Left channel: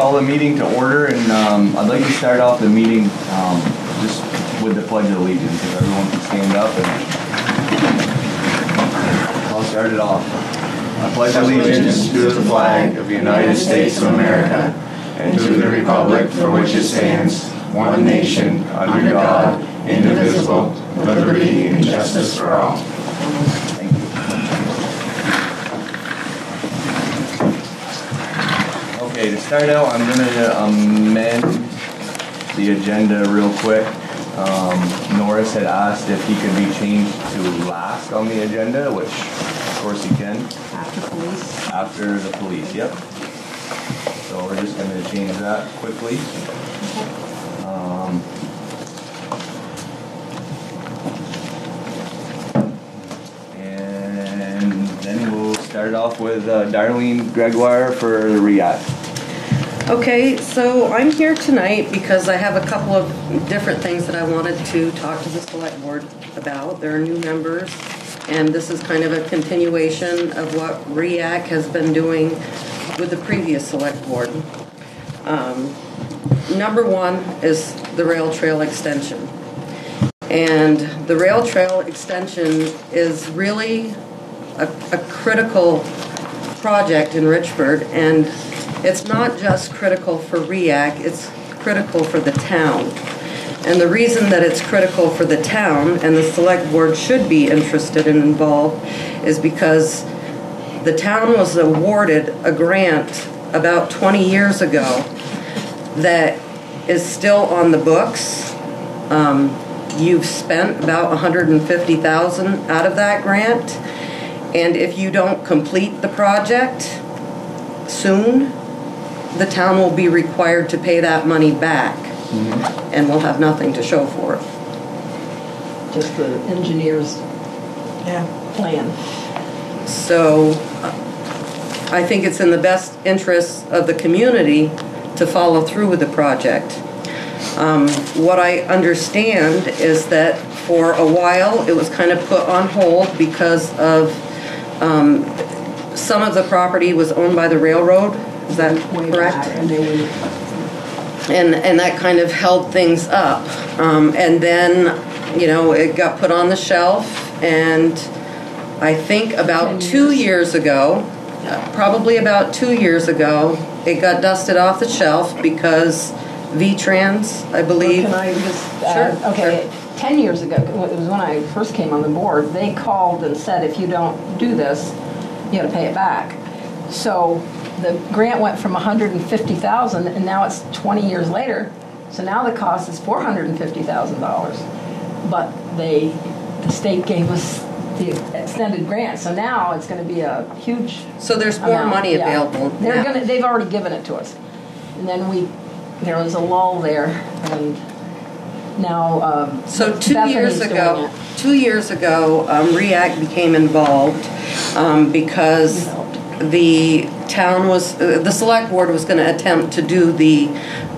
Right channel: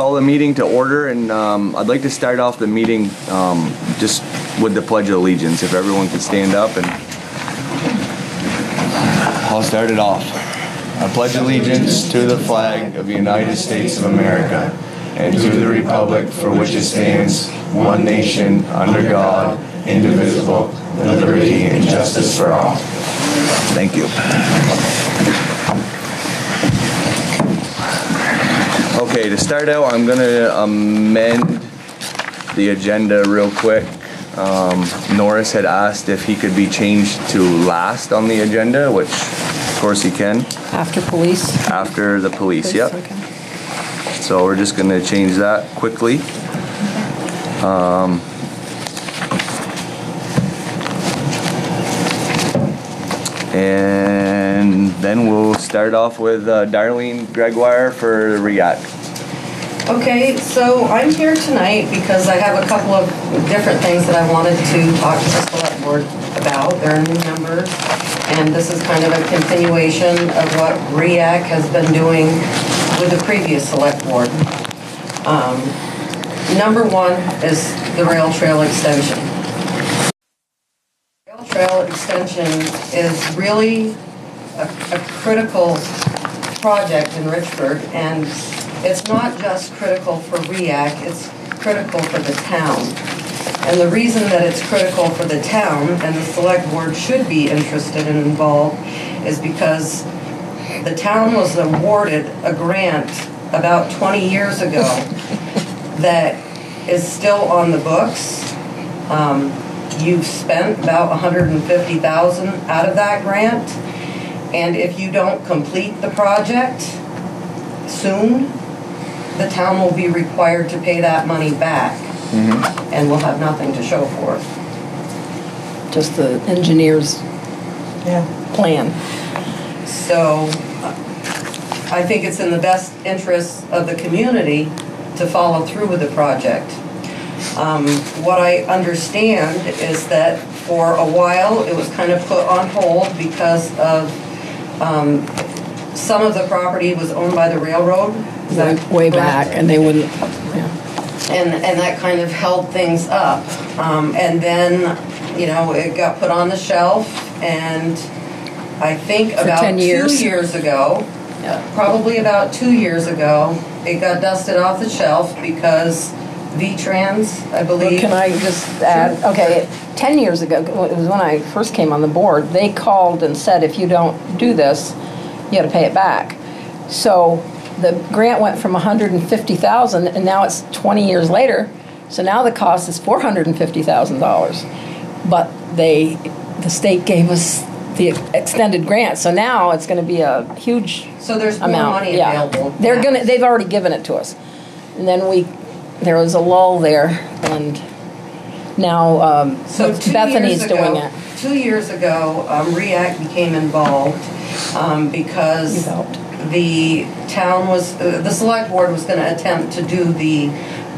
call the meeting to order, and I'd like to start off the meeting just with the Pledge of Allegiance. If everyone could stand up, and I'll start it off. I pledge allegiance to the flag of the United States of America and to the republic for which it stands, one nation, under God, indivisible, with liberty and justice for all. Thank you. Okay, to start out, I'm going to amend the agenda real quick. Norris had asked if he could be changed to last on the agenda, which of course he can. After police? After the police, yep. Okay. So we're just going to change that quickly. And then we'll start off with Darlene Gregoire for REACT. Okay, so I'm here tonight because I have a couple of different things that I wanted to talk to the select board about. There are new members, and this is kind of a continuation of what REACT has been doing with the previous select board. Number one is the rail trail extension. And the rail trail extension is really a critical project in Richford, and it's not just critical for REACT, it's critical for the town. And the reason that it's critical for the town, and the select board should be interested and involved, is because the town was awarded a grant about 20 years ago that is still on the books. You've spent about $150,000 out of that grant, and if you don't complete the project soon, the town will be required to pay that money back, and we'll have nothing to show for it. Just the engineer's plan. So I think it's in the best interest of the community to follow through with the project. What I understand is that for a while it was kind of put on hold because of some of the property was owned by the railroad. Is that way correct? back, and they wouldn't. And that kind of held things up. And then, you know, it got put on the shelf, and I think For about 10 2 years. years ago, probably about 2 years ago, it got dusted off the shelf because V-Trans, I believe. Can I just add? Sure. Okay, 10 years ago, it was when I first came on the board, they called and said, if you don't do this, you got to pay it back. So the grant went from $150,000, and now it's 20 years later. So now the cost is $450,000. But the state gave us the extended grant, so now it's going to be a huge. So there's more amount. money available. They've already given it to us, and then there was a lull there, and now So Bethany's doing it. 2 years ago, REACT became involved because the town was, the select board was going to attempt to do the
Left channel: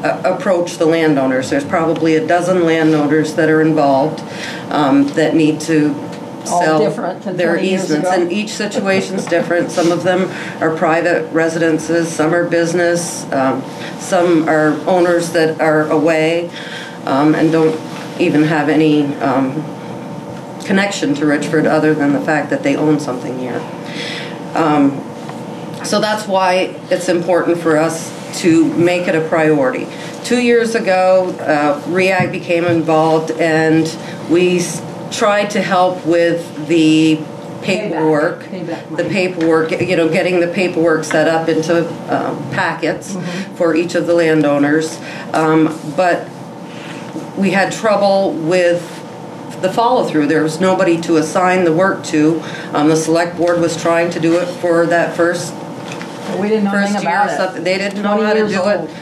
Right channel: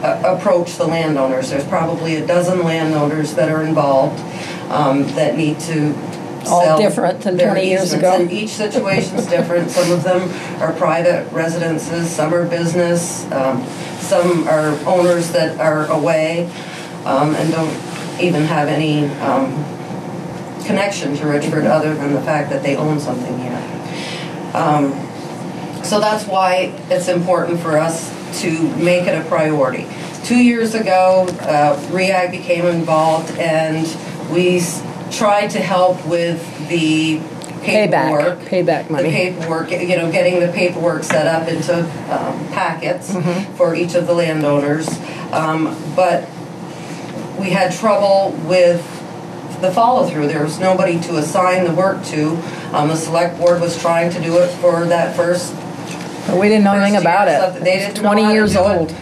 approach the landowners. There's probably a dozen landowners that are involved that need to All sell different than their 20 years easements, ago. and each situation's different. Some of them are private residences, some are business, some are owners that are away and don't even have any connection to Richford other than the fact that they own something here. So that's why it's important for us to make it a priority. 2 years ago, REACT became involved, and we tried to help with the paperwork. Payback money. The paperwork, you know, getting the paperwork set up into packets for each of the landowners. But we had trouble with the follow-through. There was nobody to assign the work to. The select board was trying to do it for that first. But we didn't know anything about it. They didn't know 20 how to years do old. it.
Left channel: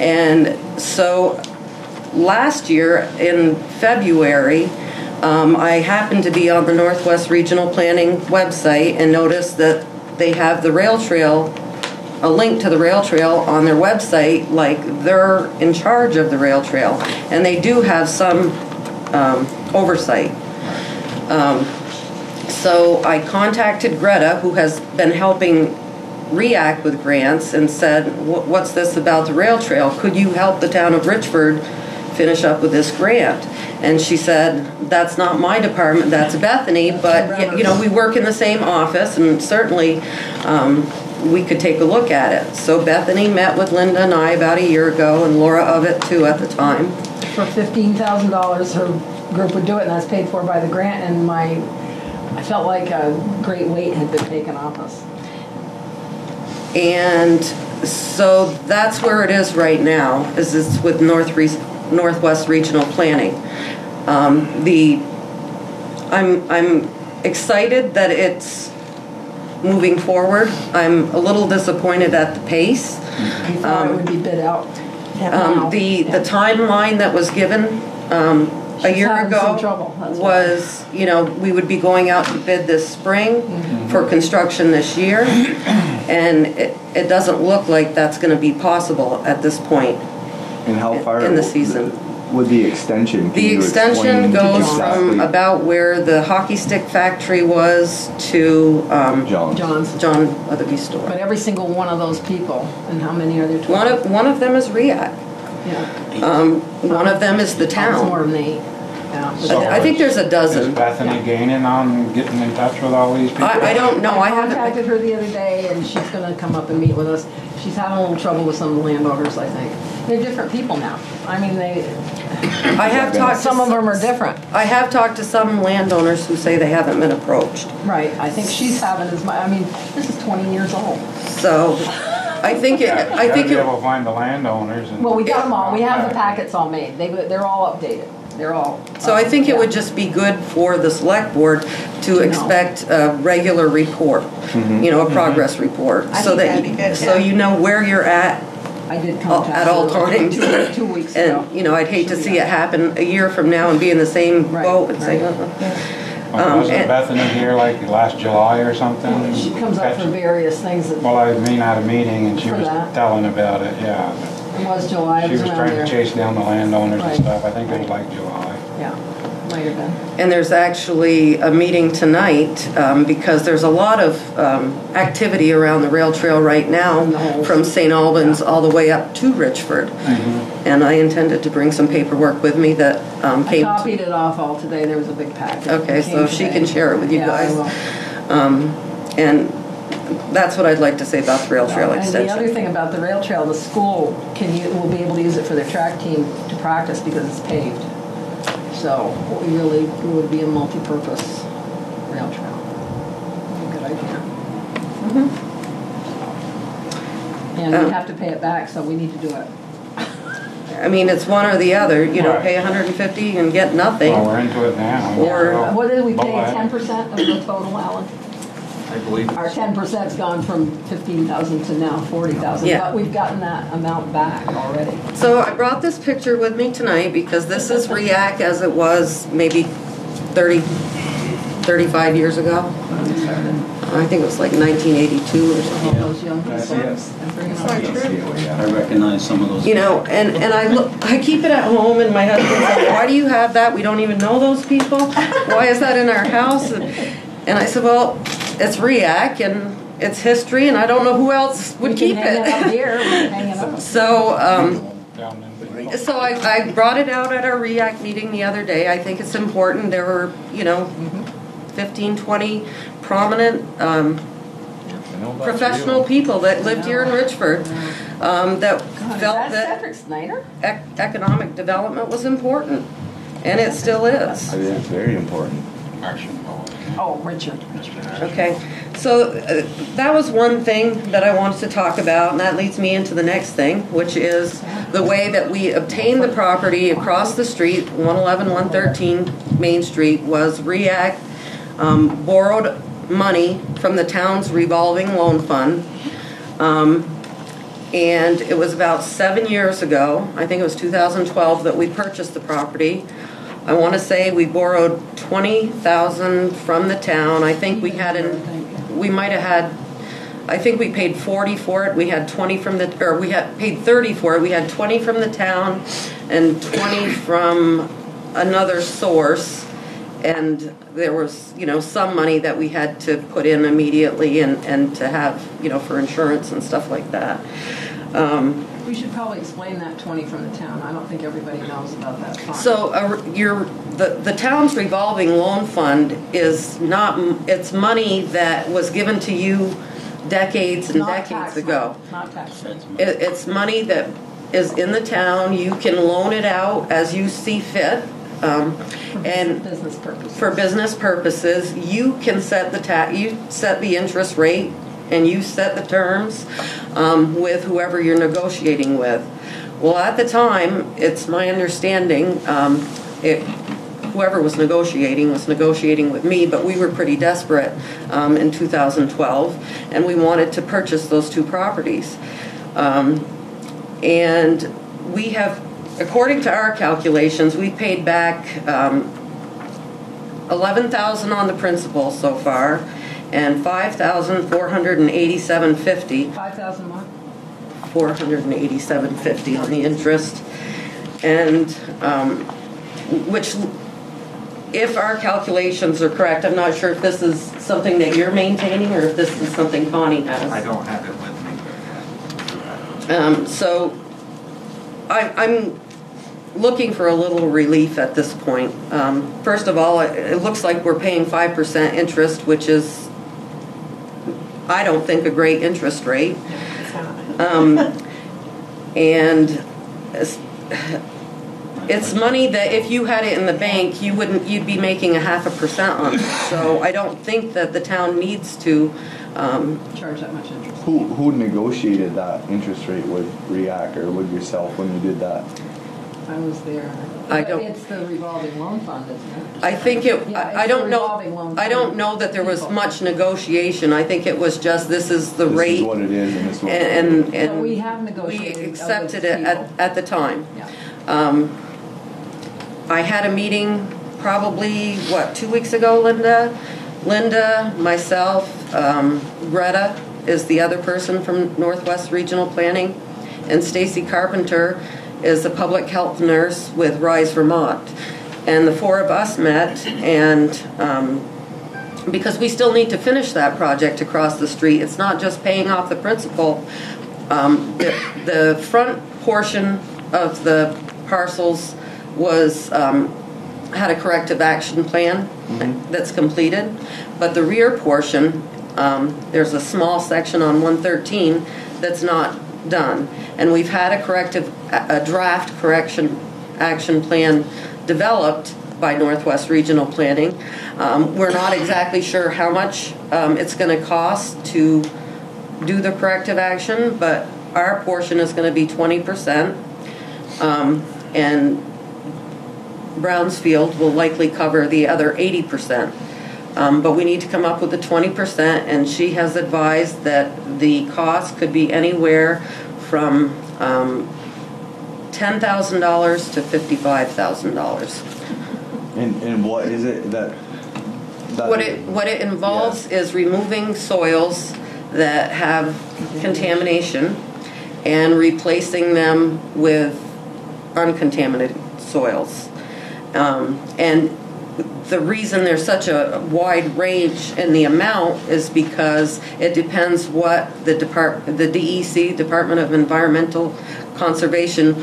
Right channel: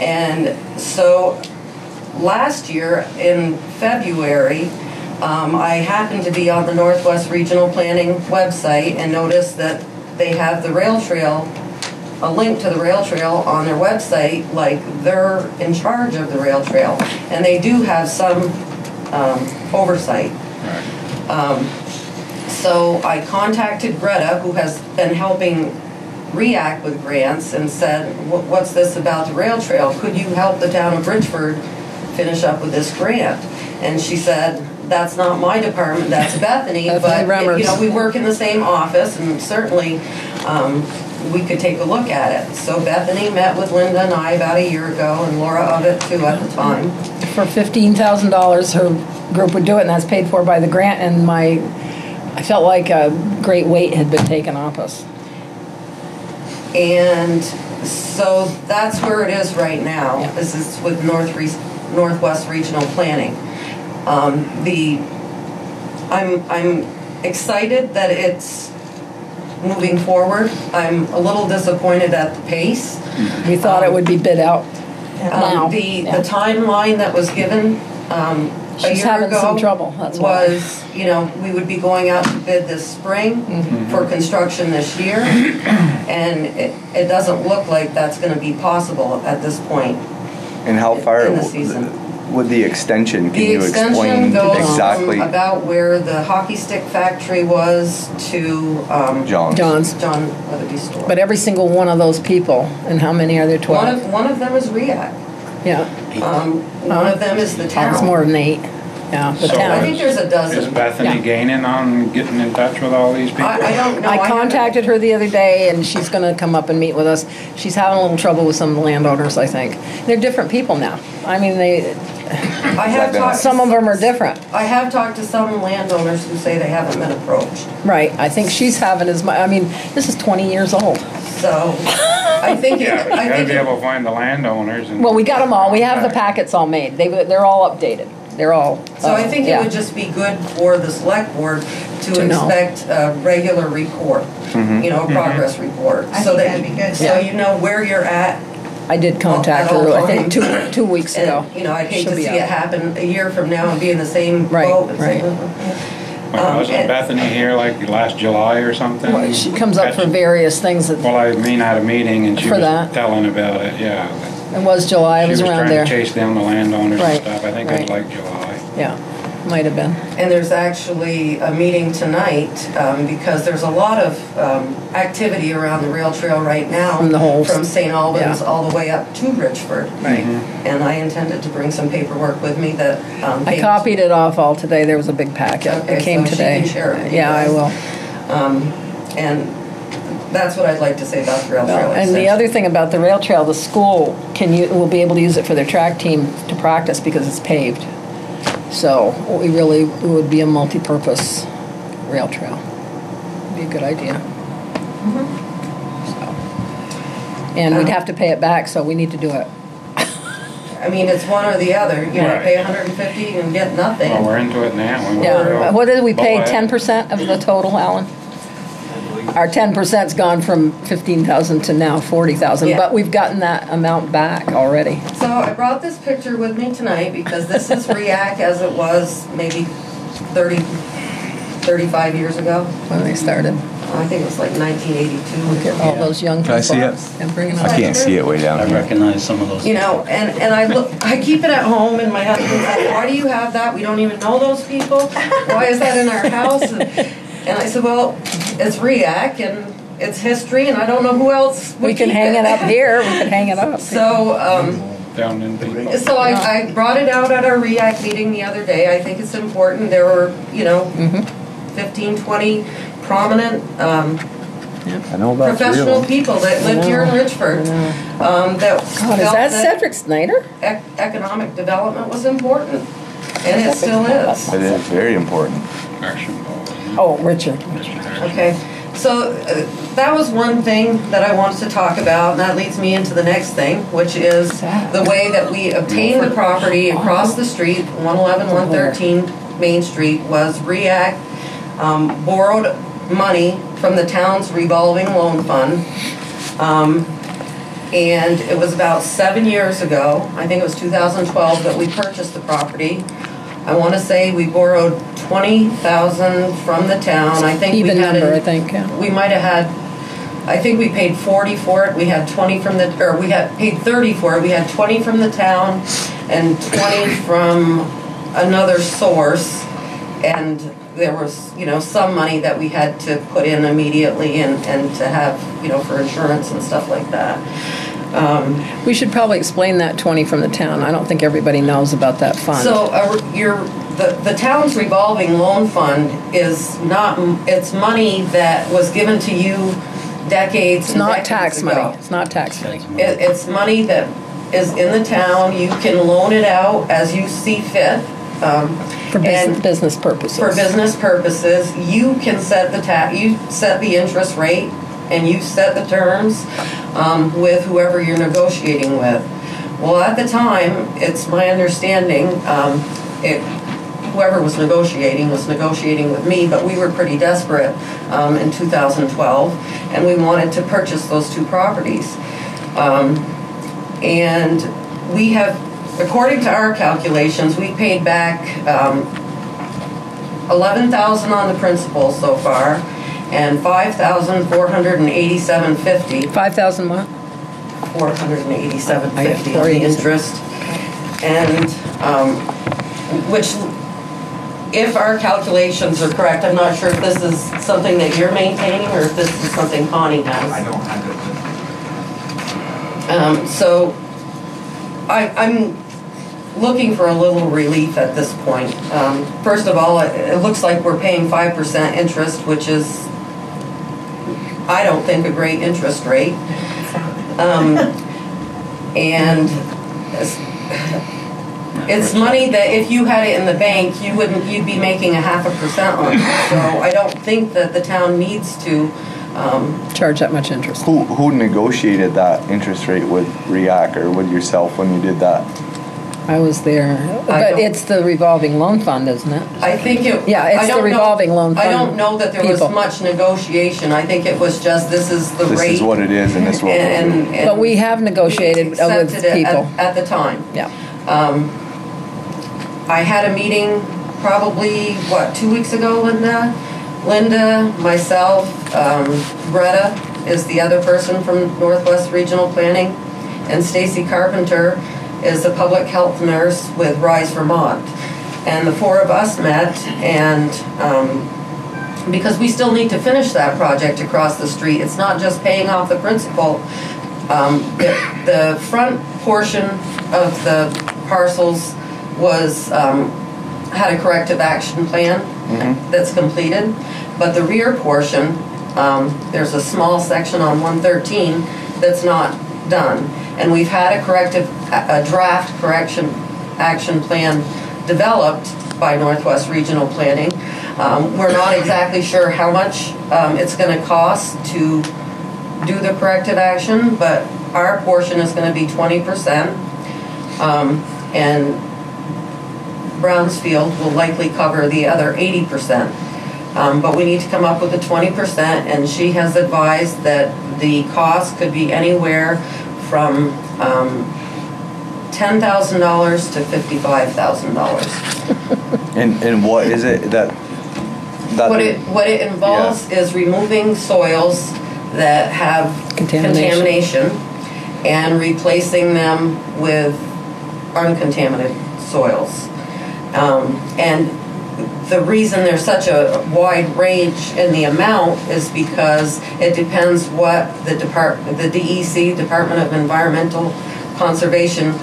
And so last year in February, I happened to be on the Northwest Regional Planning website and noticed that they have the rail trail, a link to the rail trail on their website, like they're in charge of the rail trail. And they do have some oversight. So I contacted Greta, who has been helping REAC with grants and said, what's this about the rail trail? Could you help the town of Richford finish up with this grant? And she said, that's not my department, that's Bethany, but you know, we work in the same office, and certainly we could take a look at it. So Bethany met with Linda and I about a year ago, and Laura of it too at the time. For $15,000, her group would do it, and that's paid for by the grant, and I felt like a great weight had been taken off us. And so that's where it is right now, is it's with Northwest Regional Planning. I'm excited that it's moving forward. I'm a little disappointed at the pace. We thought it would be bid out. The timeline that was given a year ago was, you know, we would be going out to bid this spring for construction this year, and it doesn't look like that's going to be possible at this point. And how far in the season? With the extension, the extension goes exactly from about where the hockey stick factory was to John's Weatherby store. But every single one of those people, and how many are there? 12? One of them is REAC. Yeah. One of them is the town. It's more than 8. Yeah. So I think there's a dozen. Is Bethany gaining on getting in touch with all these people? I don't know. I contacted her the other day, and she's going to come up and meet with us. She's having a little trouble with some of the landowners, I think. They're different people now. I mean, I have talked. Some of them are different. I have talked to some landowners who say they haven't been approached. Right. I think she's having as much. I mean, this is 20 years old. So I think I think be able to find the landowners. Well, we got them all. We have the packets all made. They're all updated. They're all. So I think it would just be good for the select board to expect a regular report, you know, a progress report, so that so you know where you're at. I did contact her, I think, two weeks ago. And, you know, I'd hate to see it happen a year from now and be in the same boat. And say, wasn't Bethany here like last July or something? Well, she comes up for various things. Well, I mean, at a meeting, and she was telling about it. Yeah. It was July. It was around there. She was trying to chase down the landowners and stuff. I think it was like July. Yeah, might have been. And there's actually a meeting tonight because there's a lot of activity around the rail trail right now from St. Albans all the way up to Richford. Right. And I intended to bring some paperwork with me that I copied it off all today. There was a big packet. Okay, that came so today. she can share it with you guys. I will. And that's what I'd like to say about the rail trail extension. And the other thing about the rail trail, the school will be able to use it for their track team to practice because it's paved. So it would be a multi-purpose rail trail. Be a good idea. And we'd have to pay it back, so we need to do it. I mean, it's one or the other. You know, pay $150 and get nothing. Well, we're into it now. Yeah. What did we pay? 10% of the total, Alan? Our 10%'s gone from $15,000 to now $40,000, but we've gotten that amount back already. So I brought this picture with me tonight because this is REAC as it was maybe 35 years ago when they started. I think it was like 1982. All those young people. Can I see it? I can't see it way down. I recognize some of those. You know, and I keep it at home, and my husband's like, "Why do you have that? We don't even know those people. Why is that in our house?" And I said, "Well, it's REAC and it's history, and I don't know who else would keep it. We can hang it up here. We can hang it up. So, I brought it out at our REAC meeting the other day. I think it's important. There were, 15, 20 prominent professional people that lived here in Richford that felt is that Cedric Snyder? Economic development was important, and it still is. It is very important. Oh, Richard. Okay, so that was one thing that I wanted to talk about, and that leads me into the next thing, which is the way that we obtained the property across the street, 111, 113 Main Street, was REAC borrowed money from the town's revolving loan fund, and it was about 7 years ago, I think it was 2012, that we purchased the property. I want to say we borrowed $20,000 from the town. I think we might have had. I think we paid $40 for it. We had we had paid $30 for it. We had $20 from the town and $20 from another source, and there was, you know, some money that we had to put in immediately and to have, you know, for insurance and stuff like that. We should probably explain that, 20, from the town. I don't think everybody knows about that fund. So the town's revolving loan fund is not, it's money that was given to you decades and decades ago. It's not tax money. It's money that is in the town. You can loan it out as you see fit. For business purposes. For business purposes, you can set you set the interest rate and you set the terms with whoever you're negotiating with. Well, at the time, it's my understanding, whoever was negotiating with me, but we were pretty desperate in 2012, and we wanted to purchase those 2 properties. And we have, according to our calculations, we paid back $11,000 on the principal so far, and $5,487.50. 5,000 what? $487.50 on the interest, and which, if our calculations are correct, I'm not sure if this is something that you're maintaining or if this is something Connie has. I don't have it. So I'm looking for a little relief at this point. First of all, it looks like we're paying 5% interest, which is, I don't think, a great interest rate. And it's money that if you had it in the bank, you'd be making 0.5% on it. So I don't think that the town needs to charge that much interest. Who negotiated that interest rate with REAC or with yourself when you did that? I was there. But it's the revolving loan fund, isn't it? I think it... Yeah, it's the revolving loan fund. I don't know that there was much negotiation. I think it was just, this is the rate. This is what it is, and this is what and But we have negotiated with people. At the time. Yeah. I had a meeting probably, 2 weeks ago, Linda? Linda, myself, Greta is the other person from Northwest Regional Planning, and Stacy Carpenter is a public health nurse with Rise Vermont. And the 4 of us met, and because we still need to finish that project across the street. It's not just paying off the principal. The front portion of the parcels was had a corrective action plan that's completed, but the rear portion, there's a small section on 113 that's not done, and we've had a draft correction action plan developed by Northwest Regional Planning. We're not exactly sure how much it's going to cost to do the corrective action, but our portion is going to be 20%, and Brownsfield will likely cover the other 80%. But we need to come up with the 20%, and she has advised that the cost could be anywhere from $10,000 to $55,000. And what is it that what it involves is removing soils that have contamination and replacing them with uncontaminated soils. And the reason there's such a wide range in the amount is because it depends what the DEC, Department of Environmental Conservation,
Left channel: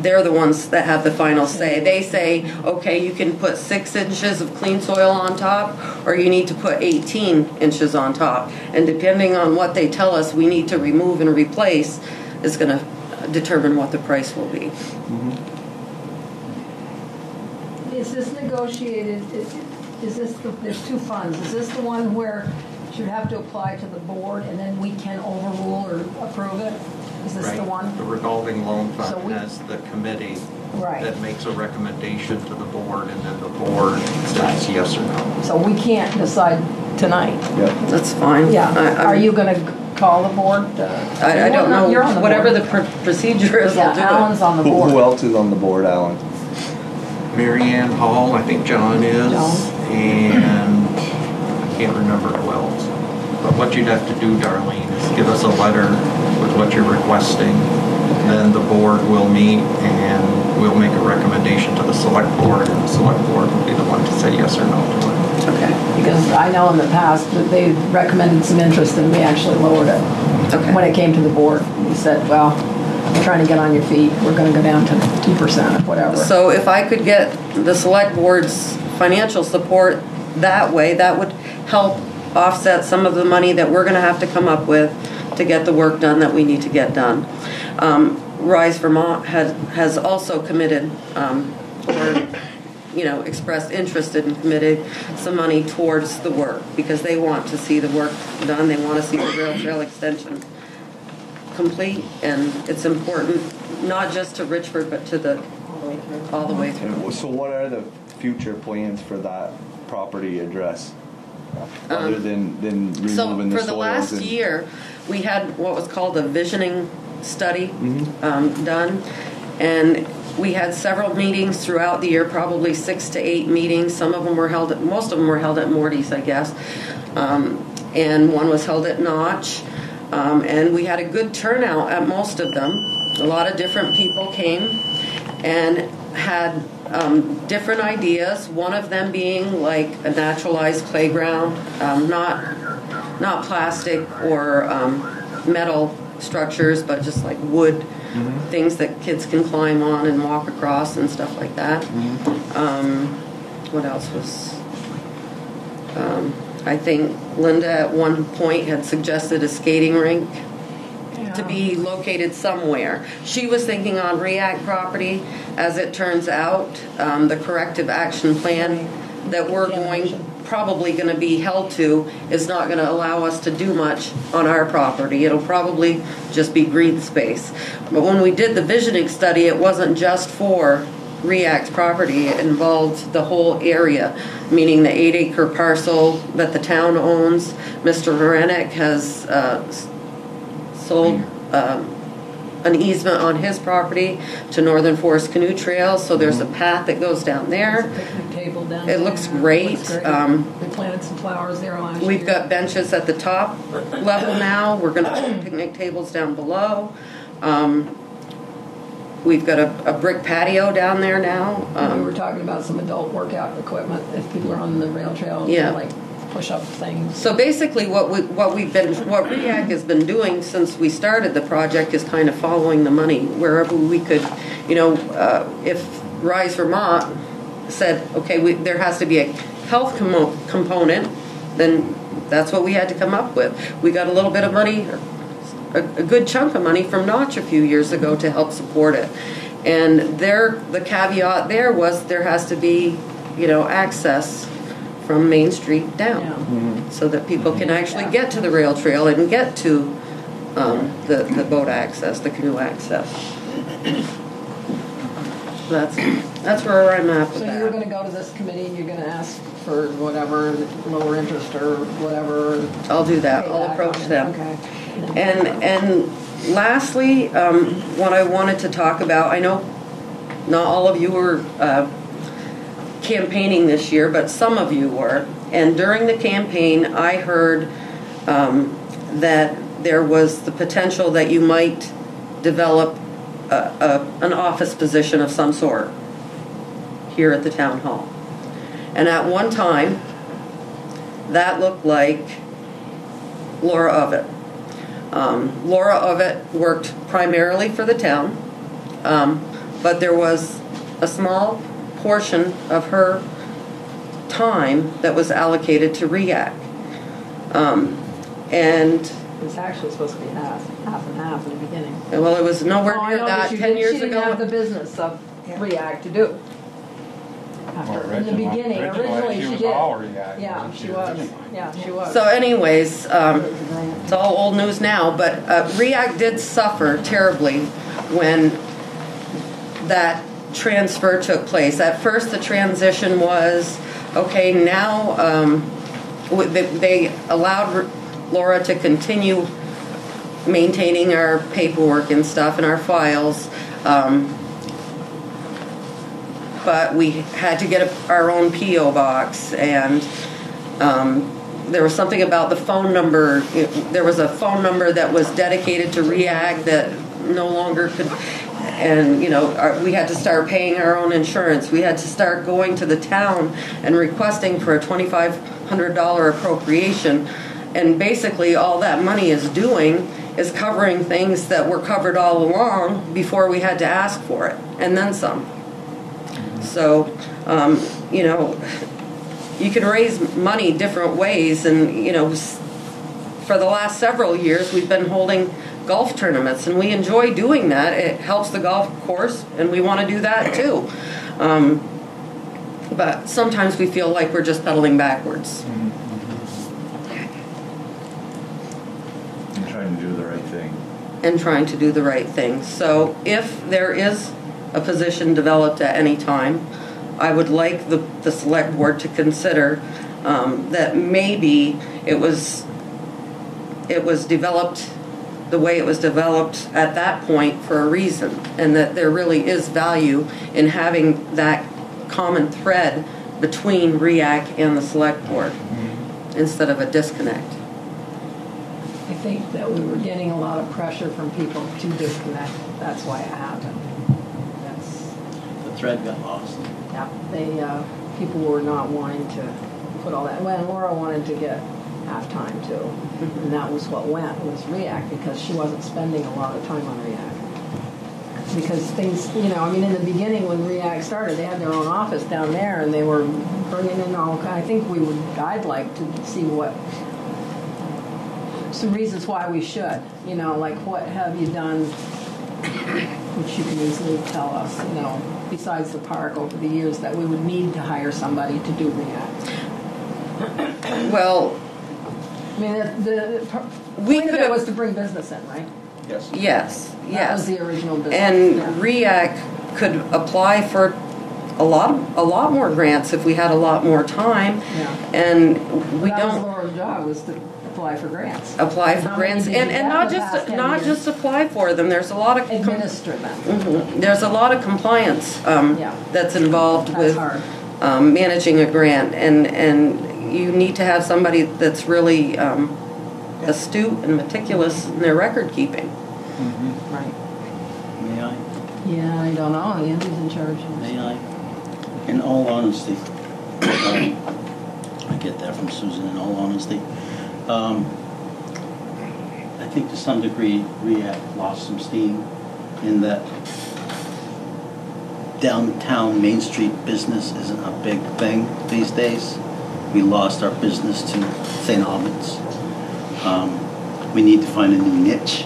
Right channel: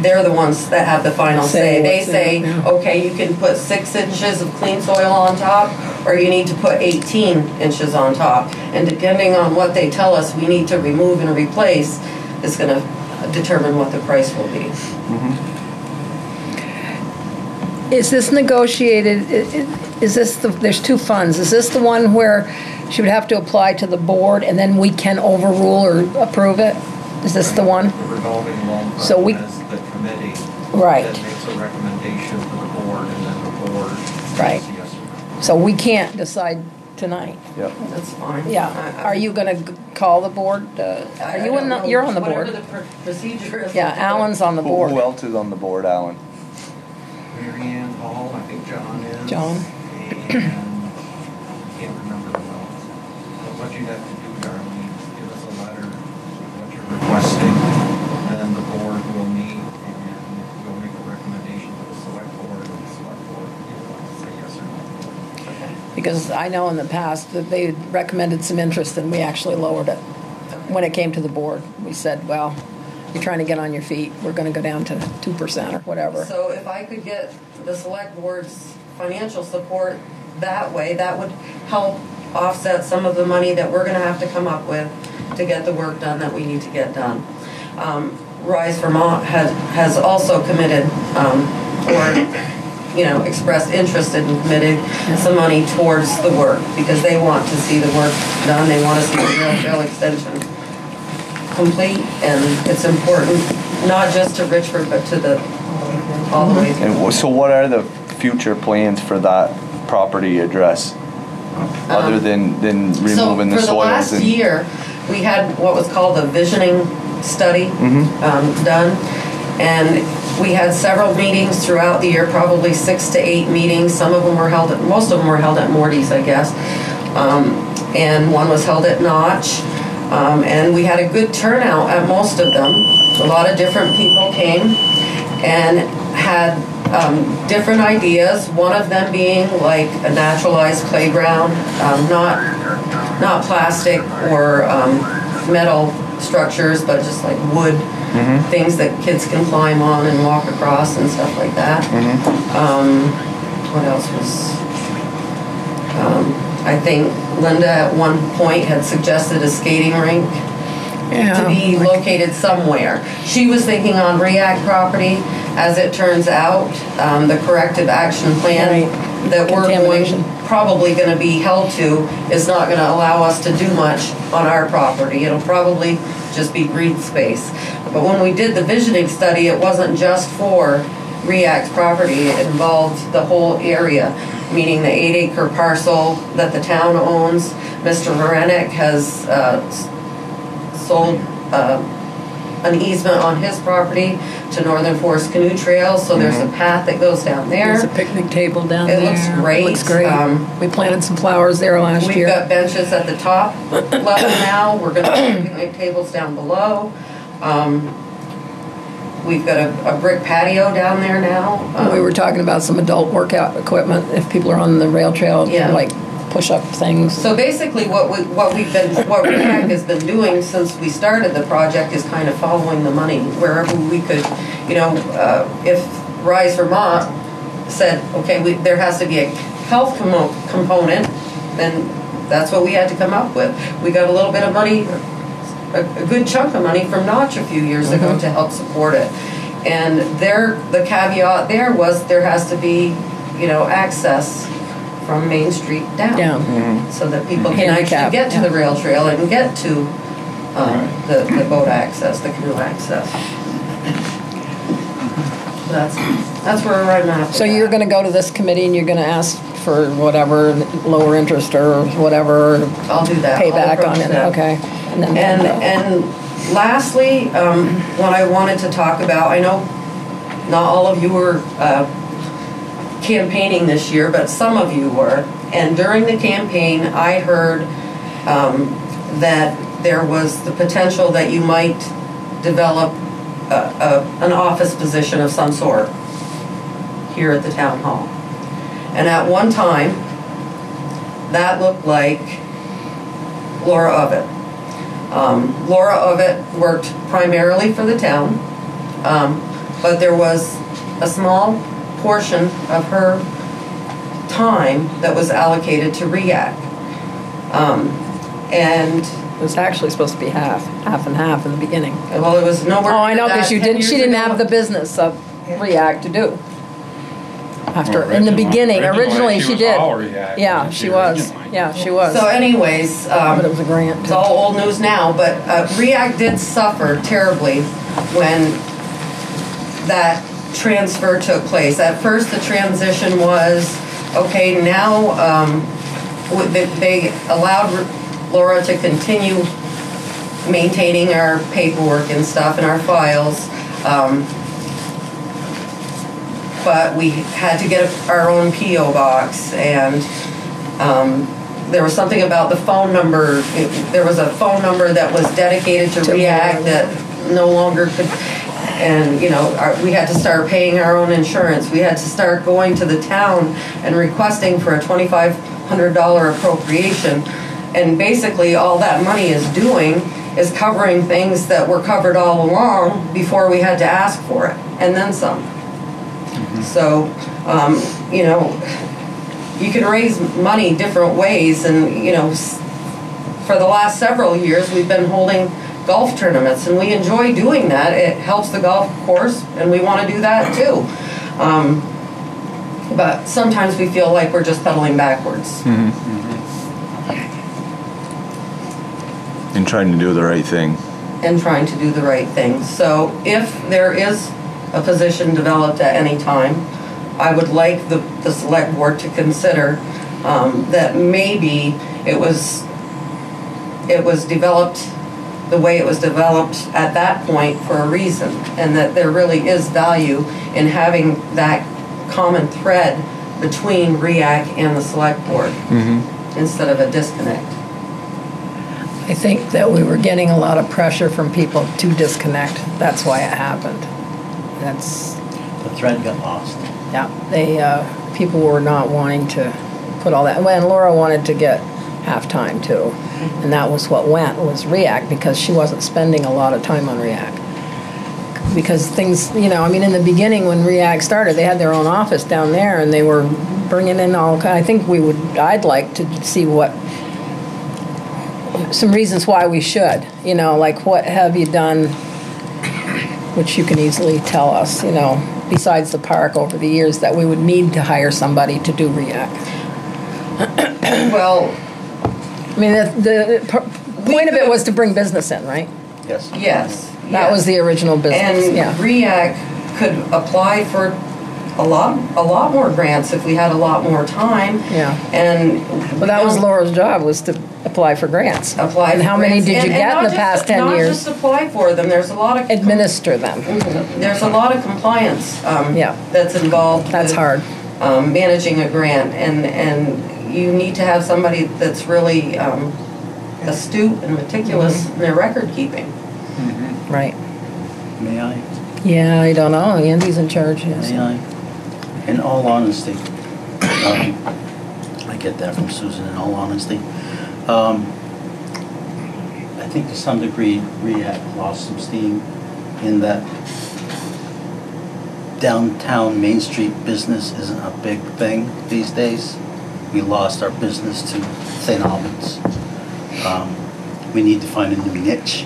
they're the ones that have the final say. They say, okay, you can put 6 inches of clean soil on top, or you need to put 18 inches on top. And depending on what they tell us we need to remove and replace, is going to determine what the price will be. Is this negotiated? Is this there's 2 funds? Is this the one where she would have to apply to the board and then we can overrule or approve it? Is this the one? The revolving loan fund has the committee that makes a recommendation to the board, and then the board says yes or no. So we can't decide tonight. Yeah, that's fine. Yeah. Are you going to call the board? I don't know. You're on the whatever board. the procedure is. Yeah, Alan's on the board. Who else is on the board, Alan? Mary Ann Hall, I think John is, and I can't remember who else. But what you'd have to do, Darlene, is give us a letter with what you're requesting. Then the board will meet and we'll make a recommendation to the select board, and the select board will be the one to say yes or no to it. Okay. Because I know in the past that they recommended some interest and we actually lowered it. Okay. When it came to the board, we said, well, I'm trying to get on your feet. We're going to go down to 2% or whatever. So if I could get the select board's financial support that way, that would help offset some of the money that we're going to have to come up with to get the work done that we need to get done. Rise Vermont has also committed or expressed interest and committed some money towards the work because they want to see the work done. They want to see the rail trail extension complete, and it's important not just to Richford but to all the way through. And so what are the future plans for that property address? Other than removing the soils? So for the last year, we had what was called a visioning study done, and we had several meetings throughout the year, probably 6 to 8 meetings. Some of them were held at, most of them were held at Morty's, I guess, and one was held at Notch, and we had a good turnout at most of them. A lot of different people came and had different ideas, one of them being like a naturalized playground, not plastic or metal structures, but just like wood things that kids can climb on and walk across and stuff like that. What else was, I think Linda at one point had suggested a skating rink to be located somewhere. She was thinking on REACT property. As it turns out, the corrective action plan that we're probably going to be held to is not going to allow us to do much on our property. It'll probably just be green space. But when we did the visioning study, it wasn't just for REACT's property. It involved the whole area, meaning the 8-acre parcel that the town owns. Mr. Varanek has sold an easement on his property to Northern Forest Canoe Trail, so there's a path that goes down there. There's a picnic table down there. It looks great. It looks great. We planted some flowers there last year. We've got benches at the top level now. We're going to put picnic tables down below. We've got a brick patio down there now. We were talking about some adult workout equipment if people are on the rail trail, like push-up things. So basically what REACT has been doing since we started the project is kind of following the money wherever we could, if Rise Vermont said, okay, there has to be a health component, then that's what we had to come up with. We got a little bit of money, a good chunk of money from Notch a few years ago to help support it. And the caveat there was there has to be, access from Main Street down, so that people can actually get to the rail trail and get to the boat access, the canoe access. That's where I'm at. So you're going to go to this committee and you're going to ask for whatever lower interest or whatever. I'll do that. Payback on it. Okay. And lastly, what I wanted to talk about, I know not all of you were campaigning this year, but some of you were. And during the campaign, I heard that there was the potential that you might develop an office position of some sort here at the town hall. And at one time, that looked like Laura Ovett. Laura Ovett worked primarily for the town, but there was a small portion of her time that was allocated to REACT. And it was actually supposed to be half and half in the beginning. Well, it was nowhere. Oh, I know, because she didn't have the business of REACT to do. In the beginning, originally she did. Yeah, she was. Yeah, she was. So anyways, but it was a grant. It's all old news now, but REACT did suffer terribly when that transfer took place. At first, the transition was, okay, now they allowed Laura to continue maintaining our paperwork and stuff and our files, but we had to get our own P.O. box, and there was something about the phone number. There was a phone number that was dedicated to REACT that no longer could. and you know, we had to start paying our own insurance. We had to start going to the town and requesting for a $2,500 appropriation. And basically all that money is doing is covering things that were covered all along before we had to ask for it, and then some. So, you know, you can raise money different ways, and you know, for the last several years we've been holding golf tournaments, and we enjoy doing that. It helps the golf course, and we want to do that too. But sometimes we feel like we're just pedaling backwards. And trying to do the right thing. And trying to do the right thing. So if there is a position developed at any time, I would like the select board to consider that maybe it was developed the way it was developed at that point for a reason, and that there really is value in having that common thread between REAC and the select board instead of a disconnect. I think that we were getting a lot of pressure from people to disconnect. That's why it happened. That's The thread got lost. yeah. They people were not wanting to put all that. When Laura wanted to get halftime too, and that was what went was REAC, because she wasn't spending a lot of time on REAC. Because things, you know, I mean, in the beginning when REAC started, they had their own office down there, and they were bringing in all. I think I'd like to see what. Some reasons why we should, you know, like what have you done, which you can easily tell us, you know, besides the park over the years that we would need to hire somebody to do REAC. Well, I mean, the point of it was to bring business in, right? Yes. yes. That was the original business. And yeah. REAC could apply for a lot more grants if we had a lot more time. Yeah. And Well, that was Laura's job, was to apply for grants. Apply and for how many grants. did you get in the past 10 not years? just apply for them. There's a lot of Administer them. There's a lot of compliance that's involved. That's with, hard. Managing a grant, and you need to have somebody that's really astute and meticulous in their record keeping. Right. May I? Yeah, I don't know. Andy's in charge. Yes. May I? In all honesty, I get that from Susan, in all honesty. I think to some degree REAC lost some steam in that downtown Main Street business isn't a big thing these days. We lost our business to St. Albans. We need to find a new niche.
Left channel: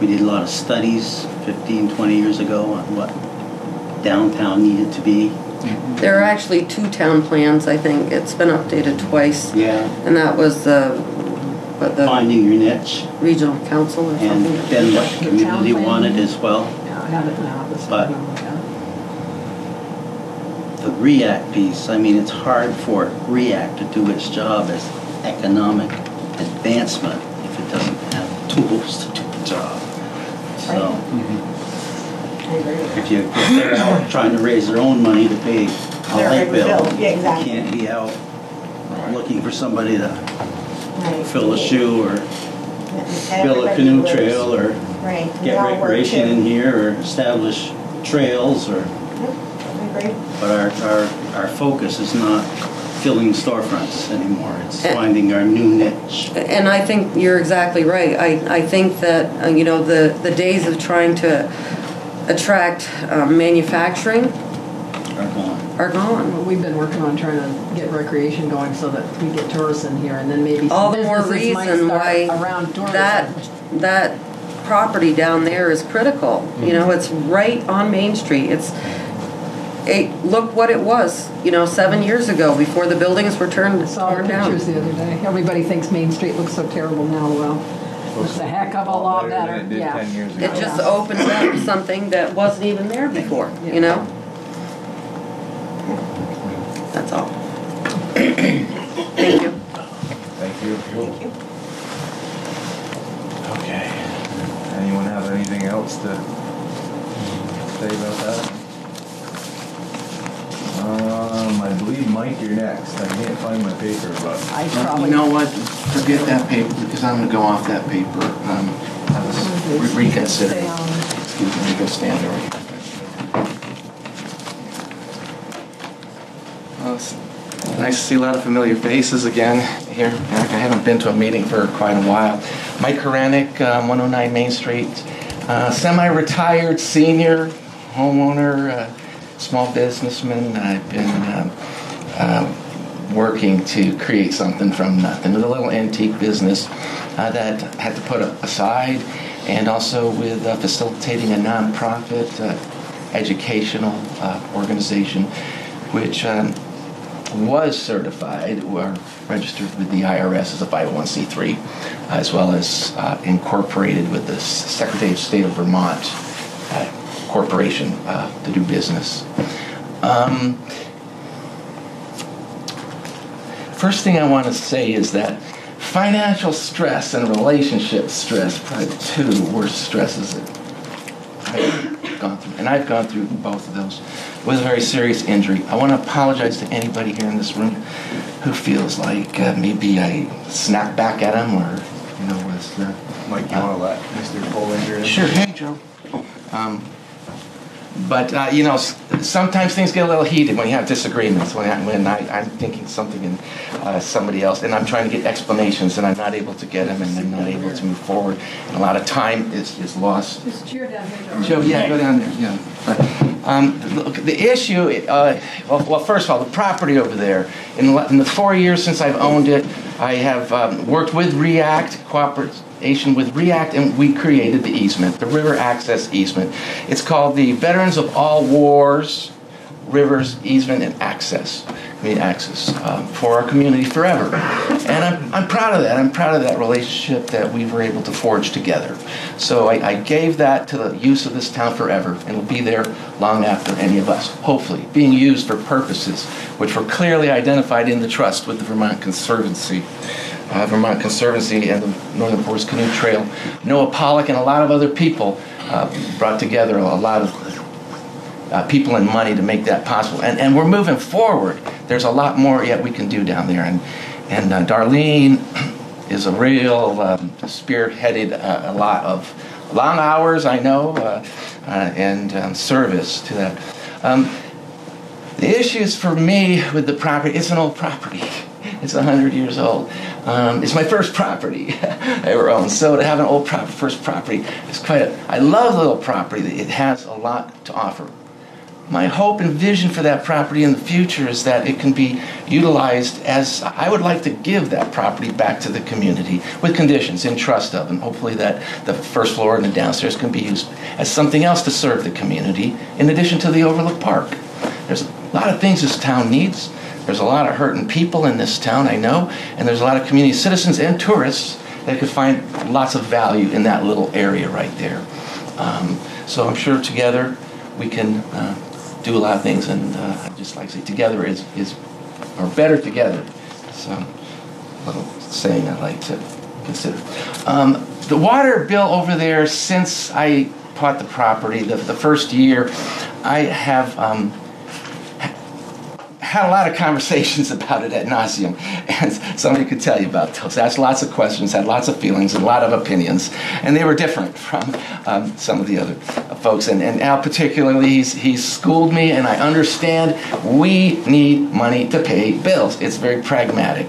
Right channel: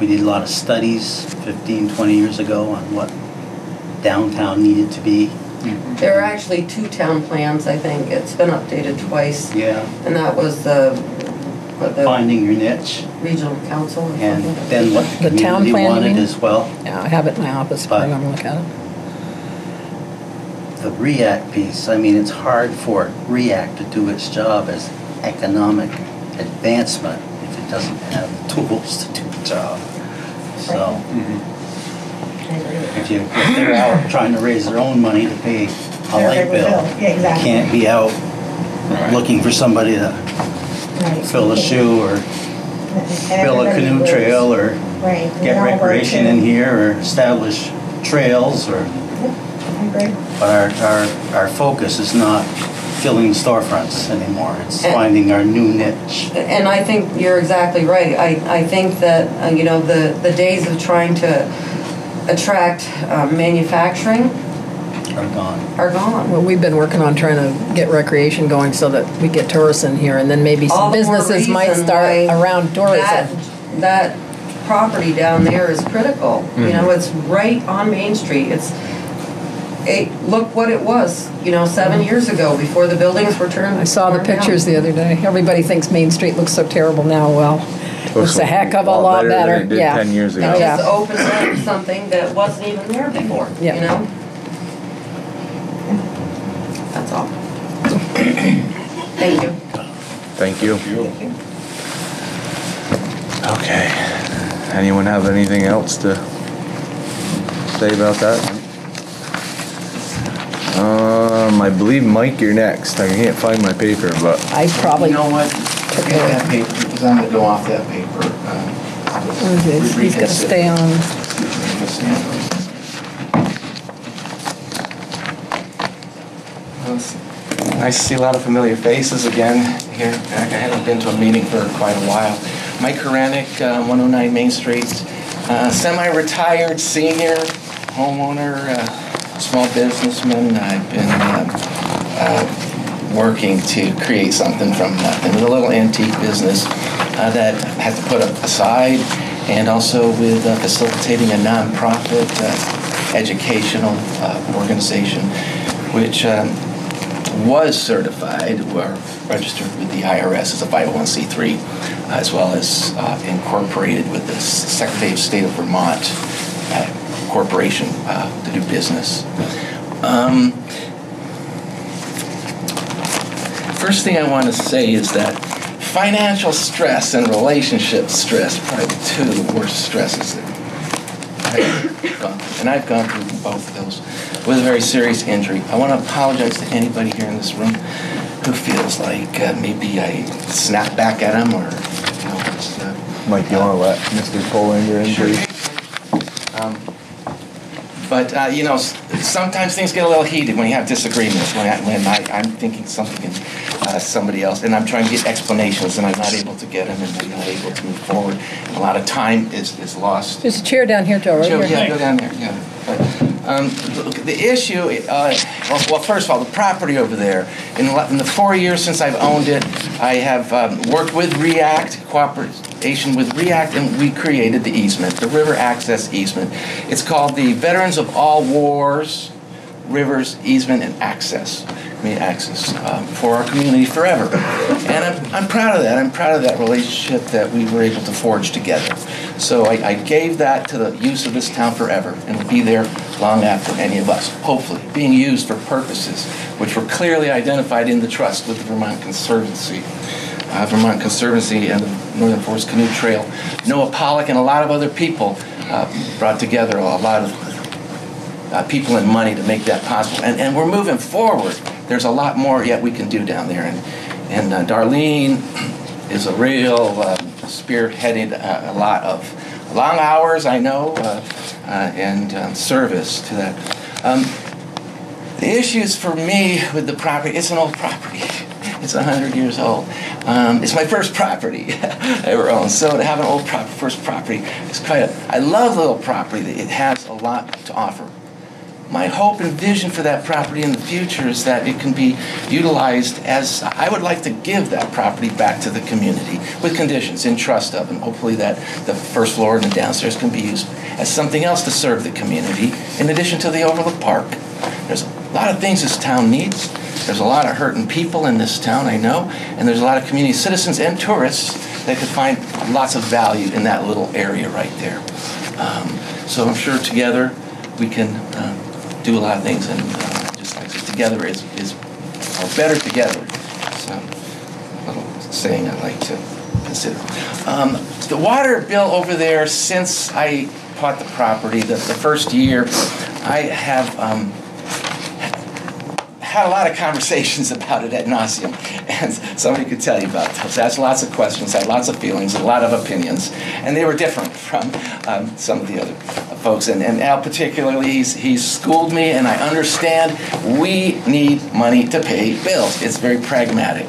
We did a lot of studies 15, 20 years ago on what downtown needed to be. There are actually 2 town plans, I think. It's been updated twice. Yeah. And that was the Finding your niche. regional council or And something. then what The the town community plan, you wanted mean? as well. Yeah, I have it now, but I'm going to look at it. The REAC piece, I mean, it's hard for REAC to do its job as economic advancement if it doesn't have tools to do the job. So, if they're out trying to raise their own money to pay a light bill, Yeah, exactly. you can't be out looking for somebody to Right. fill a shoe or build a canoe trail or Right. get recreation in here or establish trails or. I agree. But our focus is not filling storefronts anymore. It's finding our new niche. And I think you're exactly right. I think that, you know, the days of trying to attract manufacturing Are gone. are gone. Well, we've been working on trying to get recreation going so that we get tourists in here, and then maybe All some the more businesses might reason start why around tourism. That property down there is critical. You know, it's right on Main Street. Look what it was, you know, 7 years ago before the buildings were turned. I saw the torn down. pictures the other day. Everybody thinks Main Street looks so terrible now. Well, it looks a heck of a lot better. than it did Yeah. 10 years ago. It Yeah. just opened up something that wasn't even there before, Yeah. you know? That's all. Thank you. Thank you. Okay. Anyone have anything else to say about that? I believe Mike, you're next. I can't find my paper, but I probably You know what? Forget that paper, because I'm gonna go off that paper. I was he's got to stay on. Excuse me. stand. Well, it's nice to see a lot of familiar faces again here. I haven't been to a meeting for quite a while. Mike Koranic, 109 Main Street, semi-retired senior homeowner, small businessman. I've been working to create something from nothing with a little antique business that I had to put aside, and also with facilitating a nonprofit educational organization, which was certified or registered with the IRS as a 501c3, as well as incorporated with the Secretary of State of Vermont corporation to do business. First thing I want to say is that financial stress and relationship stress are probably two of the worst stresses that I've gone through. And I've gone through both of those with a very serious injury. I want to apologize to anybody here in this room who feels like maybe I snapped back at him, or, you know, it's, Mike, you want to let Mr. Polinger in? Sure. But, you know, sometimes things get a little heated when you have disagreements, when I'm thinking something and somebody else, and I'm trying to get explanations, and I'm not able to get them, and I'm not able to move forward. And a lot of time is lost. There's a chair down here, Joe. Right Sure, here. yeah, go down there, yeah. But the issue, well, first of all, the property over there, in the 4 years since I've owned it, I have worked with REACT, cooperation with REACT, and we created the easement, the river access easement. It's called the Veterans of All Wars Rivers Easement and Access. For our community forever. And I'm proud of that. I'm proud of that relationship that we were able to forge together. So I gave that to the use of this town forever, and will be there long after any of us, hopefully, being used for purposes which were clearly identified in the trust with the Vermont Conservancy. Vermont Conservancy and the Northern Forest Canoe Trail. Noah Pollock and a lot of other people brought together a lot of people and money to make that possible. And we're moving forward. There's a lot more yet we can do down there. And Darlene is a real spearheaded a lot of long hours, I know, and service to that. The issues for me with the property, it's an old property. It's 100 years old. It's my first property I ever owned. So to have an old first property, I love the little property. It has a lot to offer. My hope and vision for that property in the future is that it can be utilized as, I would like to give that property back to the community with conditions in trust of, and hopefully that the first floor and the downstairs can be used as something else to serve the community in addition to the Overlook Park. There's a lot of things this town needs. There's a lot of hurting people in this town, I know, and there's a lot of community citizens and tourists that could find lots of value in that little area right there. So I'm sure together we can do a lot of things, and just like I said, together is or better together. It's a little saying I like to consider. The water bill over there, since I bought the property, the first year, I have had a lot of conversations about it ad nauseum, and somebody could tell you about those. Asked lots of questions, had lots of feelings, and a lot of opinions, and they were different from some of the other folks. And Al particularly, he's schooled me, and I understand we need money to pay bills. It's very pragmatic.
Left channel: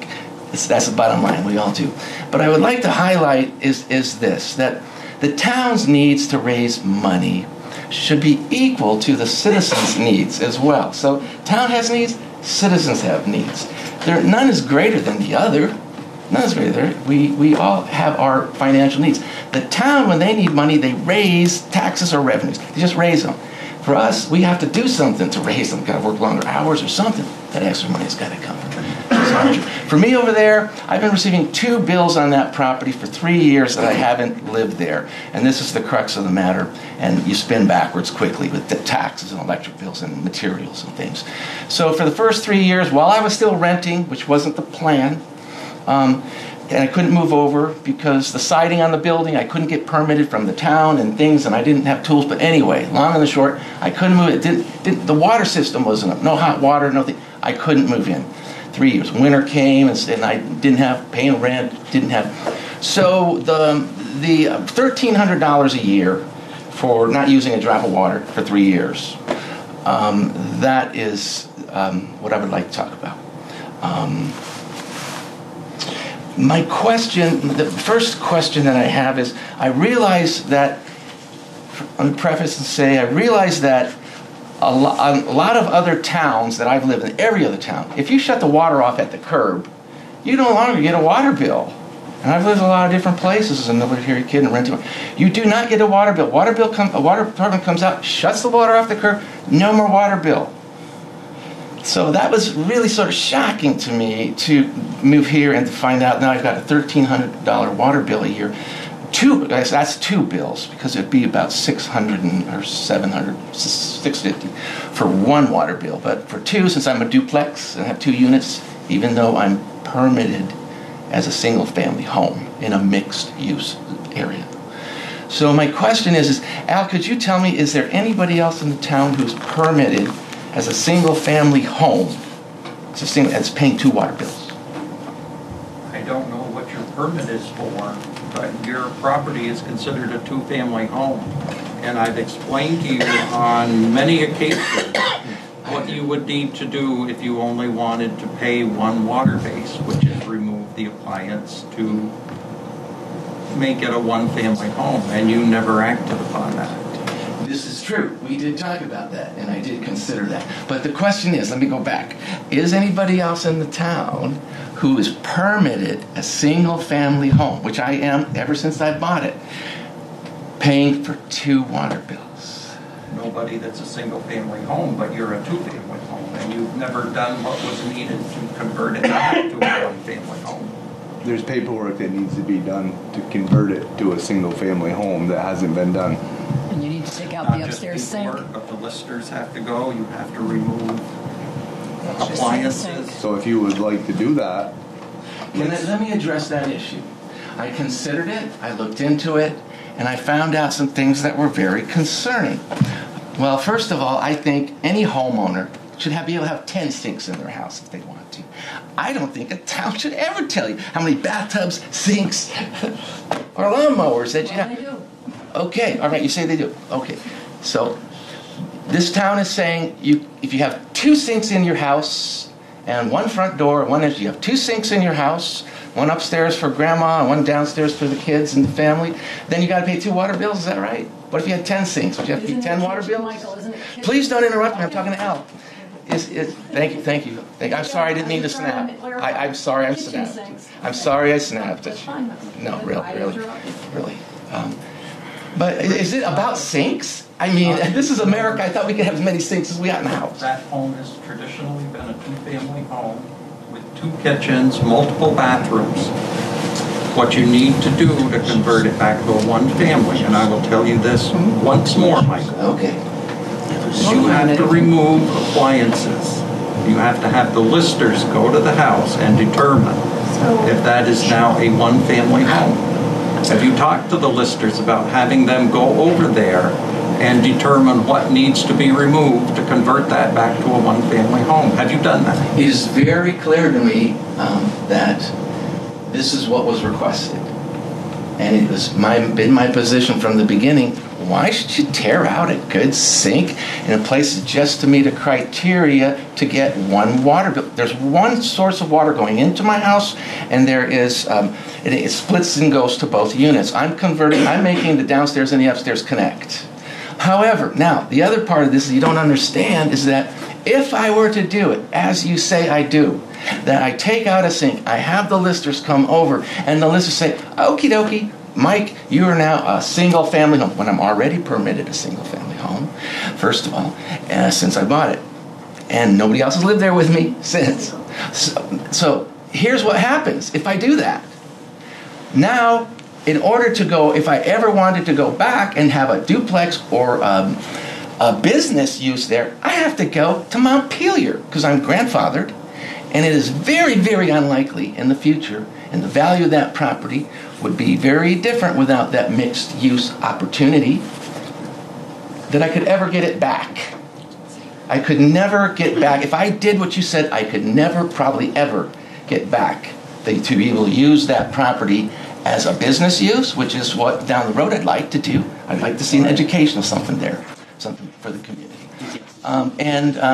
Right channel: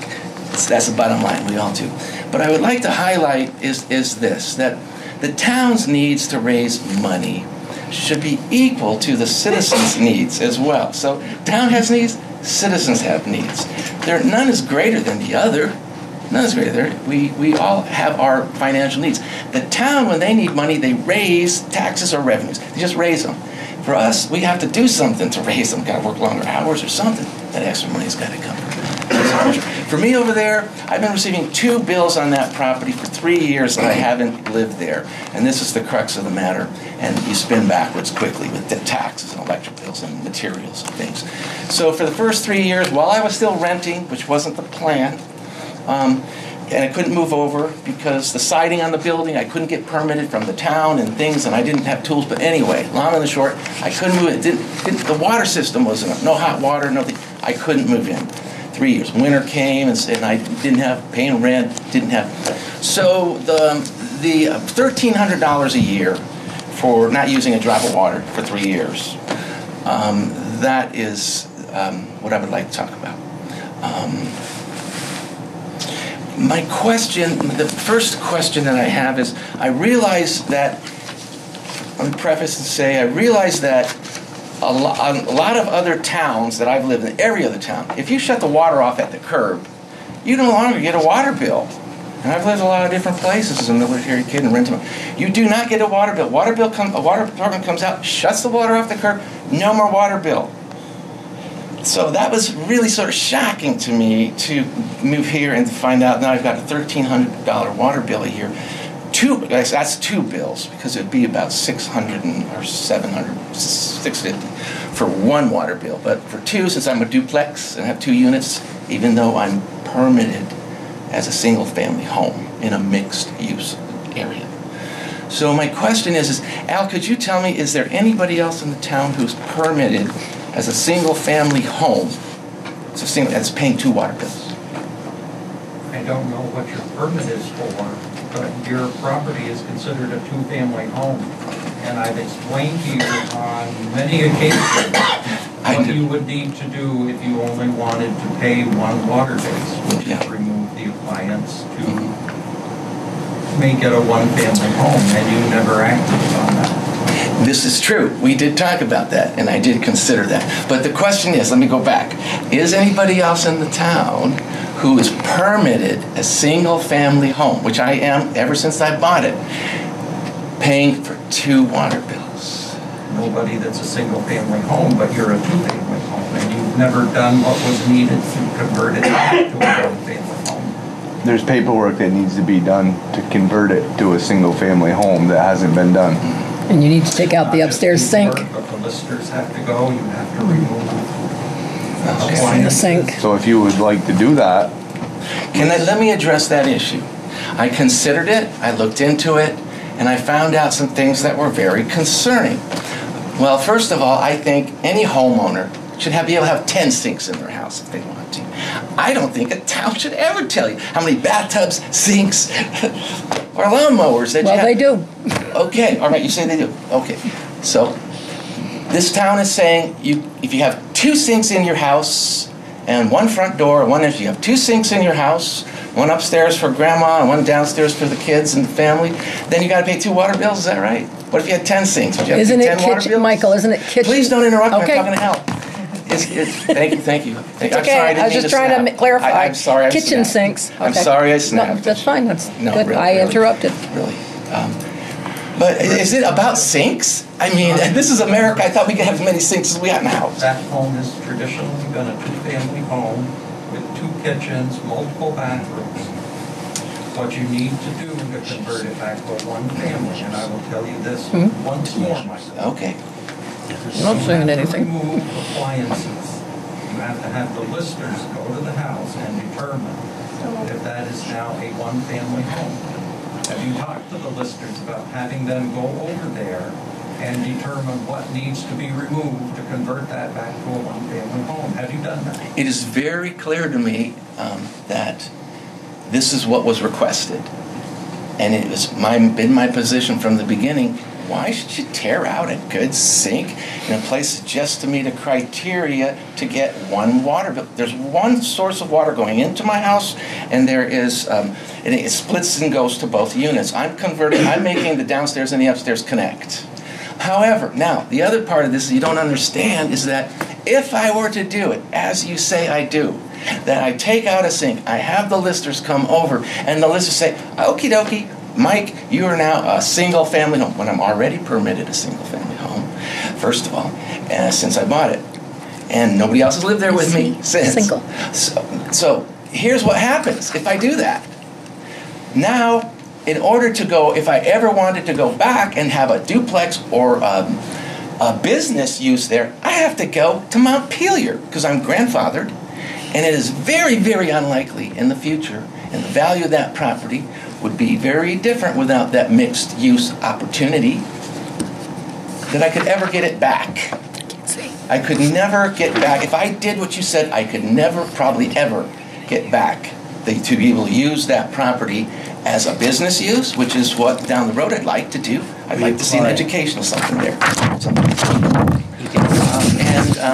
That's the bottom line. We all do. But I would like to highlight is this, that the town's needs to raise money should be equal to the citizens' needs as well. So town has needs, citizens have needs. None is greater than the other. None is greater. We all have our financial needs. The town, when they need money, they raise taxes or revenues. They just raise them. For us, we have to do something to raise them. Got to work longer hours or something. That extra money's got to come. For me over there, I've been receiving 2 bills on that property for 3 years that I haven't lived there. And this is the crux of the matter. And you spin backwards quickly with the taxes and electric bills and materials and things. So for the first 3 years, while I was still renting, which wasn't the plan, and I couldn't move over because the siding on the building, I couldn't get permitted from the town and things, and I didn't have tools. But anyway, long and the short, I couldn't move it. The water system wasn't up. No hot water, nothing. I couldn't move in. 3 years. Winter came, and I didn't have paying rent. Didn't have. So the $1,300 a year for not using a drop of water for 3 years. That is what I would like to talk about. My question, the first question that I have is, I realize that, let me preface and say, I realize that a lot of other towns that I've lived in, every other town, if you shut the water off at the curb, you no longer get a water bill. And I've lived in a lot of different places as a military kid and renting. You do not get a water bill. A water department comes out, shuts the water off the curb, no more water bill. So that was really sort of shocking to me to move here and to find out now I've got a $1,300 water bill a year. That's 2 bills, because it'd be about $600 or $700, $650 for 1 water bill. But for 2, since I'm a duplex and have 2 units, even though I'm permitted as a single-family home in a mixed-use area. So my question is, Al, could you tell me, is there anybody else in the town who's permitted as a single-family home that's paying 2 water bills? I don't know what your permit is for, but your property is considered a 2-family home. And I've explained to you on many occasions what you would need to do if you only wanted to pay 1 water base, which is remove the appliance to make it a 1-family home, and you never acted on that. This is true. We did talk about that, and I did consider that. But the question is, let me go back. Is anybody else in the town who is permitted a single-family home, which I am ever since I bought it, paying for 2 water bills? Nobody that's a single-family home, but you're a 2-family home, and you've never done what was needed to convert it to a 1-family home. There's paperwork that needs to be done to convert it to a single-family home that hasn't been done. And you need to take out the upstairs sink. But the listers have to go, you have to remove The sink. So if you would like to do that, Let me address that issue. I considered it, I looked into it, and I found out some things that were very concerning. Well, first of all, I think any homeowner should be able to have 10 sinks in their house if they want to. I don't think a town should ever tell you how many bathtubs, sinks, or lawnmowers that you have. Well, they do. Okay, all right, you say they do. Okay, so this town is saying if you have 2 sinks in your house and 1 front door, if you have 2 sinks in your house, 1 upstairs for grandma and 1 downstairs for the kids and the family, then you got to pay 2 water bills. Is that right? What if you had 10 sinks? Would you have to pay 10 water bills? Michael, isn't it kitchen? Please don't interrupt me. Okay. I'm talking to Al. Thank you. It's I'm okay. sorry, I was just trying to clarify. I'm sorry. Kitchen snapped. sinks. I'm Okay. sorry I No, snapped. that's fine. That's No, good. really, I really, interrupted. Really. But is it about sinks? I mean, this is America. I thought we could have as many sinks as we got in the house. That home has traditionally been a 2-family home with 2 kitchens, multiple bathrooms. What you need to do to convert it back to a 1-family, and I will tell you this once more, Michael. Okay. You have to remove appliances. You have to have the listers go to the house and determine if that is now a 1-family home. Have you talked to the listers about having them go over there and determine what needs to be removed to convert that back to a 1-family home? Have you done that? It is very clear to me that this is what was requested. And it was been my position from the beginning. Why should you tear out a good sink in a place just to meet a criteria to get 1 water bill? There's 1 source of water going into my house, and there is, it splits and goes to both units. I'm making the downstairs and the upstairs connect. However, now, the other part of this you don't understand is that if I were to do it, as you say I do, that I take out a sink, I have the listers come over, and the listers say, okie dokie, Mike, you are now a single-family home, when I'm already permitted a single-family home, first of all, since I bought it. And nobody else has lived there with me since. Single. So here's what happens if I do that. Now, in order to go, if I ever wanted to go back and have a duplex or a business use there, I have to go to Montpelier because I'm grandfathered. And it is very, very unlikely in the future, and the value of that property would be very different without that mixed use opportunity, that I could ever get it back. I could never get back. If I did what you said, I could never, probably ever, get back to be able to use that property as a business use, which is what down the road I'd like to do. I'd like to see an educational something there.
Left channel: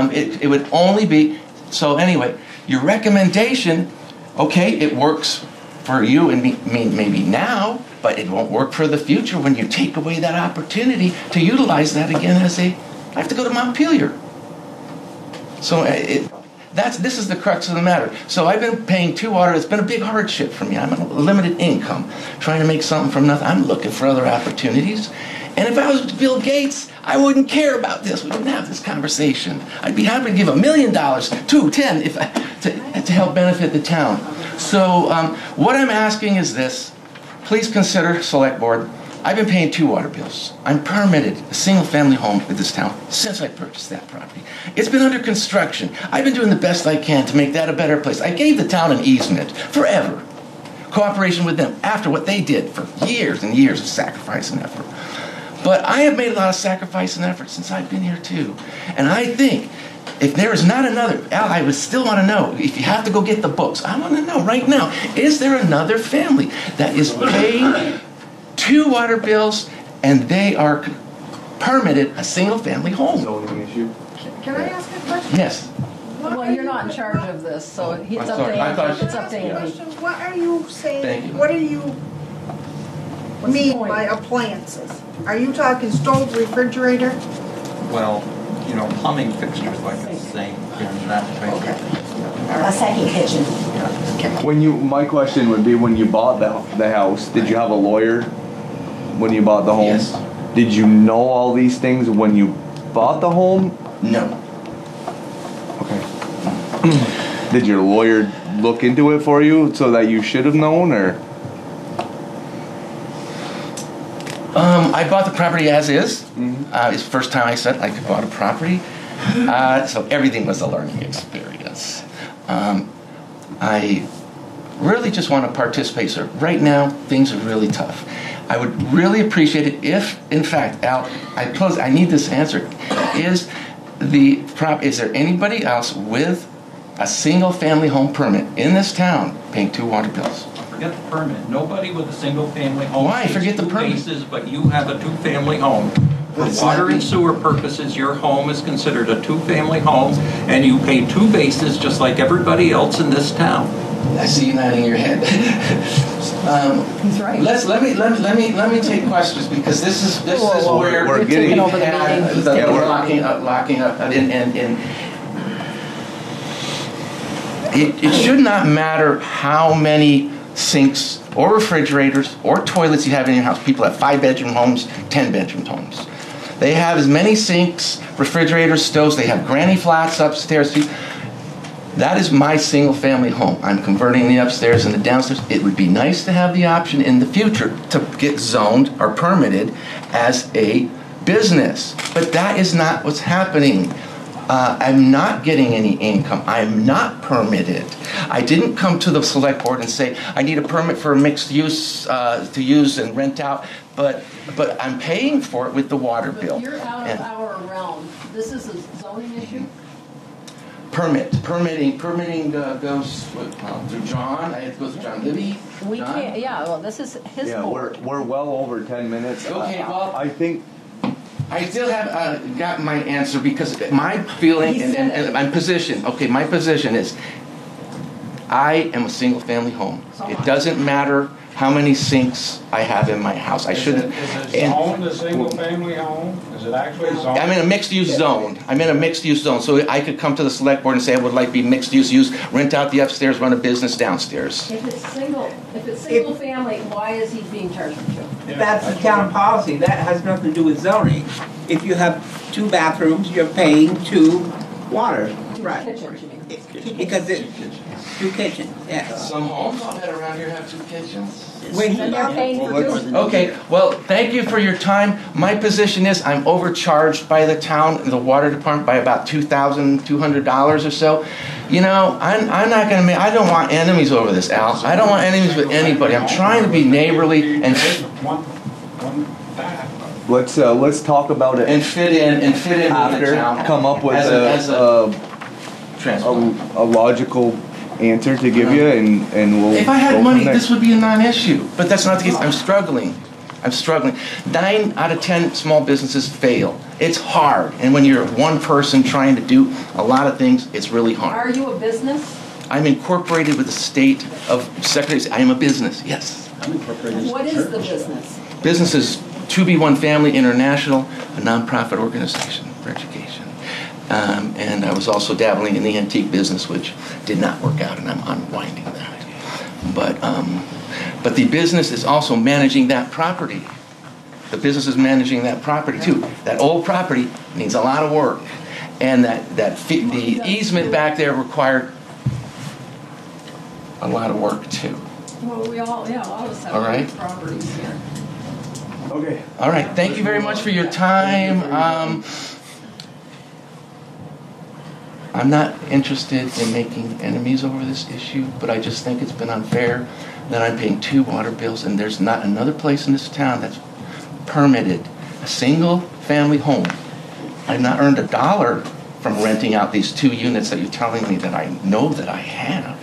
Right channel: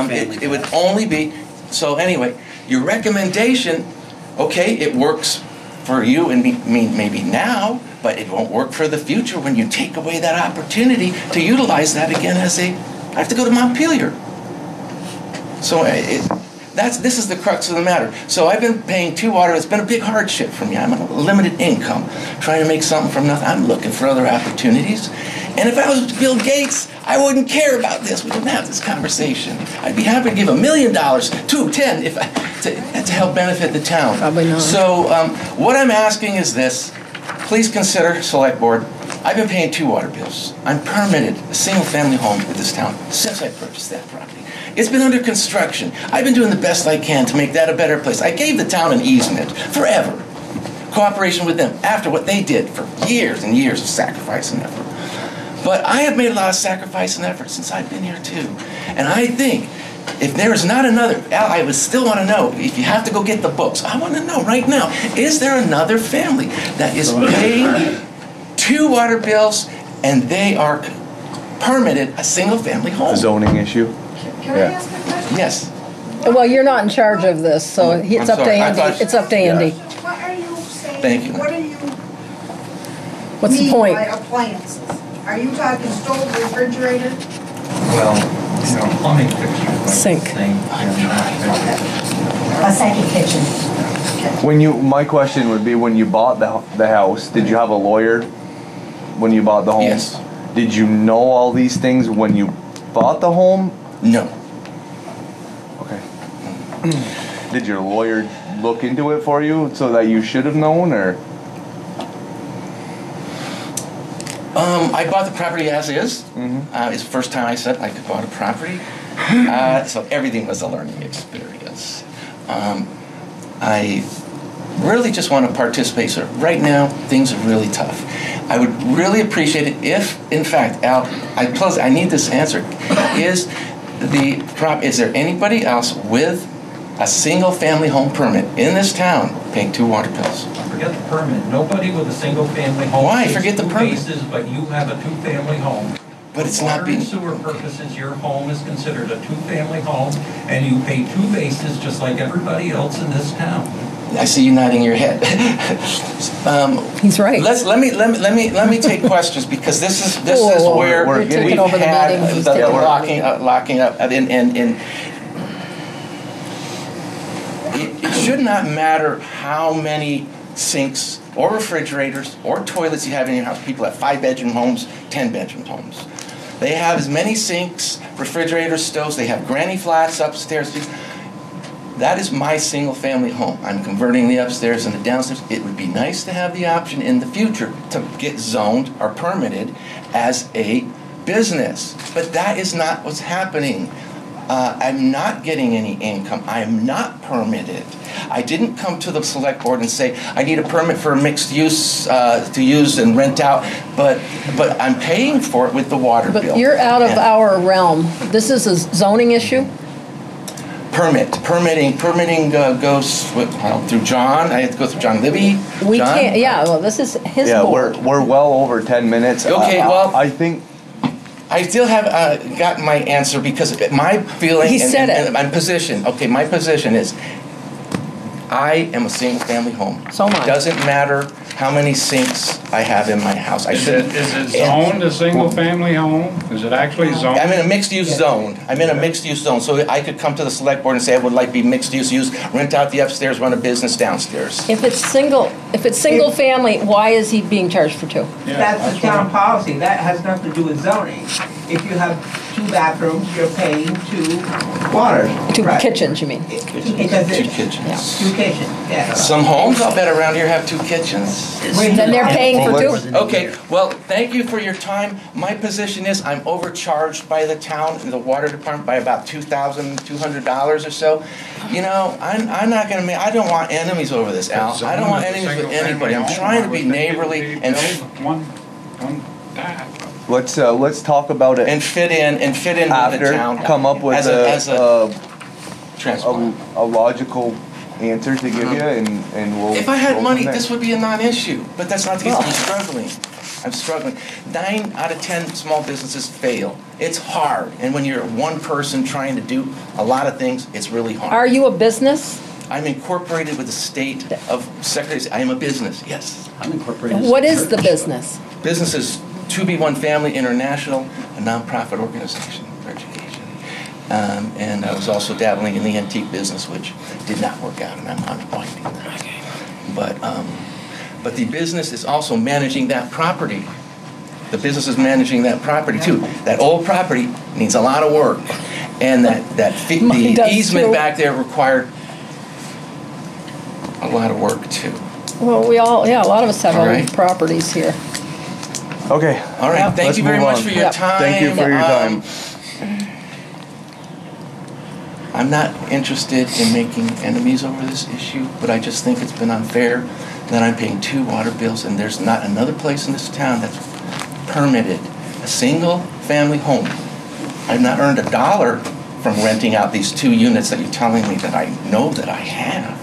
It would only be, so anyway, your recommendation, okay, it works for you and me maybe now, but it won't work for the future when you take away that opportunity to utilize that again as I have to go to Montpelier. So this is the crux of the matter. So I've been paying 2 water. It's been a big hardship for me. I'm on a limited income, trying to make something from nothing. I'm looking for other opportunities. And if I was Bill Gates, I wouldn't care about this. We wouldn't have this conversation. I'd be happy to give $1 million, 2, 10, to help benefit the town. Probably not. So what I'm asking is this. Please consider, Select Board, I've been paying 2 water bills. I'm permitted a single-family home in this town since I purchased that property. It's been under construction. I've been doing the best I can to make that a better place. I gave the town an easement forever. Cooperation with them after what they did for years and years of sacrifice and effort. But I have made a lot of sacrifice and effort since I've been here too. And I think if there is not another, Al, I would still want to know, if you have to go get the books, I want to know right now, is there another family that is paying 2 water bills and they are permitted a single family home? A zoning issue? Can I ask a question? Yes. Well, you're not in charge of this, so it's up to sorry. I Andy. thought- It's up to Andy. So what are you saying? Thank you. What do you What's the mean point? by appliances? Are you talking stove, refrigerator? Well, plumbing fixtures like the Sink. sink and that. A second kitchen. My question would be, when you bought the house, did you have a lawyer when you bought the home? Yes. Did you know all these things when you bought the home? No. Okay. Did your lawyer look into it for you so that you should have known, or? I bought the property as is. It's the first time I said I bought a property. So everything was a learning experience. I really just want to participate. So right now, things are really tough. I would really appreciate it if, in fact, Al, I need this answer. Is there anybody else with a single-family home permit in this town paying 2 water bills? Forget the permit. Nobody with a single-family home. Why? pays Forget the 2 permit. bases, but you have a 2-family home. For But it's not water being- and sewer purposes, your home is considered a 2-family home, and you pay 2 bases just like everybody else in this town. I see you nodding your head. He's right. Let me take questions, because this is Whoa, where we're we getting- Taking over the had meeting. the Yeah, we're- locking up, and it should not matter how many sinks or refrigerators or toilets you have in your house. People have 5-bedroom homes, 10-bedroom homes. They have as many sinks, refrigerators, stoves. They have granny flats upstairs. That is my single-family home. I'm converting the upstairs and the downstairs. It would be nice to have the option in the future to get zoned or permitted as a business. But that is not what's happening. I'm not getting any income. I'm not permitted. I didn't come to the select board and say, I need a permit for a mixed use to use and rent out, but I'm paying for it with the water bill. But you're out of And our realm. This is a zoning issue? Permitting goes through John. I have to go through John Libby. We John? can't, yeah, well, this is his Yeah, board. we're well over 10 minutes. Okay, well- I think I still have got my answer, because my feeling He said it. and my position. Okay, my position is, I am a single-family home. So am I. It doesn't matter how many sinks I have in my house. I Is should. it zoned a single-family home? Is it actually zoned? I'm in a mixed-use zone. I'm in a mixed-use zone, so I could come to the select board and say I would like to be mixed-use, rent out the upstairs, run a business downstairs. If it's single family, why is he being charged for 2? Yeah, That's the town policy. That has nothing to do with zoning. If you have 2 bathrooms, you're paying 2 water. 2 Right. kitchens, you mean? Because Two it's kitchens. 2 kitchens, yeah. Some homes, I'll bet, around here have 2 kitchens. Then they're paying for 2? Okay, well, thank you for your time. My position is I'm overcharged by the town, the water department, by about $2,200 or so. You know, I'm not going to I don't want enemies over this, Al. I don't want enemies with anybody. I'm trying to be neighborly and One time. let's talk about it fit in with the after. town. Come up with as a transplant. a logical answer to give you, and we'll. If I had go money, from there. this would be a non-issue, but that's not the case. I'm struggling. I'm struggling. 9 out of 10 small businesses fail. It's hard, and when you're one person trying to do a lot of things, it's really hard. Are you a business? I'm incorporated with the state of Secretary. I am a business, yes. I'm incorporated. What is the business? Business is 2B1 Family International, a nonprofit organization for education. And I was also dabbling in the antique business, which did not work out, and I'm unwinding that. But the business is also managing that property. The business is managing that property too. That old property needs a lot of work, and the easement back there required a lot of work too. Well, a lot of us have own properties here. Okay. All right. Thank Let's you very move much on. for your time. Thank you for your time. I'm not interested in making enemies over this issue, but I just think it's been unfair that I'm paying 2 water bills, and there's not another place in this town that's permitted a single family home. I've not earned $1 from renting out these 2 units that you're telling me that I know that I have.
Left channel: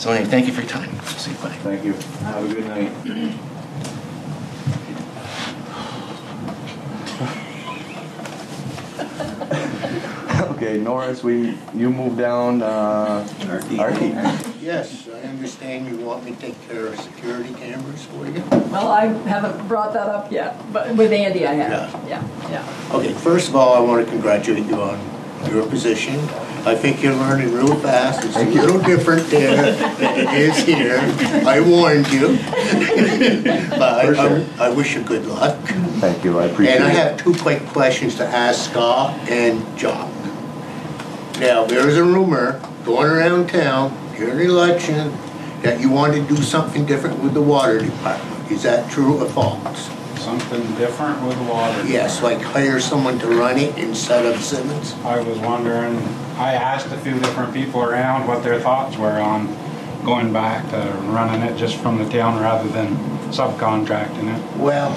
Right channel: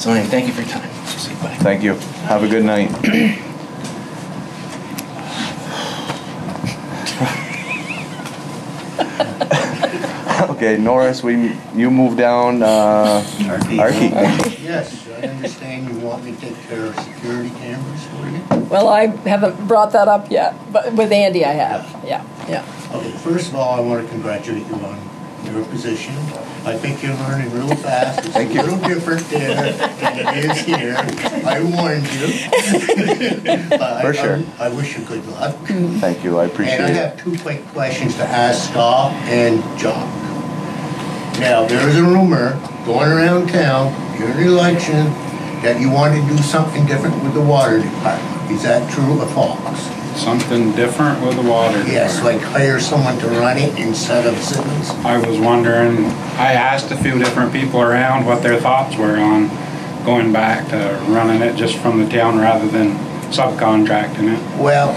So anyway, thank you for your time. See you. Bye. Thank you. Have a good night. Okay, Norris, you move down. Archie. Yes, I understand you want me to take care of security cameras for you. Well, I haven't brought that up yet, but with Andy I have. Yeah. Okay, first of all, I want to congratulate you on your position. I think you're learning real fast. It's a little different there than it is here. I warned you. But I wish you good luck. Thank you, I appreciate it. And I have 2 quick questions to ask Scott and Jock. Now, there is a rumor going around town during the election that you want to do something different with the water department. Is that true or false? Something different with the water. Yes, like hire someone to run it instead of Simmons? I was wondering, I asked a few different people around what their thoughts were on going back to running it just from the town rather than subcontracting it. Well,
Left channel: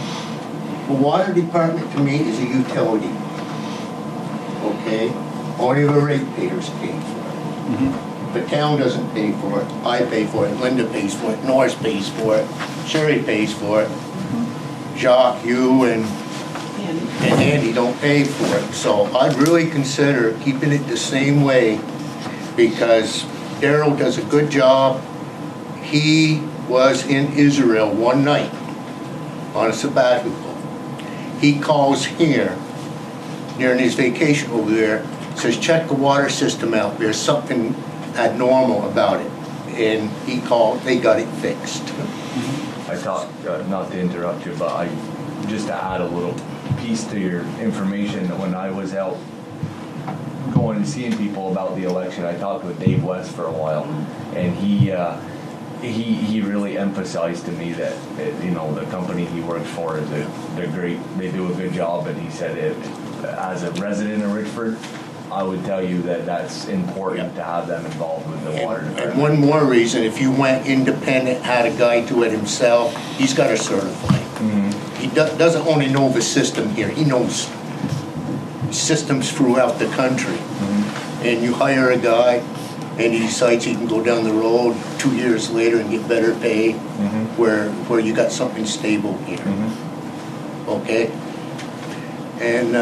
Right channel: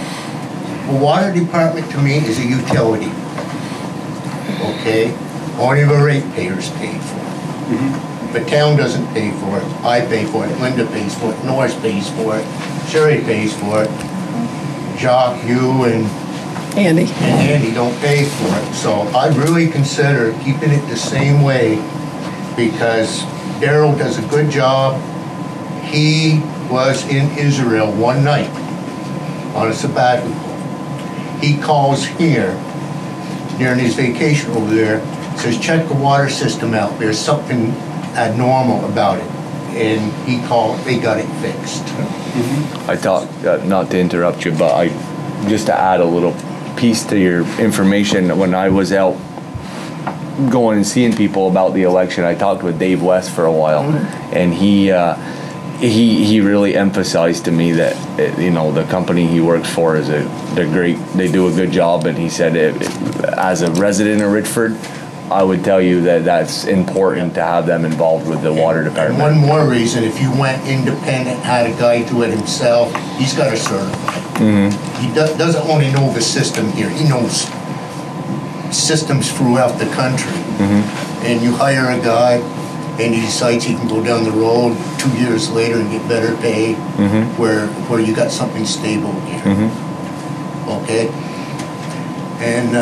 the water department to me is a utility. Okay? Only the ratepayers pay for it. The town doesn't pay for it. I pay for it. Linda pays for it. Norris pays for it. Sherry pays for it. Jock, you, and Andy don't pay for it. So I'd really consider keeping it the same way, because Daryl does a good job. He was in Israel one night on a sabbatical. He calls here during his vacation over there, says, check the water system out. There's something abnormal about it. And he called, they got it fixed. I thought, not to interrupt you, but just to add a little piece to your information, when I was out going and seeing people about the election, I talked with Dave West for a while, and he really emphasized to me that the company he works for they're great, they do a good job, and he said as a resident of Richford, I would tell you that that's important to have them involved with the water department. And one more reason, if you went independent, had a guy do it himself, he's got to certify. He doesn't only know the system here, he knows systems throughout the country. And you hire a guy, and he decides he can go down the road 2 years later and get better pay, where you got something stable here. Okay? And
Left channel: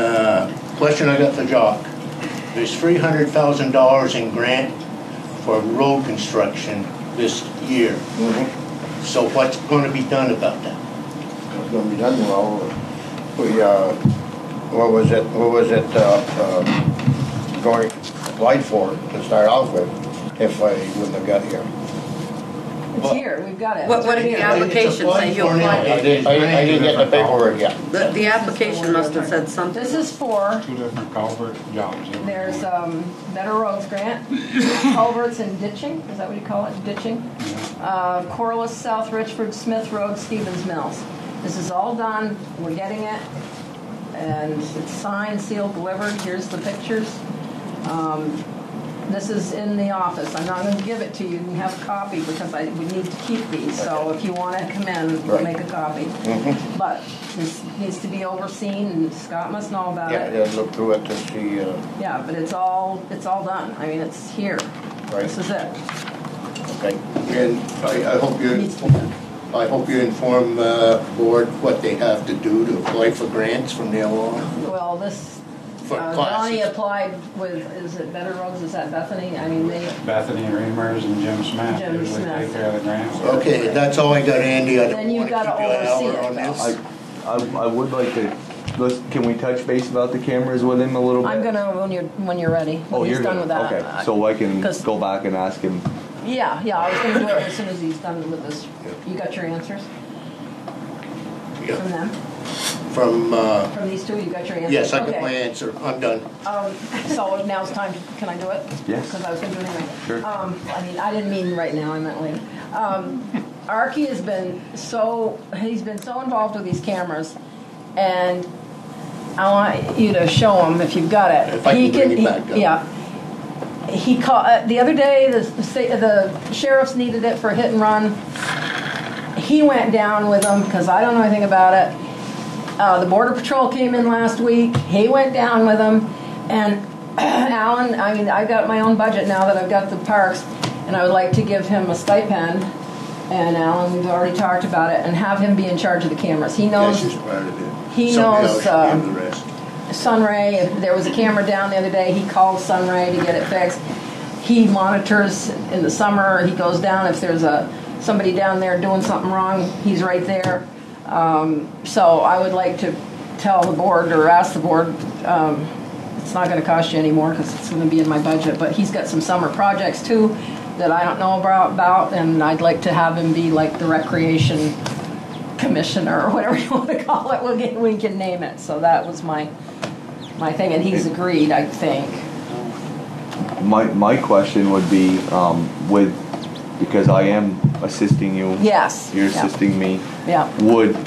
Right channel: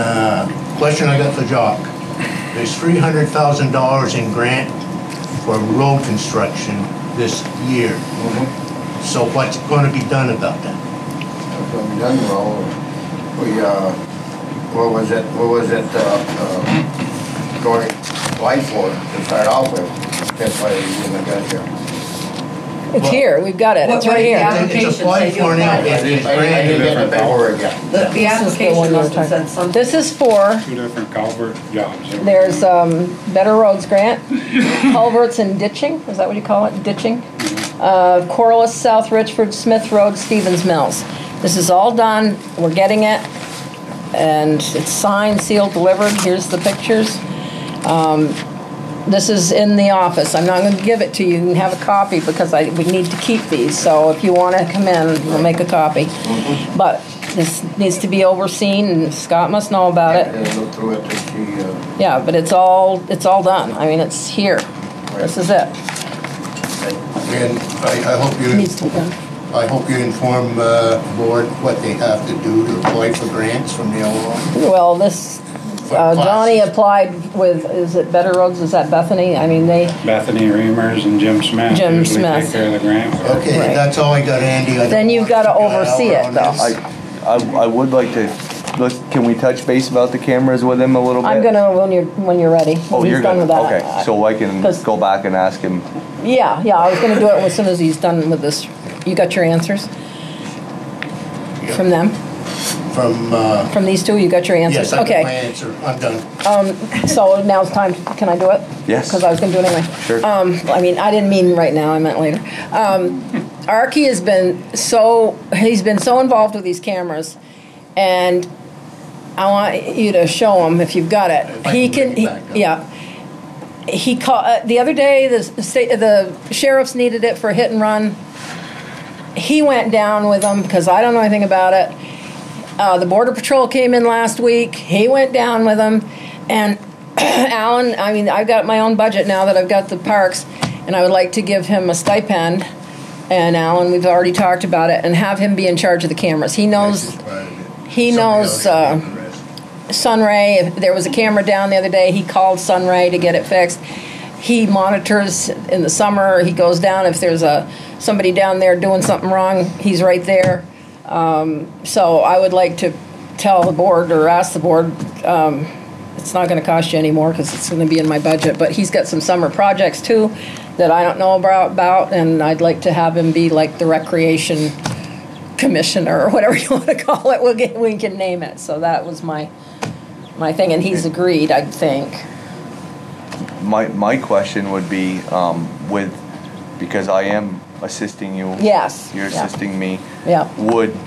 question I got for Jock. There's $300,000 in grant for road construction this year. So what's going to be done about that? What was it going to apply for to start off with? That's why they wouldn't have got here. It's here. We've got it. It's right The here. application that you applied. I didn't get the paperwork yet. The application must have said something. This is for, 2 different culvert jobs. there's Better Roads Grant, culverts and ditching, is that what you call it, ditching? Corliss, South Richford, Smith Road, Stevens Mills. This is all done, we're getting it, and it's signed, sealed, delivered. Here's the pictures. This is in the office. I'm not going to give it to you. You can have a copy because we need to keep these. So if you want to come in, we'll make a copy. But this needs to be overseen, and Scott must know about it. I looked through it to see. Yeah, but it's all done. I mean, it's here. This is it. And I hope you, Needs to be done. I hope you inform the board what they have to do to apply for grants from now on. Well, this, Johnny applied with, is it Better Roads, is that Bethany? I mean, they, Bethany Reimers and Jim Smith Jim usually Smith. take care of the grants. Okay, Right. that's all I got, Andy. I don't Then you've want gotta to get oversee out it, on though. this. I would like to, can we touch base about the cameras with him a little bit? I'm gonna, when you're ready. Oh, He's you're done gonna, with that. okay, so I can 'Cause- go back and ask him. Yeah, I was gonna do it as soon as he's done with this. You got your answers? From them? From, From these two, you got your answers? yes, I got my Okay. answer. I'm done. So now's time, can I do it? Yes. Because I was gonna do it anyway. Sure. I mean, I didn't mean right now, I meant later. Archie has been he's been so involved with these cameras, and I want you to show him if you've got it. If I can bring it back up. Yeah. He called, the other day, the sheriffs needed it for a hit and run. He went down with them, because I don't know anything about it. The Border Patrol came in last week. He went down with them. And Alan, I mean, I've got my own budget now that I've got the parks, and I would like to give him a stipend. And Alan, we've already talked about it, and have him be in charge of the cameras. He knows, This is part of it. he Somebody knows, else should do the rest. Sunray, if there was a camera down the other day, he called Sunray to get it fixed. He monitors in the summer. He goes down if there's somebody down there doing something wrong. He's right there. So I would like to tell the board or ask the board. It's not going to cost you any more because it's going to be in my budget. But he's got some summer projects too that I don't know about, and I'd like to have him be like the recreation commissioner or whatever you want to call it. We can name it. So that was my thing, and he's agreed, I think. My question would be, because I am assisting you. Yes. You're yeah. assisting me. Yeah. Would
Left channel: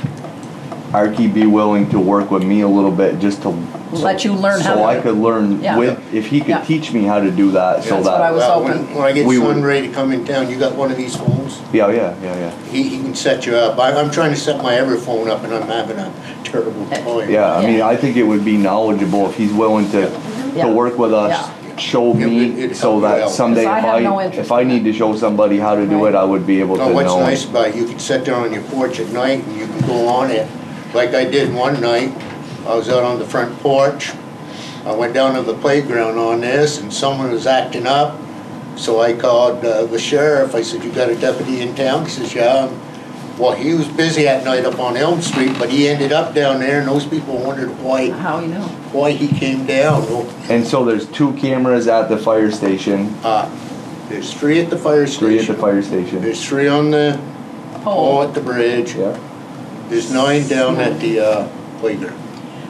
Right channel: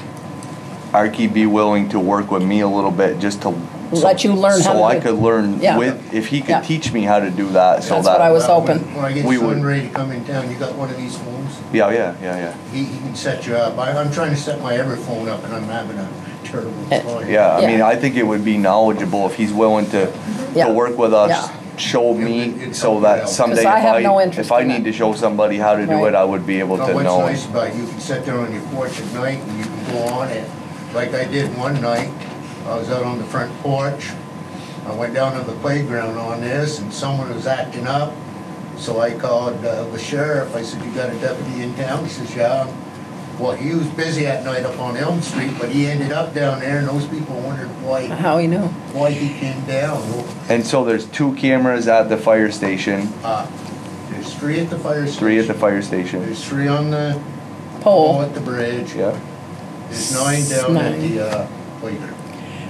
Archie be willing to work with me a little bit just to Let you learn how so to I do it. could learn Yeah. if he could Yeah. teach me how to do that so That's that what I was Well, hoping. when I get We would- Sunray to come in town, you got one of these phones? yeah. He can set you up. I'm trying to set my every phone up, and I'm having a terrible time. Yeah, I Yeah. mean, I think it would be knowledgeable if he's willing to Yeah. work with us, Yeah. show me, It'd so help you that out. someday 'Cause I have no interest if I in need it. to show somebody how to do Right. it, I would be able Well, to what's know. nice about it, you can sit there on your porch at night and you can go on it. Like I did one night, I was out on the front porch. I went down to the playground on this and someone was acting up. So I called the sheriff. I said, "You got a deputy in town?" He says, "Yeah." Well, he was busy at night up on Elm Street, but he ended up down there and those people wondered How you know? why he came down. Well, And so there's 2 cameras at the fire station, there's 3 at the fire station. 3 at the fire station. There's 3 on the pole Pole. at the bridge. Yeah. There's 9 down at 9. the playground.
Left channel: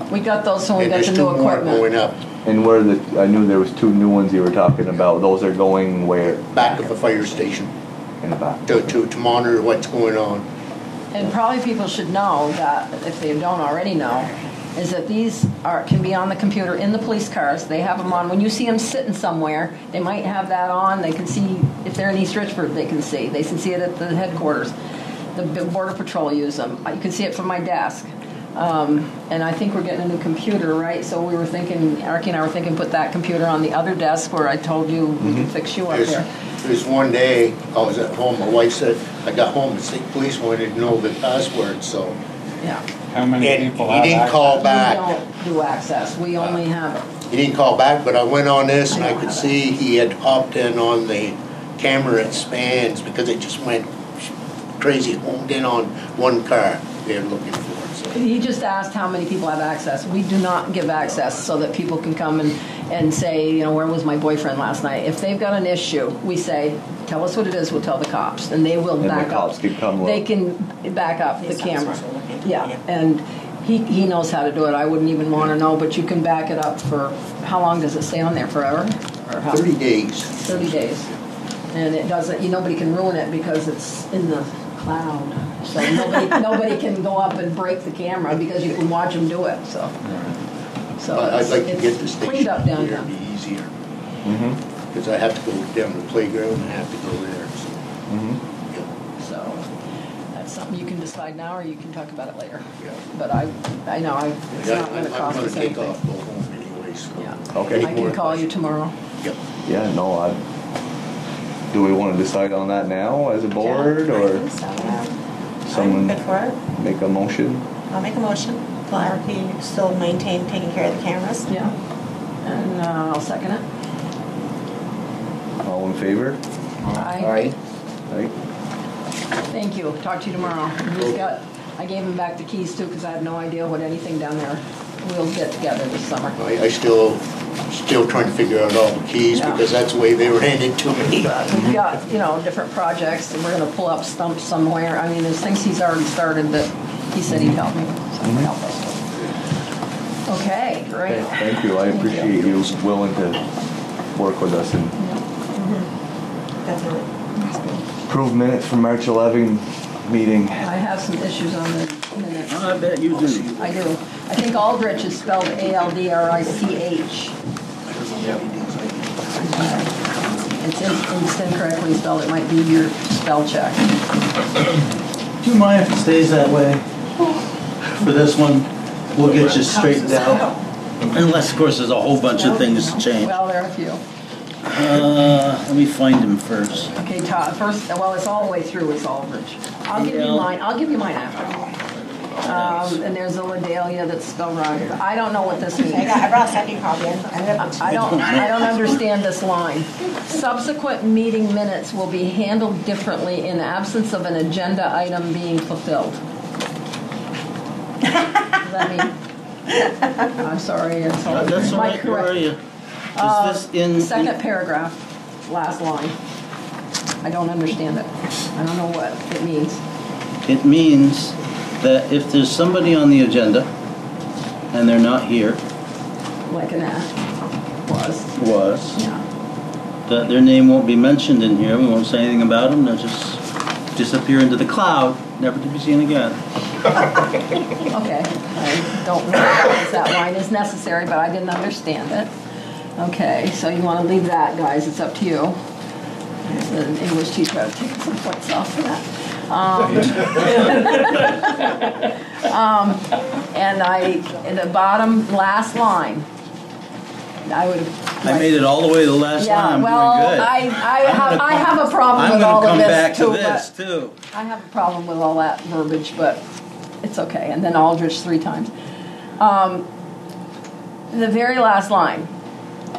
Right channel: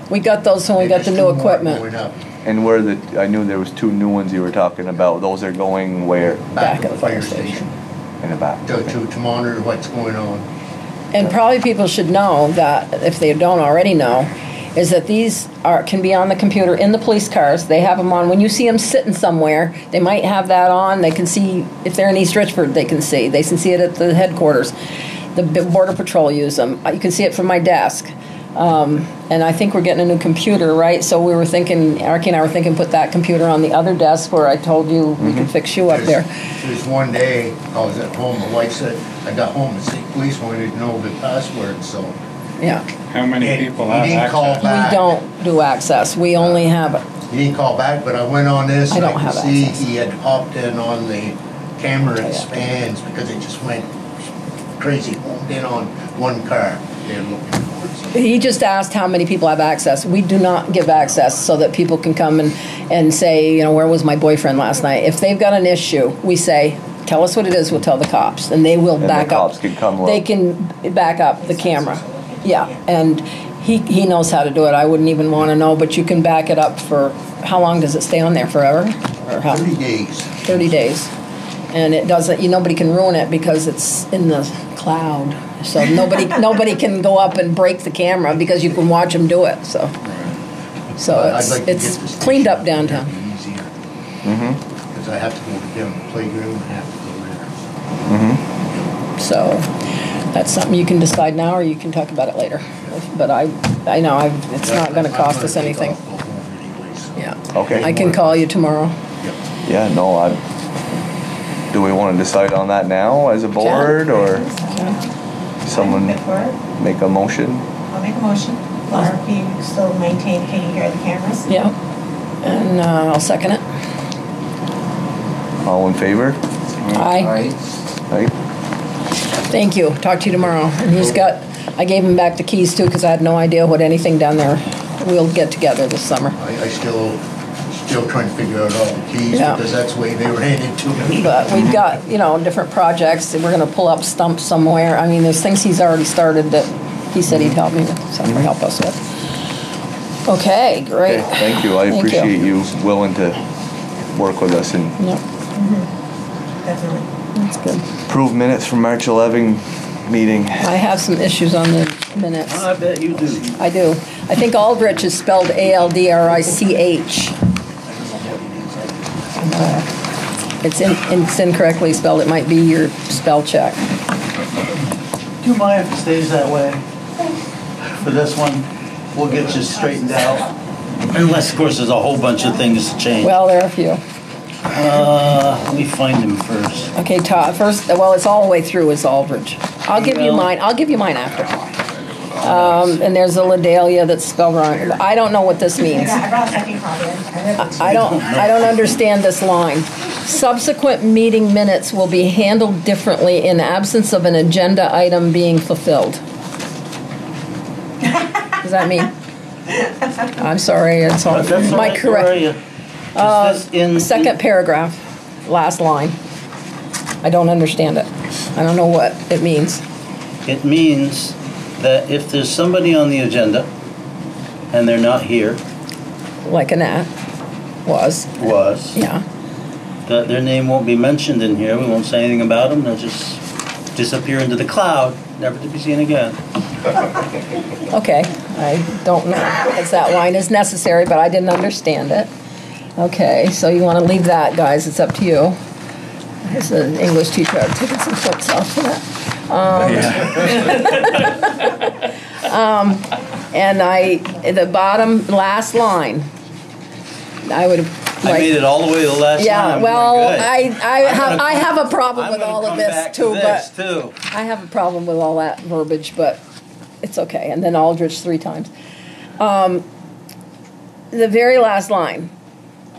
We got those when we And got the there's new 2 more equipment. going up And where I knew there was 2 new ones you were talking about. Those are going where? back at the fire station In the back. to monitor what's going on. And probably people should know that, if they don't already know, is that these can be on the computer in the police cars. They have them on. When you see them sitting somewhere, they might have that on. They can see, if they're in East Richford, they can see. They can see it at the headquarters. The Border Patrol use them. You can see it from my desk. And I think we're getting a new computer, right? So we were thinking, Archie and I were thinking, put that computer on the other desk where I told you we could fix you up there. There's one day, I was at home, my wife said, I got home, the state police wanted to know the password, so. Yeah. How many And people he have didn't access? call We back. don't do access. We only have, He didn't call back, but I went on this I and I don't could have see access. he had hopped in on the camera at spans because it just went crazy, homed in on one car they're looking for. So. he just asked how many people have access. We do not give access so that people can come and say, you know, where was my boyfriend last night? If they've got an issue, we say, tell us what it is, we'll tell the cops. And they will And back the up. cops can come look. They can back up the camera. Yeah, and he knows how to do it. I wouldn't even want to know, but you can back it up for, how long does it stay on there, forever? Or how? 30 days. 30 days. And it doesn't, nobody can ruin it because it's in the cloud. So nobody can go up and break the camera because you can watch them do it. So I'd like to get the it's station cleaned up there, downtown. it'd be easier. Mm-hmm. Because I have to go down to the playground and I have to go there. Mm-hmm. So that's something you can decide now, or you can talk about it later. But I know it's not going to cost us anything. Yeah. Okay. I can call you tomorrow. Yep. Yeah, no, do we want to decide on that now as a board, or someone Good for it. make a motion? I'll make a motion. Laura, can you still maintain taking care of the cameras? Yeah. And I'll second it. All in favor? Aye. Aye. Thank you. Talk to you tomorrow. And I gave him back the keys too because I had no idea what anything down there. We'll get together this summer. I still trying to figure out all the keys, Yeah. because that's the way they ran into me. But we've got, different projects that we're gonna pull up stumps somewhere. I mean, there's things he's already started that he said he'd help help us with. Okay, great. Okay, thank you. I Thank appreciate you willing to work with us and Yep, Definitely. that's good. approve minutes from March 11 meeting. I have some issues on the minutes. I bet you do. I do. I think Aldrich is spelled Aldrich. It's incorrectly spelled. It might be your spell check. Do you mind if it stays that way? For this one, we'll get you straightened out. Unless, of course, there's a whole bunch of things to change. Well, there are a few. Let me find him first. Okay, Todd. First, well, it's all the way through is Aldrich. I'll give you mine. I'll give you mine after. And there's a Ledalia that's spelled wrong. I don't know what this means. I brought a second copy. I don't understand this line. Subsequent meeting minutes will be handled differently in absence of an agenda item being fulfilled. Does that mean? I'm sorry, it's all my correct. Second paragraph, last line. I don't understand it. I don't know what it means. It means that if there's somebody on the agenda and they're not here, Like Annette was. Yeah. that their name won't be mentioned in here. We won't say anything about them. They'll just disappear into the cloud, never to be seen again. Okay, I don't know if that line is necessary, but I didn't understand it. Okay, so you want to leave that, guys. It's up to you. As an English teacher, I've taken some foots off for that. And the bottom last line, I would have. I made it all the way to the last Yeah, line. well, I have a problem with all of this too. Too. I have a problem with all that verbiage, but it's okay. And then Aldrich 3 times. The very last line,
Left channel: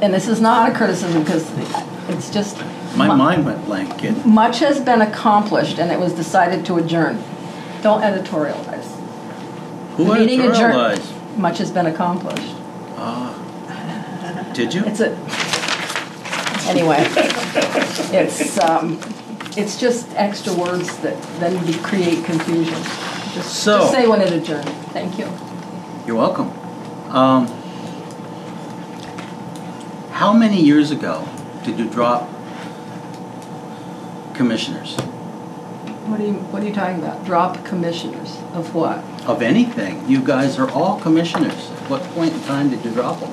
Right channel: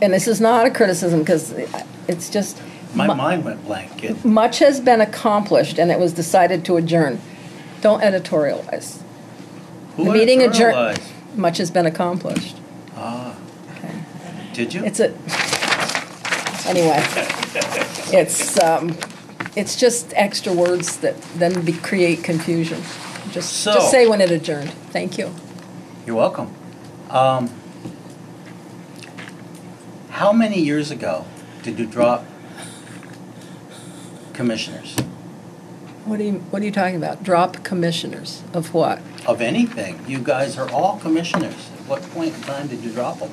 and this is not a criticism because it's just. My mind went blank, kid. Much has been accomplished, and it was decided to adjourn. Don't editorialize. Who The meeting adjourned. editorialized? Much has been accomplished. Did you? Anyway. It's just extra words that then create confusion. Just say when it adjourned. Thank you. You're welcome. How many years ago did you drop commissioners? What are you talking about? Drop commissioners of what? Of anything. You guys are all commissioners. At what point in time did you drop them?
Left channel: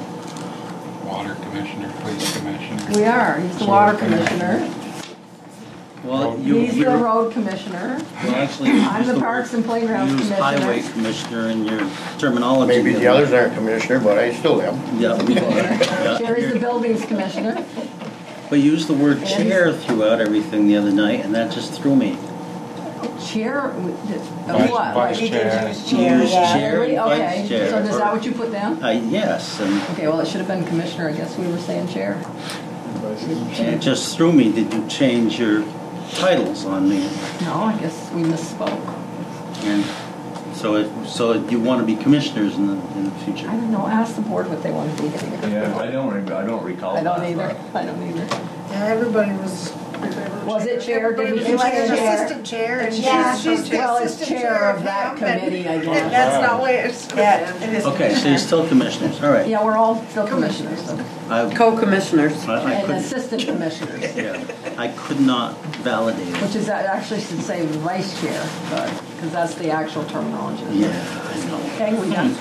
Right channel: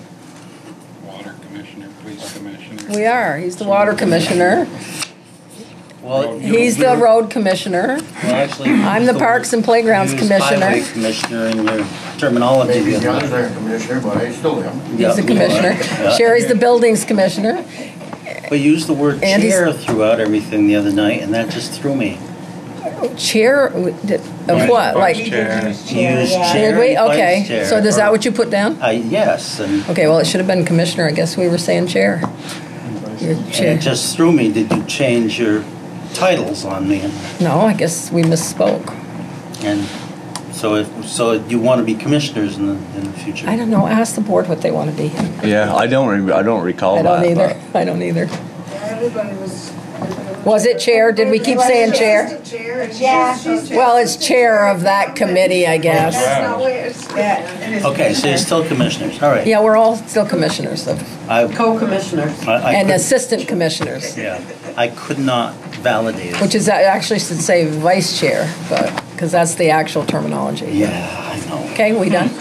Water commissioner, police commissioner. We are. He's the water commissioner. Well, He's the road commissioner. Well, actually, I'm the Parks and Playgrounds commissioner. Highway commissioner in your terminology. Maybe the others aren't commissioner, but I still am. He's the commissioner. Yeah. Sherry's the buildings commissioner. But you used the word Andy's- chair throughout everything the other night, and that just threw me. Chair of what? Like Use chair. Did we? vice Okay. chair, So is that or- what you put down? Yes. And Okay. Well, it should have been commissioner. I guess we were saying chair. Your chair. it just threw me. Did you change your titles on me? No, I guess we misspoke. And so you want to be commissioners in the future? I don't know. Ask the board what they want to be. Yeah, I don't recall I don't that. either. I don't either. Yeah, everybody was. Was it chair? Did we keep saying chair? Assistant chair and Yeah. Well, it's chair of that committee, I guess. That's not what it's. Yeah, it is. Okay, so you're still commissioners. All right. Yeah, we're all still commissioners Co-commissioners. and could- assistant commissioners, Yeah, I could not validate it. which is actually should say vice chair, because that's the actual terminology. Yeah, I know. Okay, we done?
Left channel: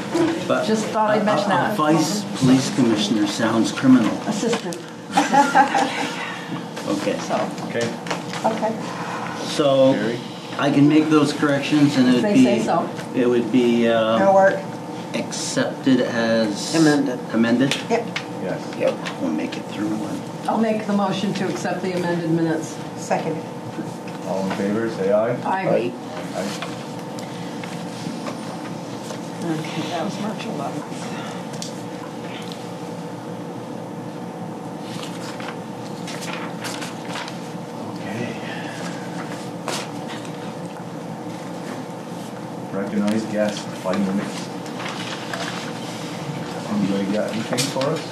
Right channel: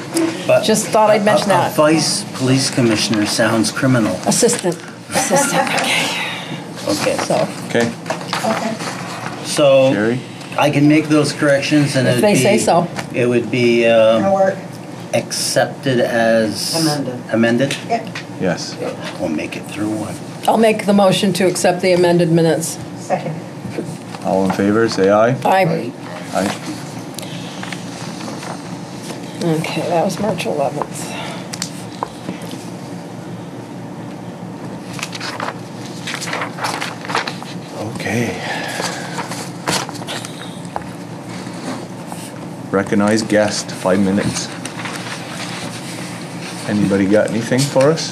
But Just thought I'd mention a that. vice police commissioner sounds criminal. Assistant. Okay. So Okay, Okay. So Jerry? I can make those corrections, and If they say so. It would be That'll work. accepted as Amended. Amended. Yep. Yes. We'll make it through one. I'll make the motion to accept the amended minutes. Second. All in favor, say aye. Aye. Aye. Okay, that was March 11th. Okay. Recognized guest, 5 minutes. Anybody got anything for us?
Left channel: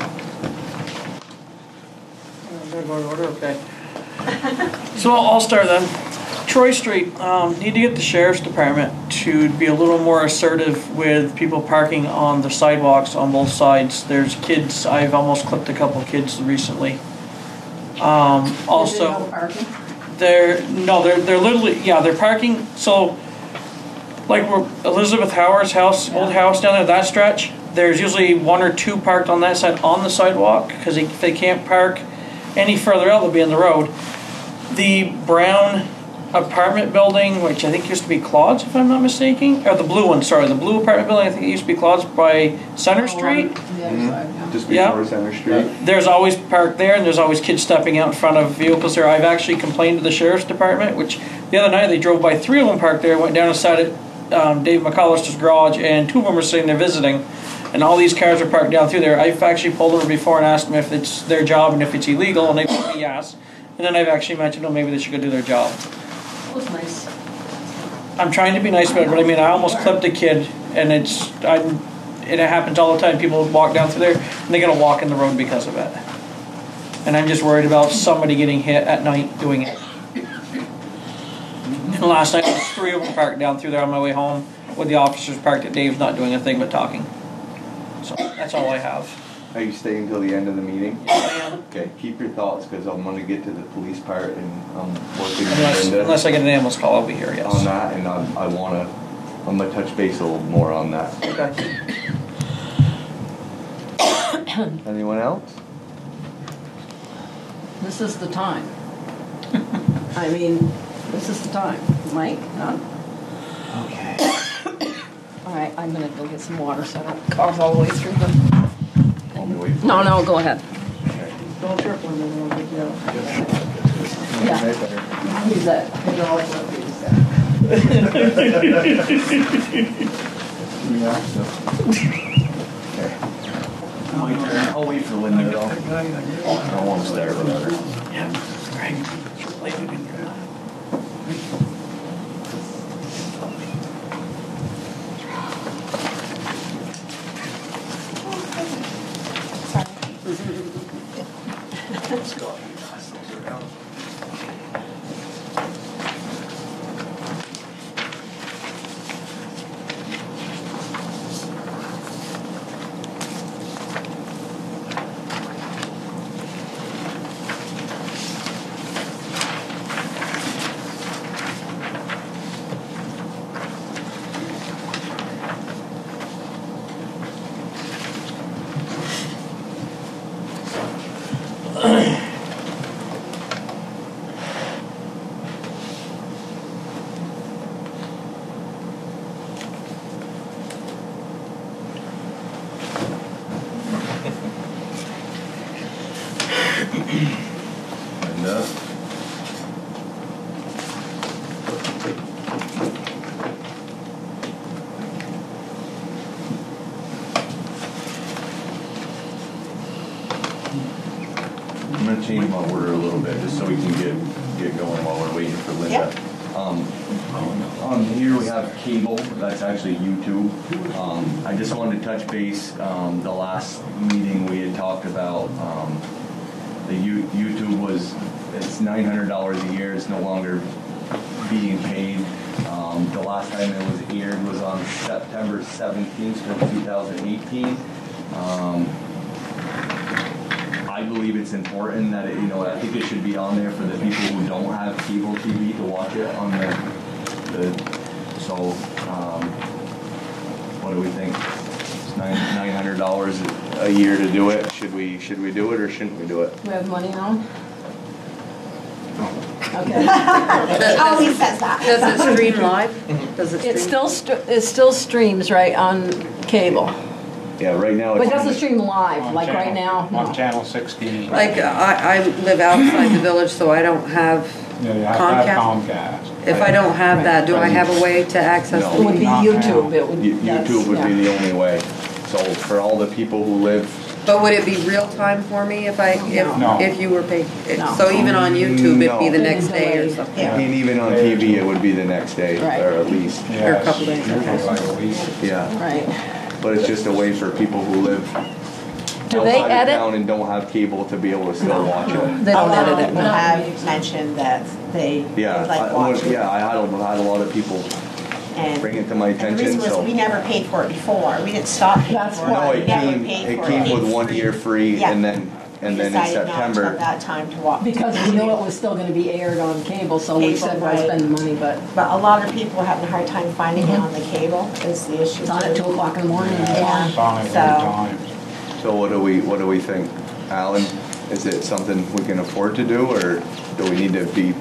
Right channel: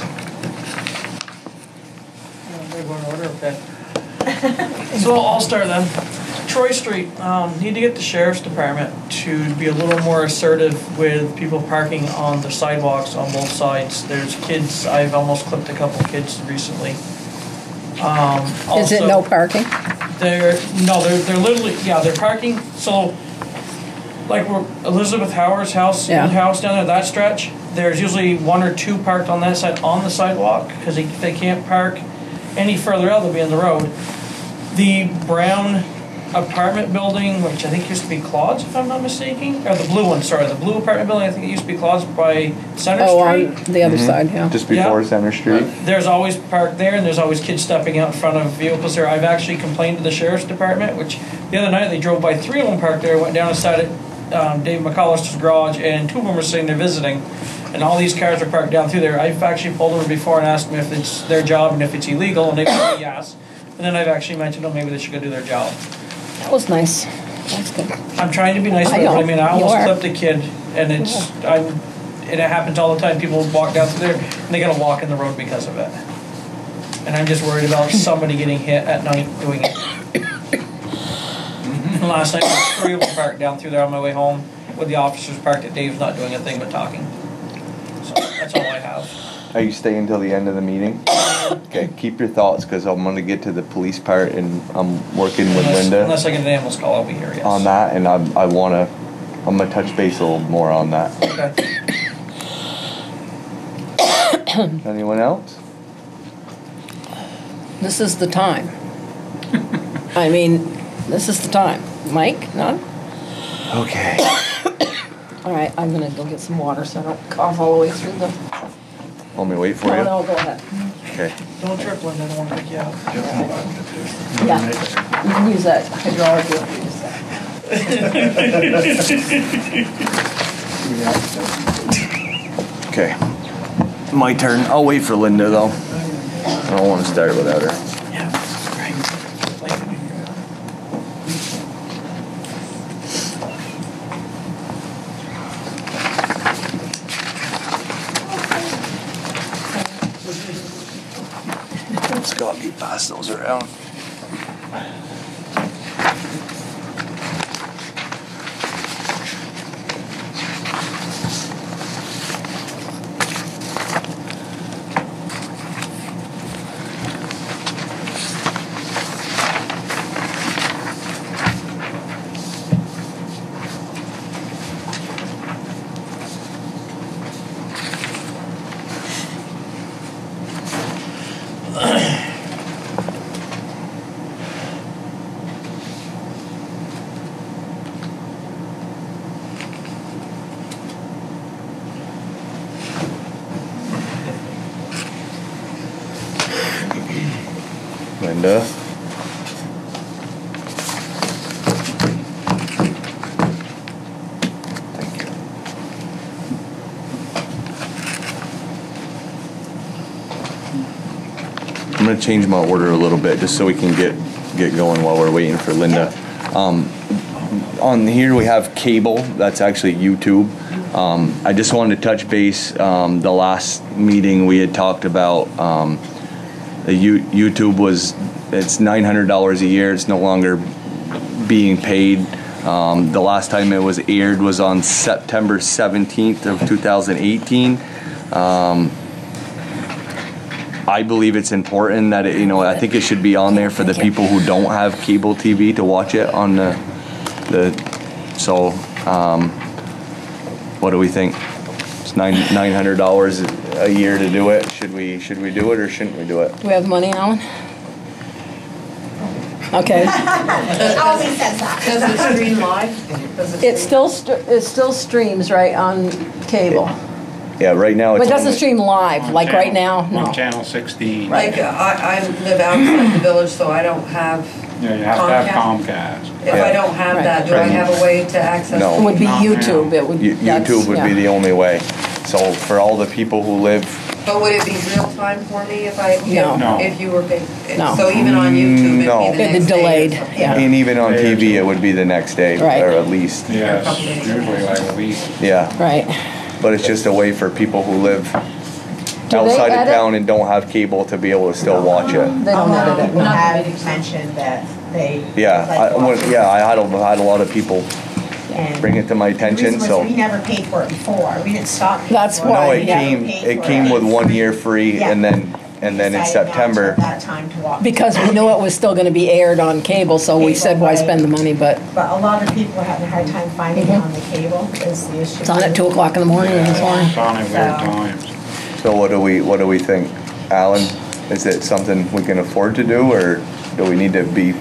Okay. So I'll start then. Troy Street, need to get the sheriff's department to be a little more assertive with people parking on the sidewalks on both sides. There's kids, I've almost clipped a couple kids recently. Is it no parking? They're literally, yeah, they're parking, so like where Elizabeth Howard's house, Yeah. old house down there, that stretch, there's usually 1 or 2 parked on that side on the sidewalk, because if they can't park any further out, they'll be in the road. The brown apartment building, which I think used to be Claude's, if I'm not mistaken, or the blue one, sorry, the blue apartment building, I think it used to be Claude's by Center Street. On the other side, yeah. Just before Center Street. There's always parked there, and there's always kids stepping out in front of vehicles there. I've actually complained to the sheriff's department, which the other night they drove by 3 of them parked there, went down and sat at Dave McCollister's garage, and 2 of them were sitting there visiting, and all these cars are parked down through there. I've actually pulled over before and asked them if it's their job and if it's illegal, and they told me yes. And then I've actually mentioned, oh, maybe they should go do their job. That was nice. That's good. I'm trying to be nice about it, but I mean, I almost You are. clipped a kid, and it happens all the time. People walk down through there, and they're gonna walk in the road because of it. And I'm just worried about somebody getting hit at night doing it. And last night, 3 of them parked down through there on my way home, with the officers parked at Dave's, not doing a thing but talking. So that's all I have. Are you staying until the end of the meeting? Okay, keep your thoughts, because I'm going to get to the police part, and I'm working with Linda Unless I get an ambulance call, I'll be here, yes. on that, and I'm going to touch base a little more on that. Okay. Anyone else? This is the time. I mean, this is the time. Mike, none? Okay. All right, I'm gonna go get some water so I don't cough all the way through the... Want me to wait for No, you? no, go ahead. Okay. Don't trip, Linda, I don't want to take you out. Yeah. Use that hydraulic lift, please. Okay. My turn. I'll wait for Linda, though. I don't want to start without her. Scott, you pass those around. Linda. I'm going to change my order a little bit just so we can get going while we're waiting for Linda. On here we have cable. That's actually YouTube. I just wanted to touch base. The last meeting we had talked about the YouTube it's $900 a year. It's no longer being paid. The last time it was aired was on September 17th of 2018. I believe it's important that I think it should be on there for the people who don't have cable TV to watch it on so what do we think? It's $900 a year to do it. Should we do it or shouldn't we do it? Do we have the money, Alan? Okay. Always says that. Does it stream live? Does it It still streams right on cable. Yeah, right now But it's it doesn't only, stream live, like right now? On No. channel 16. Like, I live outside the village, so I don't have Yeah, you have to have Comcast. Comcast. If I don't have that, do I have a way to access? No. It would be YouTube. It would. YouTube would be the only way. So for all the people who live, But would it be real time for me if I, No. if you were paid? No. So even on YouTube, No. it'd be the It'd next be day or delayed, something? yeah. and even on TV, it would be the next day, Right. or at least, Yeah, Or a it's couple days. usually like a week. yeah. Right. But it's just a way for people who live they outside of edit? town and don't have cable to be able to still watch it. They A don't lot edit of it. people have mentioned that they. Yeah, like I watching. had a lot of people And bring it to my the attention, reason was so. we never paid for it before. We didn't stop paying That's for it. No, why. We it never came, paid it for came with 1 year free, Yeah. and then in Decided not September, till that time to walk. Because we knew it was still going to be aired on cable, so we Cable, said, why right. spend the money? But But a lot of people are having a hard time finding it on the cable is the issue. it's on at 2 o'clock in the morning. And it's on. It's on at weird times. so what do we think? Alan, is it something we can afford to do, or do we need to be?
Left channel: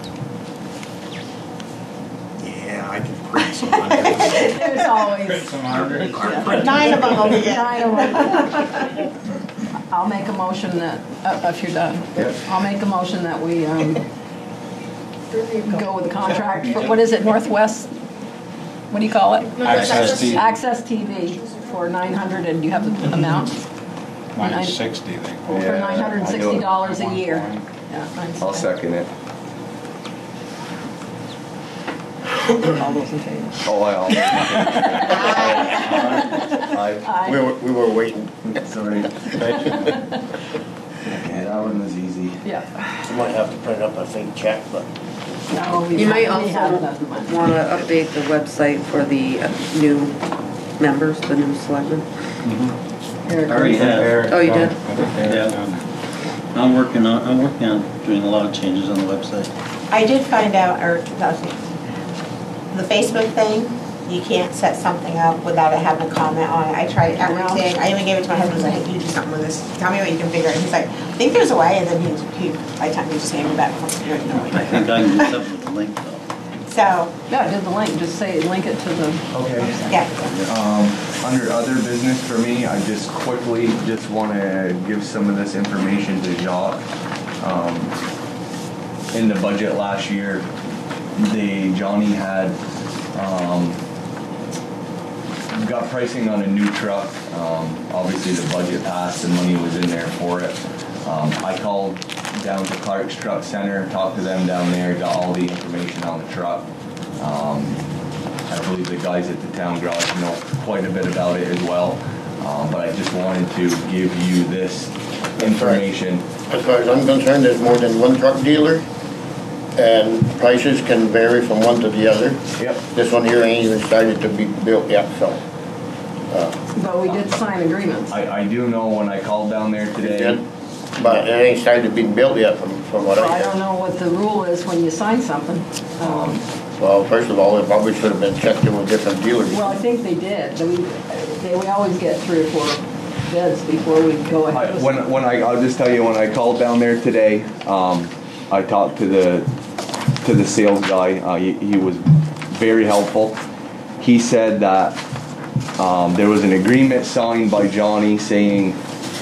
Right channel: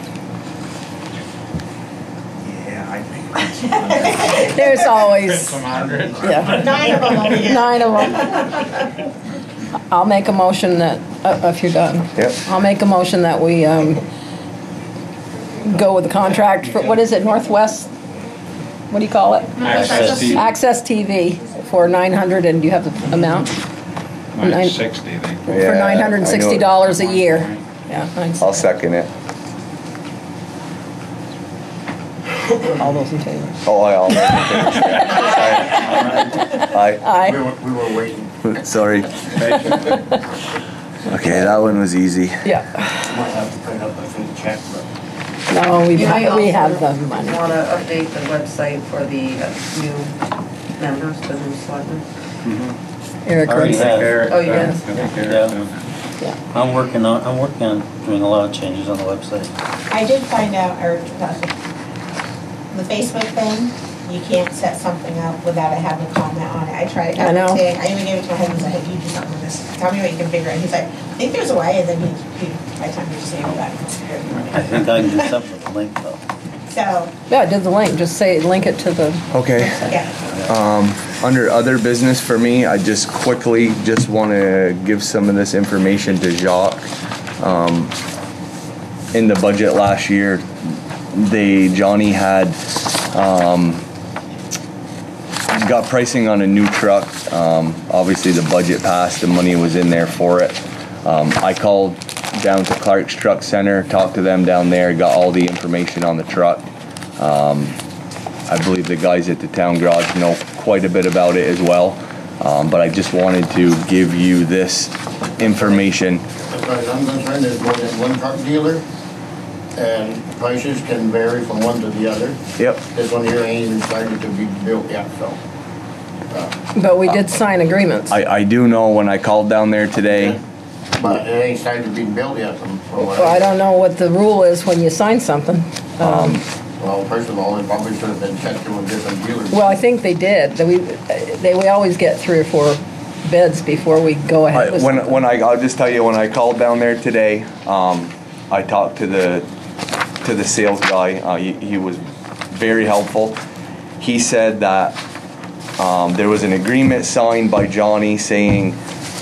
Yeah, I just read some hundred. There's always Some hundred. yeah, 9 of them over here. 9 of them. I'll make a motion that if you're done. Yep. I'll make a motion that we go with the contract. For, what is it? Northwest. What do you call it? Access TV. Access TV for 900. And do you have the amount? 960, they For Yeah, I know it. $960 a year. Yeah. I'll second it. All those in favor. Oh, I'll make it. Aye. Aye. We were waiting. Sorry. Okay, that one was easy. Yeah. Might have to print up my fake check, but. No, You might we have also the money. want to update the website for the new members, the new selectmen. Eric Already Curtis. have. Oh, you did? I think Eric's done that. I'm working on doing a lot of changes on the website. I did find out, or the Facebook thing, you can't set something up without it having a comment on it. I tried I know. everything. I even gave it to my husband, I said, hey, you do something with this. Tell me what you can figure out. He's like, I think there's a way, and then he by the time he was saying that, I think I can do something with the link though. so, Yeah, do the link. Just say, link it to the, Okay. yeah. Under other business for me, I just quickly just want to give some of this information to Jacques. In the budget last year, Johnny had got pricing on a new truck. Obviously the budget passed, the money was in there for it. I called down to Clark's Truck Center, talked to them down there, got all the information on the truck. I believe the guys at the town garage know quite a bit about it as well. But I just wanted to give you this information. As far as I'm concerned, there's more than one truck dealer, and prices can vary from one to the other. Yep. This one here ain't even started to be built yet, so. but we did sign agreements. I do know when I called down there today, But it ain't started to be built yet from what Well, I don't know what the rule is when you sign something. Well, first of all, it probably should have been checked with different dealers. Well, I think they did. We always get 3 or 4 bids before we go ahead with something. I'll just tell you, when I called down there today, I talked to the sales guy. He was very helpful. He said that there was an agreement signed by Johnny saying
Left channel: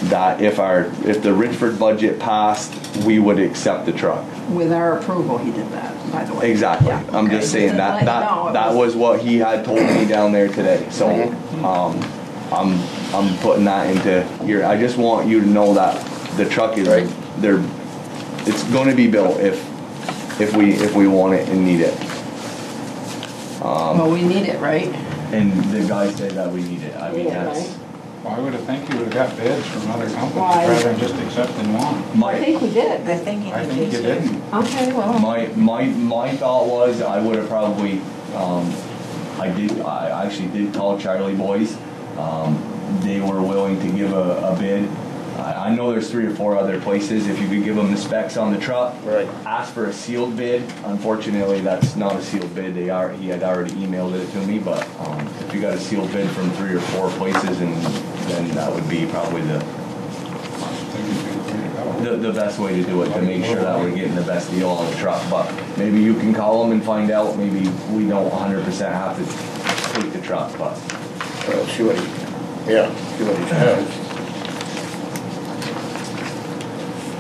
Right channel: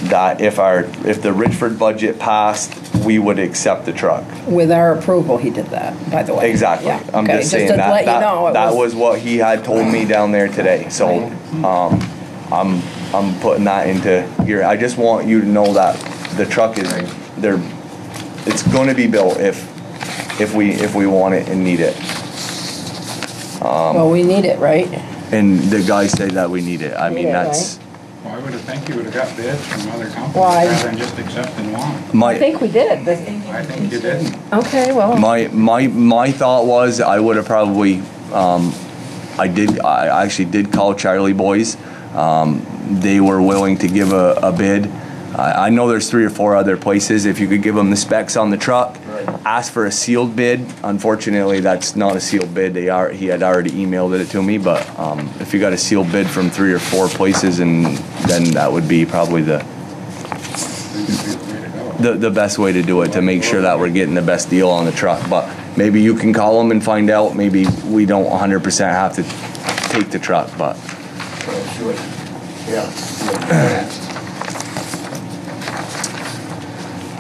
that if the Richford budget passed, we would accept the truck. With our approval, he did that, by the way. Exactly. Yeah, I'm okay, just saying to that let you know, it that was what he had told me down there today. So I'm putting that into here. I just want you to know that the truck is it's going to be built if we want it and need it. Well, we need it, right? And the guys say that we need it. I mean, Yeah, that's Well, I would have think you would have got bids from other companies Why? rather than just accepting one. I think we did. I think You didn't. Okay, well. my thought was I would have probably I actually did call Charlie Boys. They were willing to give a bid. I know there's 3 or 4 other places. If you could give them the specs on the truck, ask for a sealed bid. Unfortunately, that's not a sealed bid. He had already emailed it to me. But if you got a sealed bid from 3 or 4 places, and then that would be probably the best way to do it, to make sure that we're getting the best deal on the truck. But maybe you can call them and find out. Maybe we don't 100% have to take the truck, but. Yeah.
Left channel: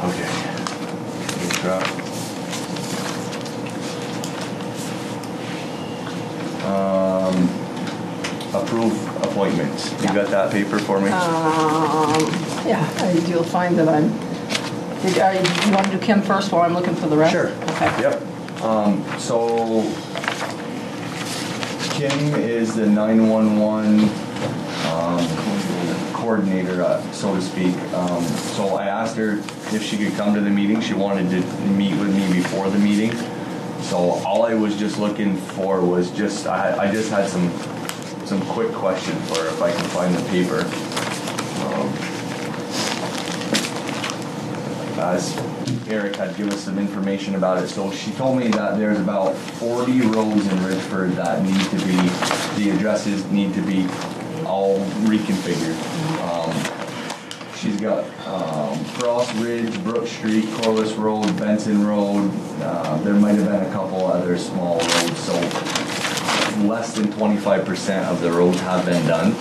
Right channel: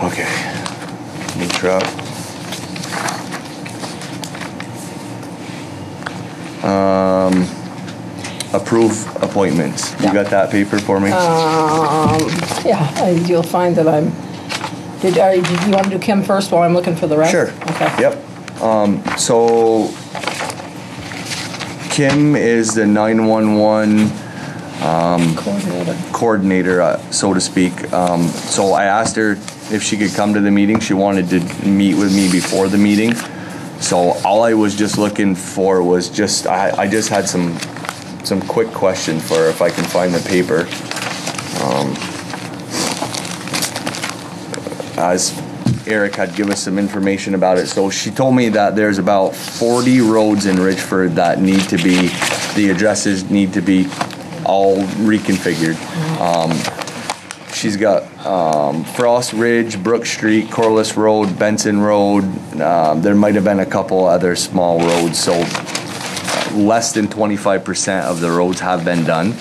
Okay. New truck. Approve appointments. You got that paper for me? Yeah, you'll find that I'm, did you want to do Kim first while I'm looking for the rest? Sure. Okay. Yep. So Kim is the 911 coordinator, so to speak. So I asked her if she could come to the meeting. She wanted to meet with me before the meeting. So all I was just looking for was just, I just had some quick questions for her if I can find the paper. As Eric had given us some information about it. So she told me that there's about 40 roads in Richford that need to be, the addresses need to be all reconfigured. She's got Frost Ridge, Brook Street, Corliss Road, Benson Road. There might have been a couple other small roads. So less than 25% of the roads have been done.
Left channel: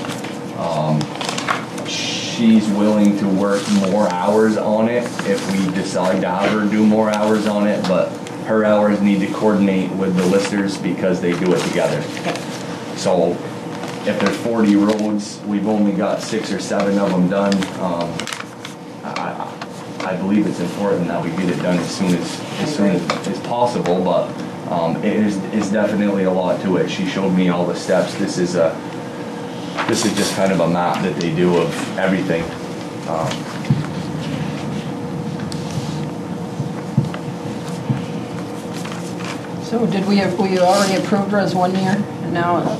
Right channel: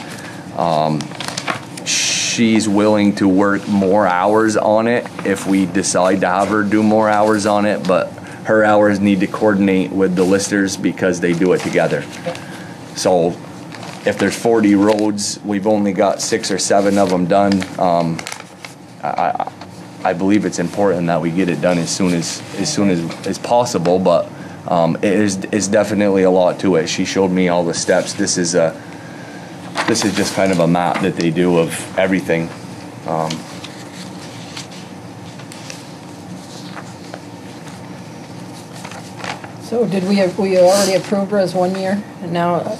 She's willing to work more hours on it if we decide to have her do more hours on it, but her hours need to coordinate with the listers because they do it together. So if there's 40 roads, we've only got 6 or 7 of them done. I believe it's important that we get it done as soon as possible, but it's definitely a lot to it. She showed me all the steps. This is just kind of a map that they do of everything. So we already approved her as 1 year? Now,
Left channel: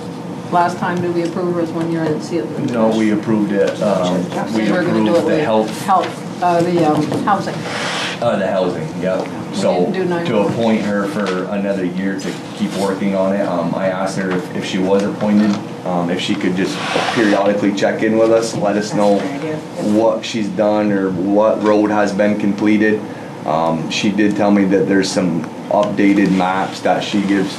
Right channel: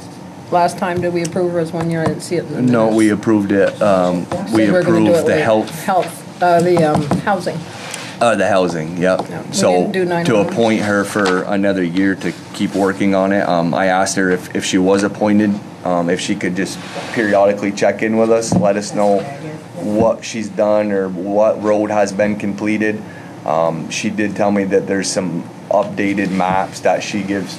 last time did we approve her as 1 year? I didn't see it in the minutes. No, we approved it. We we're gonna do approved it the health. Housing. The housing, yep. We So didn't do to 911. appoint her for another year to keep working on it, I asked her if she was appointed, if she could just periodically check in with us, let us know what she's done or what road has been completed. She did tell me that there's some updated maps that she gives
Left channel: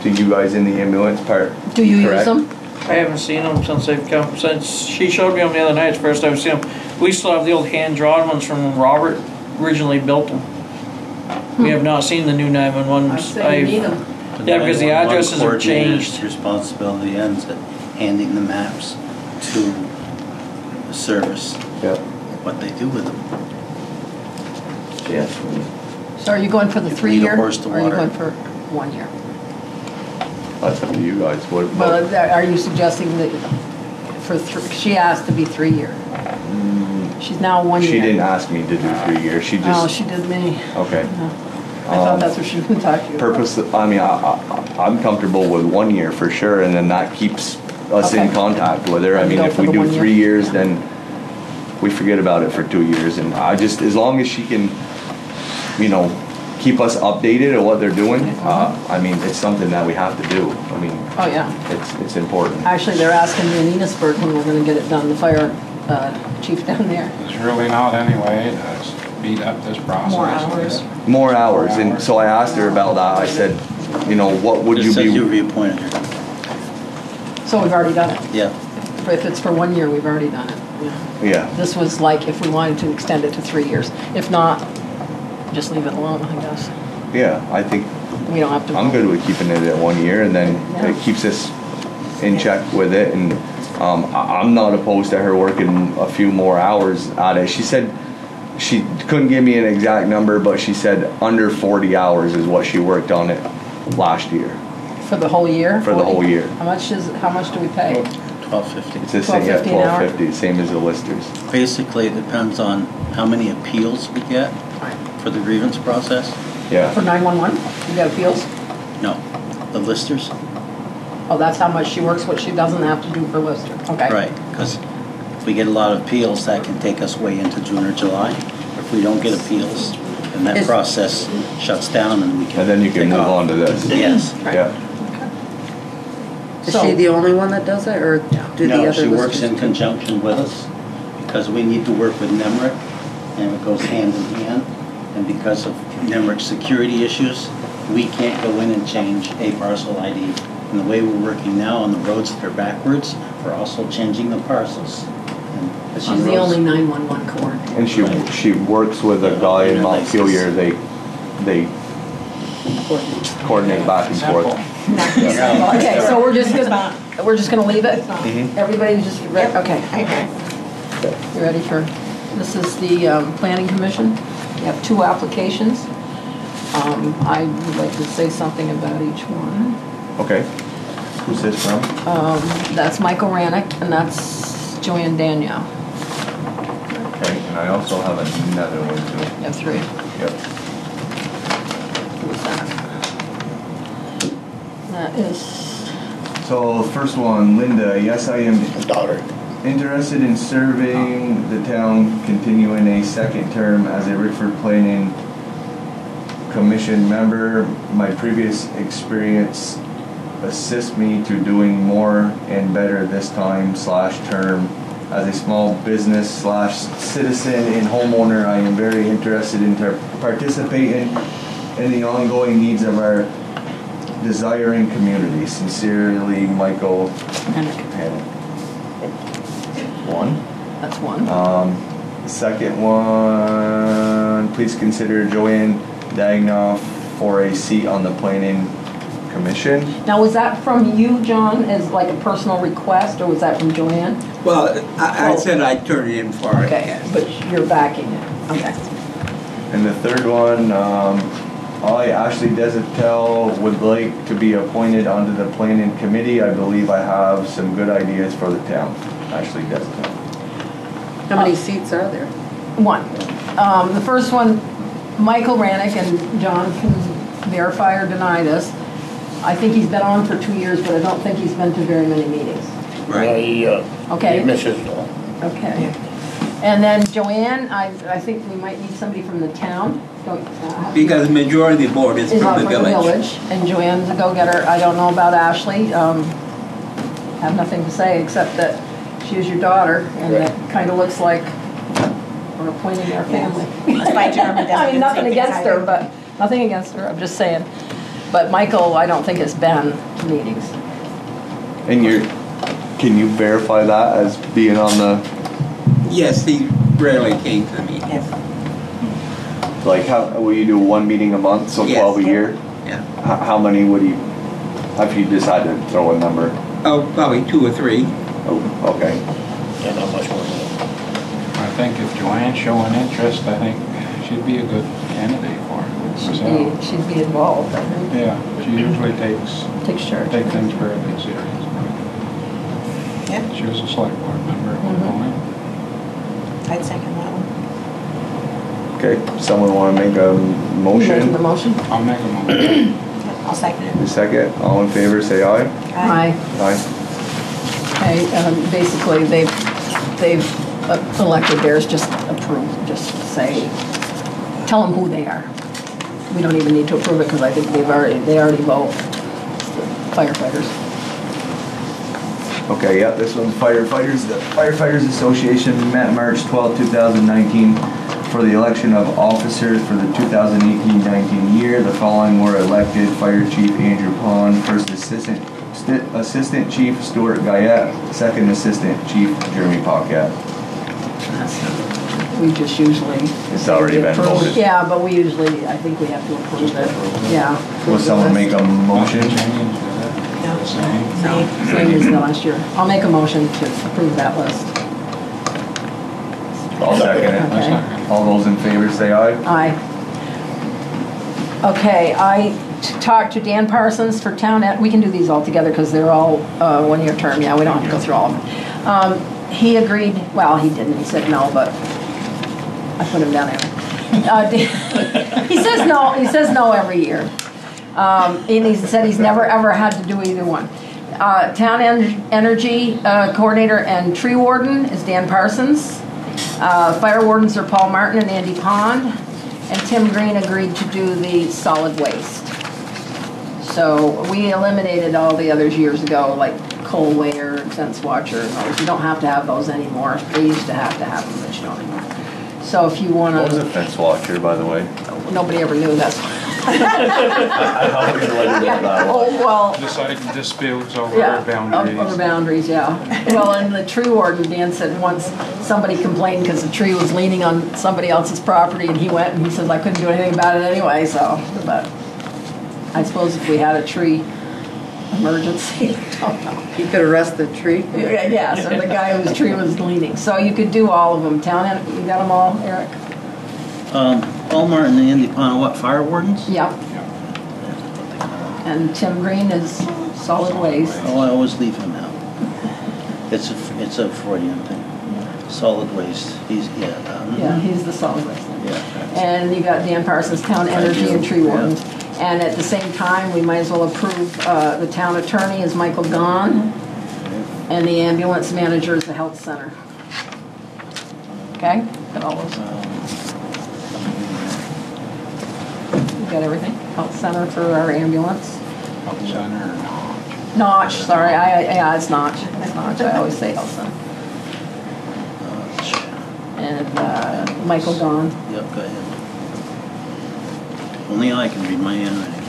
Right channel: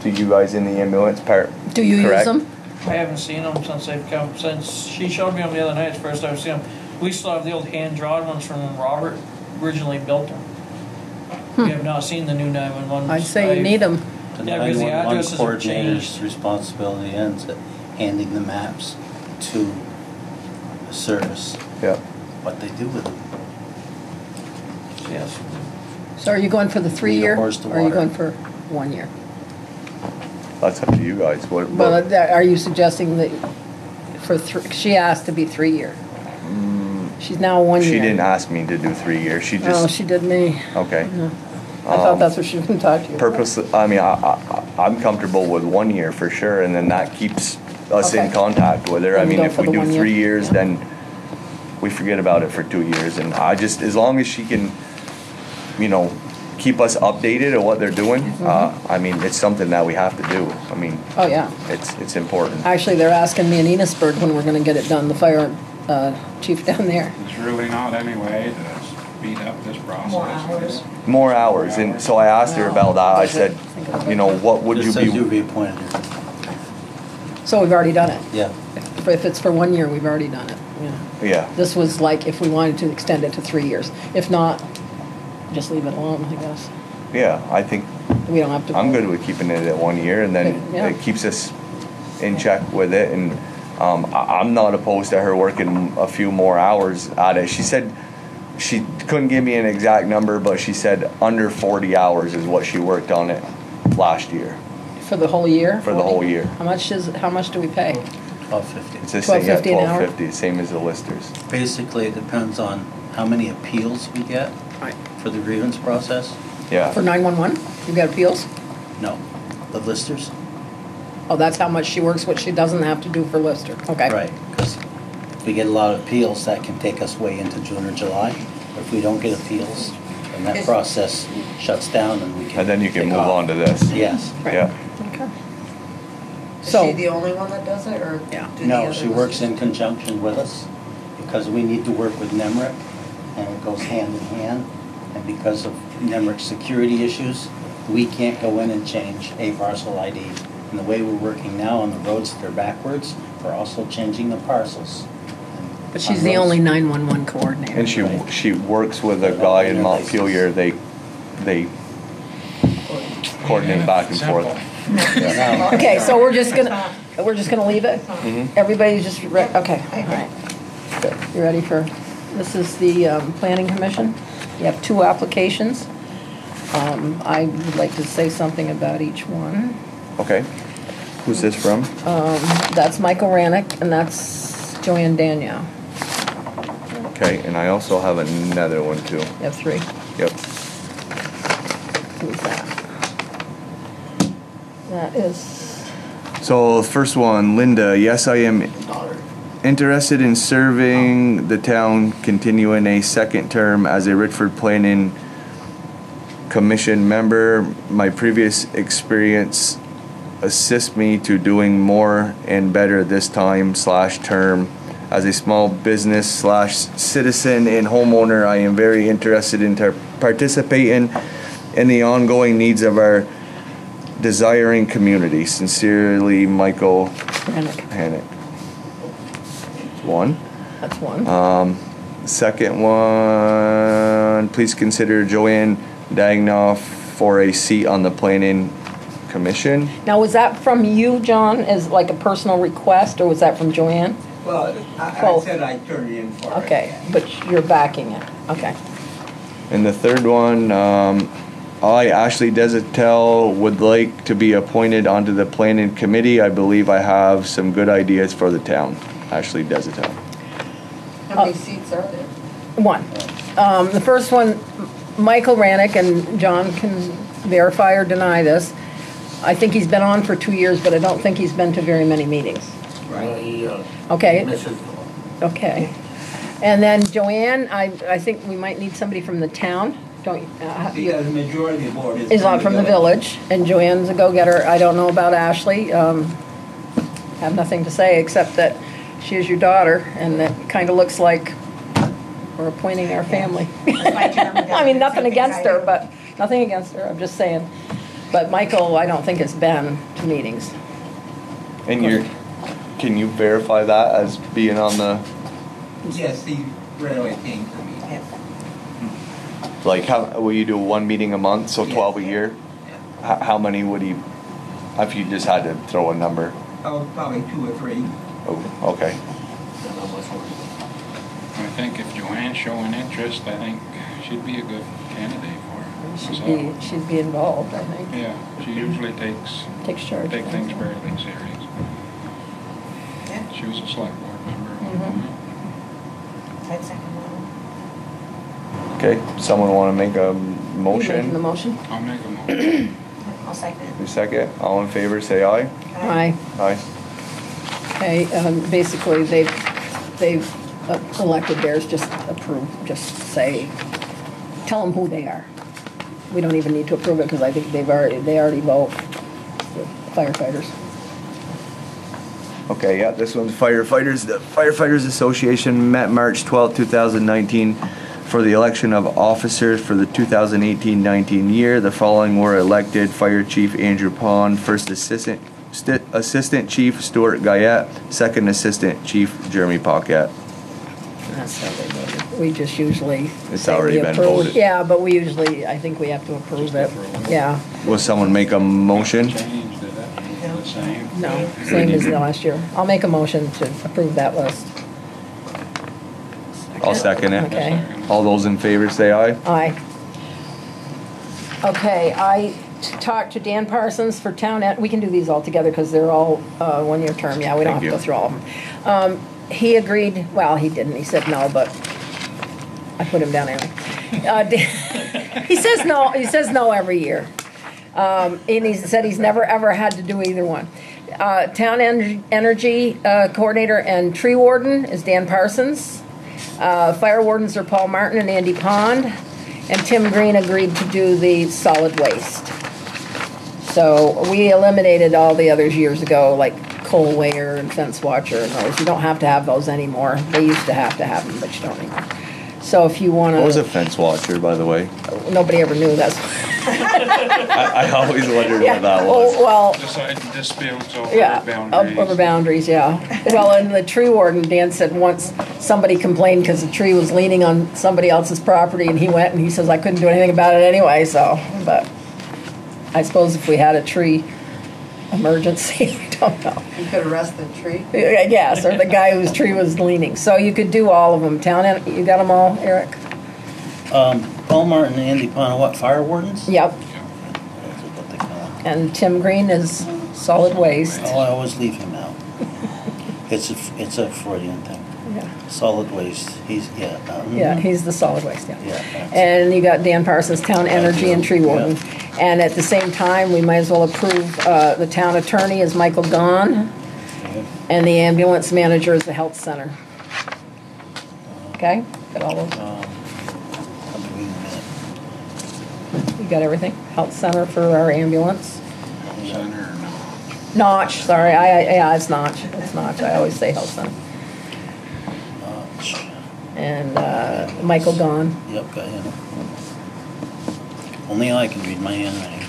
to you guys in the ambulance part. Do you correct? use them? I haven't seen them since they've come. Since she showed me them the other night, it's the first I've seen them. We still have the old hand-drawn ones from when Robert originally built them. We have not seen the new 911. I'd say you need them. Yeah, because the 911 addresses have coordinator's changed. responsibility ends at handing the maps to the service. Yep. What they do with them. Yes. So are you going for the 3 year? horse to Or are you water. going for 1 year? That's up to you guys. But are you suggesting that she asked to be 3 year? She's now 1 year. She didn't ask me to do 3 years. She just. No, she did me. Okay. No. I thought that's what she was going to talk to you. Purposely, I mean, I'm comfortable with 1 year for sure, and then that keeps us in Okay. contact with her. I mean, Go if for we the do 1 year. 3 years, then we forget about it for 2 years. And I just, as long as she can, keep us updated on what they're doing, I mean, it's something that we have to do. I mean, Oh, yeah. it's important. Actually, they're asking me in Enosburg when we're going to get it done, the fire chief down there. It's really not anyway to speed up this process. More hours. More hours, and so I asked her about that. I said, what would It you says you be? reappointed her. So we've already done it. Yeah. If it's for 1 year, we've already done it. Yeah. Yeah. This was like if we wanted to extend it to 3 years. If not, just leave it alone, I guess. Yeah, I think We don't have to. I'm good with keeping it at 1 year, and then Yeah. it keeps us in check with it. And I'm not opposed to her working a few more hours at it. She said she couldn't give me an exact number, but she said under 40 hours is what she worked on it last year. For the whole year? For the whole year. How much do we pay? $12.50. It's the same at $12.50 an hour? $12.50, same as the listers. Basically, it depends on how many appeals we get for the grievance process. Yeah. For 911? You got appeals? No, the listers. Oh, that's how much she works, what she doesn't have to do for Lister. Okay. Right, because if we get a lot of appeals, that can take us way into June or July. If we don't get appeals, and that process shuts down, and we can. And then you can take move off. on to this. Yes. Yeah. Is she the only one that does it, or do the No, other she works listers in do? conjunction with us, because we need to work with NEMRIC, and it goes hand in hand. And because of NEMRIC security issues, we can't go in and change a parcel ID And the way we're working now on the roads that are backwards, we're also changing the parcels. But she's the only 911 coordinator. And she works with a guy in Montpelier. They coordinate back and forth. Okay, so we're just gonna leave it? Everybody's just, okay. Okay. You ready for, this is the Planning Commission. You have 2 applications. I would like to say something about each one. Okay. Who's this from? That's Michael Rannick, and that's Joanne Danielle. Okay, and I also have another one too. You have 3. Yep. Who's that? That is, So the first one, Linda. Yes, I am Daughter. interested in serving the town, continuing a second term as a Richford Planning Commission member. My previous experience assists me to doing more and better this time / term. As a small business / citizen and homeowner, I am very interested in participating in the ongoing needs of our desiring community. Sincerely, Michael Hannick. 1. that's 1. Second one, please consider Joanne Dagnoff for a seat on the Planning Commission. Now, was that from you, John, as like a personal request, or was that from Joanne? Well, I said I'd turn it in for it. Okay, but you're backing it. Okay. And the third one, I, Ashley Desatel, would like to be appointed onto the Planning Committee. I believe I have some good ideas for the town. Ashley Desatel. How many seats are there? 1. The first one, Michael Rannick, and John can verify or deny this. I think he's been on for 2 years, but I don't think he's been to very many meetings. Right. Okay. He misses it all. Okay. And then Joanne, I think we might need somebody from the town. Don't Because the majority of the board is from the village. And Joanne's a go-getter. I don't know about Ashley. Have nothing to say except that she is your daughter, and that kind of looks like we're appointing our family. I mean, nothing against her, but nothing against her. I'm just saying. But Michael, I don't think has been to meetings. And can you verify that as being on the? Yes, he rarely came to the meeting. Yes. Like, how will you do 1 meeting a month, so Yes. 12 a year? Yeah. How many would he? If you just had to throw a number. Oh, probably 2 or 3. Oh, okay. Yeah, not much more. I think if Joanne's showing interest, I think she'd be a good candidate for it. myself. She'd be involved, I think. Yeah, she usually takes charge. Take things very serious. Yeah. She was a select board member at one point. I'd second that one. Okay, someone want to make a motion? The motion? I'll make a motion. I'll second it. The second, all in favor, say aye. Aye. Aye. Okay, basically, they've elected theirs, just approve, just say, tell them who they are. We don't even need to approve it, because I think they already vote. Firefighters. Okay, yeah, this one's firefighters. The Firefighters Association met March 12, 2019 for the election of officers for the 2018-19 year. The following were elected: Fire Chief Andrew Pond, First Assistant Chief Stuart Guyette, Second Assistant Chief Jeremy Paquette. We just usually It's say already we been approve. voted. Yeah, but we usually, I think we have to approve it. Yeah. Will someone make a motion? No, same as the last year. I'll make a motion to approve that list. I'll second it. Okay. All those in favor say aye. Aye. Okay, I talked to Dan Parsons for town, we can do these all together because they're all 1-year term. Yeah, we don't have to go through all of them. He agreed, well, he didn't, he said no, but I put him down there. He says no every year. And he said he's never ever had to do either one. Town energy coordinator and tree warden is Dan Parsons. Fire wardens are Paul Martin and Andy Pond. And Tim Green agreed to do the solid waste. So we eliminated all the others years ago, like coal weigher and fence watcher. Those. You don't have to have those anymore. They used to have them, but you don't anymore. So if you want I was a to, fence watcher, by the way. nobody ever knew that's. I always wondered Yeah. what that Oh, was. well, Decide disputes over yeah, boundaries. over boundaries, yeah. Well, in the tree warden, Dan said once somebody complained because the tree was leaning on somebody else's property, and he went and he says, I couldn't do anything about it anyway, so, but I suppose if we had a tree emergency, I don't know. You could arrest the tree. Yes, or the guy whose tree was leaning. So you could do all of them. You got them all, Eric? Paul Martin and Andy Pond, what, fire wardens? Yep. And Tim Green is solid waste. Oh, I always leave him out. It's a Freudian thing. Solid waste, Yeah, he's the solid waste, yeah. Yeah. And you got Dan Parsons, Town Energy and Tree Warden. And at the same time, we might as well approve the town attorney is Michael Gahn, and the ambulance manager is the health center. Okay, got all those? You got everything? Health center for our ambulance? Health center or not? Notch, sorry, yeah, it's Notch. It's Notch, I always say health center. And Michael Gahn. Yep, go ahead. Only I can read my handwriting.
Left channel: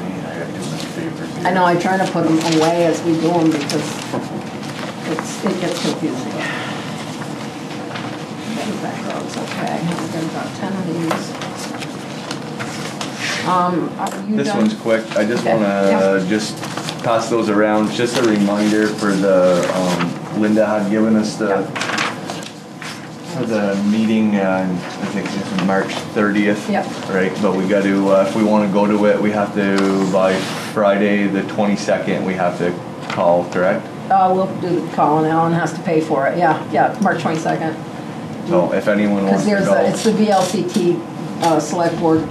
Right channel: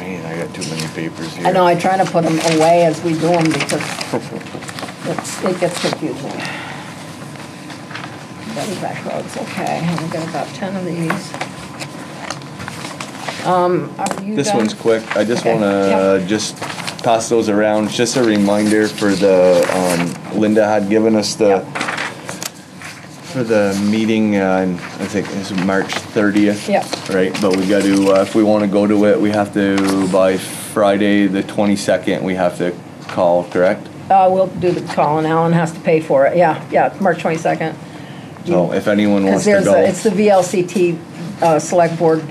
Man, I got too many papers here. I know, I try to put them away as we do them because it gets confusing. Back roads, okay. I've got about 10 of these. Are you This done? one's quick. I just Okay, want to yeah. just pass those around. Just a reminder for the Linda had given us for the meeting. I think it's March 30th. Yeah. Right, but we got to if we want to go to it, we have to by Friday the 22nd. We have to call, correct? We'll do the call and Alan has to pay for it. Yeah, March 22nd. So if anyone wants Because to go, it's the VLCT Select Board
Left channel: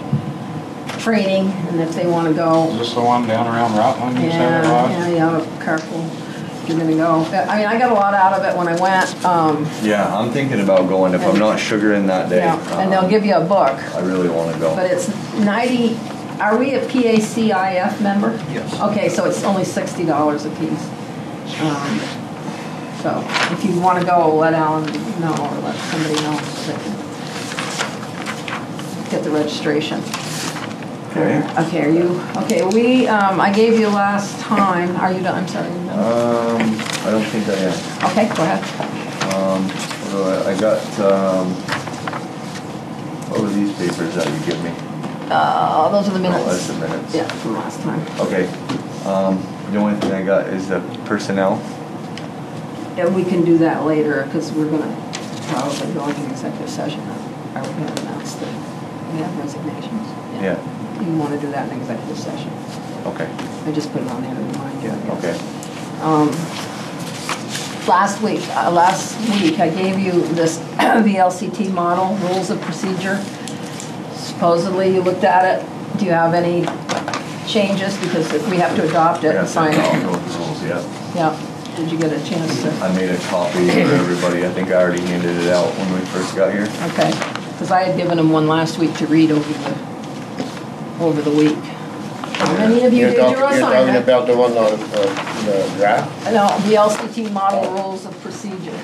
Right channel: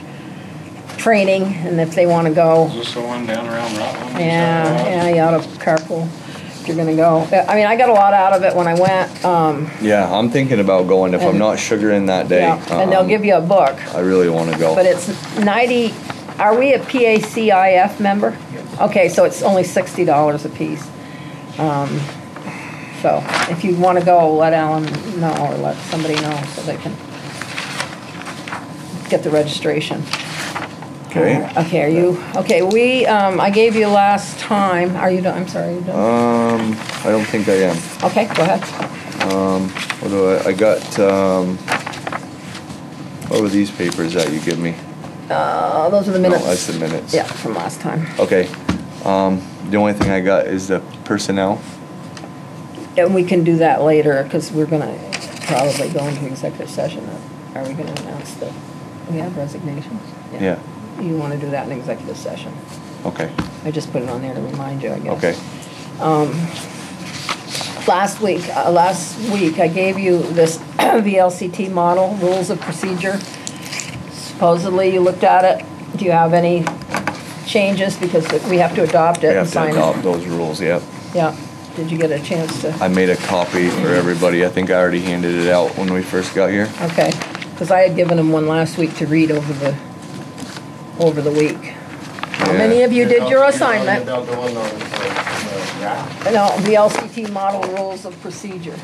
training, and if they want to go, Is this the one down around Rutland? yeah, you ought to carpool if you're going to go. I mean, I got a lot out of it when I went. yeah, I'm thinking about going if I'm not sugaring that day. Yeah, and they'll give you a book. I really want to go. But it's 90, are we a PACIF member? Yes. Okay, so it's only $60 a piece. So if you want to go, let Alan know or let somebody know so they can get the registration. Okay. Okay, are you, okay, I gave you last time, are you done? I'm sorry, are you done? I don't think I am. Okay, go ahead. What do I got, what were these papers that you give me? Those are the minutes. Oh, that's the minutes. Yeah, from last time. Okay. The only thing I got is the personnel. And we can do that later, because we're gonna probably go into executive session. Are we gonna announce the resignations? Yeah. You wanna do that in executive session? Okay. I just put it on there to remind you, I guess. Okay. Last week I gave you this VLCT model, rules of procedure. Supposedly you looked at it. Do you have any changes? Because we have to adopt it We and have to sign adopt it. those rules, yeah. Yeah. Did you get a chance to? I made a copy for everybody. I think I already handed it out when we first got here. Okay. Because I had given them one last week to read over the week. How many of you did your You're talking assignment? about the one on the draft? No, VLCT model rules of procedure.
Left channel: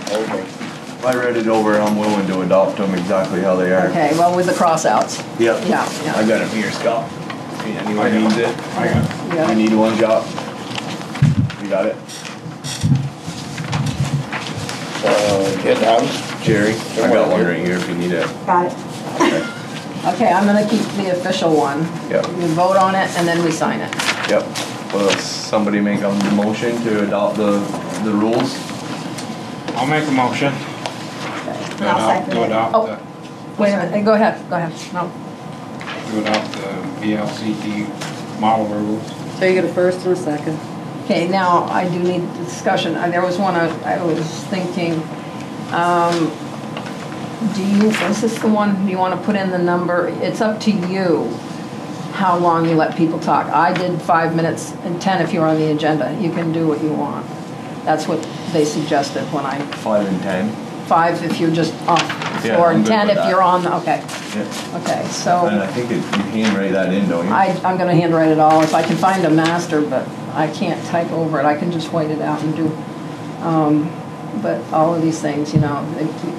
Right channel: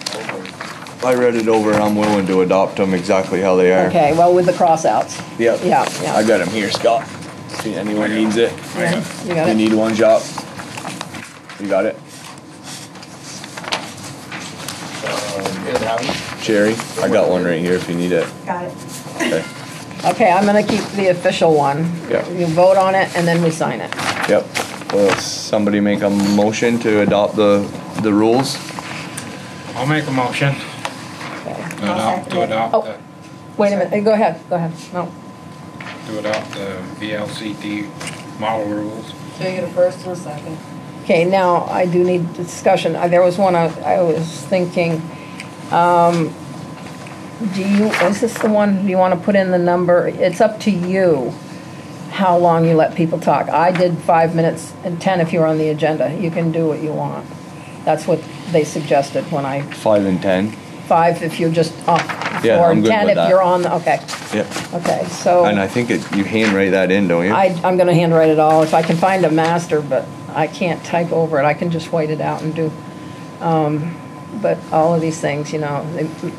I read it over and I'm willing to adopt them exactly how they are. Okay, well, with the crossouts. Yep. Yeah. I got them here, Scott. See, anyone needs it? You got You it? need one, Jock? You got it? In house? Jerry? I got one right here if you need it. Got it. Okay. Okay, I'm gonna keep the official one. Yep. You vote on it and then we sign it. Yep. Will somebody make a motion to adopt the rules? I'll make a motion. To adopt Oh. Wait a minute, go ahead. No. to adopt the VLCT model rules. So you get a first and a second. Okay, now I do need discussion. There was one I was thinking, is this the one, do you want to put in the number? It's up to you how long you let people talk. I did 5 minutes and 10 if you're on the agenda. You can do what you want. That's what they suggested when 5 and 10. 5 if you're just off, Yeah, or I'm good 10 with if that. you're on, okay. Yep. Okay, so. And I think you handwrite that in, don't you? I'm gonna handwrite it all, if I can find a master, but I can't type over it, I can just white it out and do. but all of these things, you know,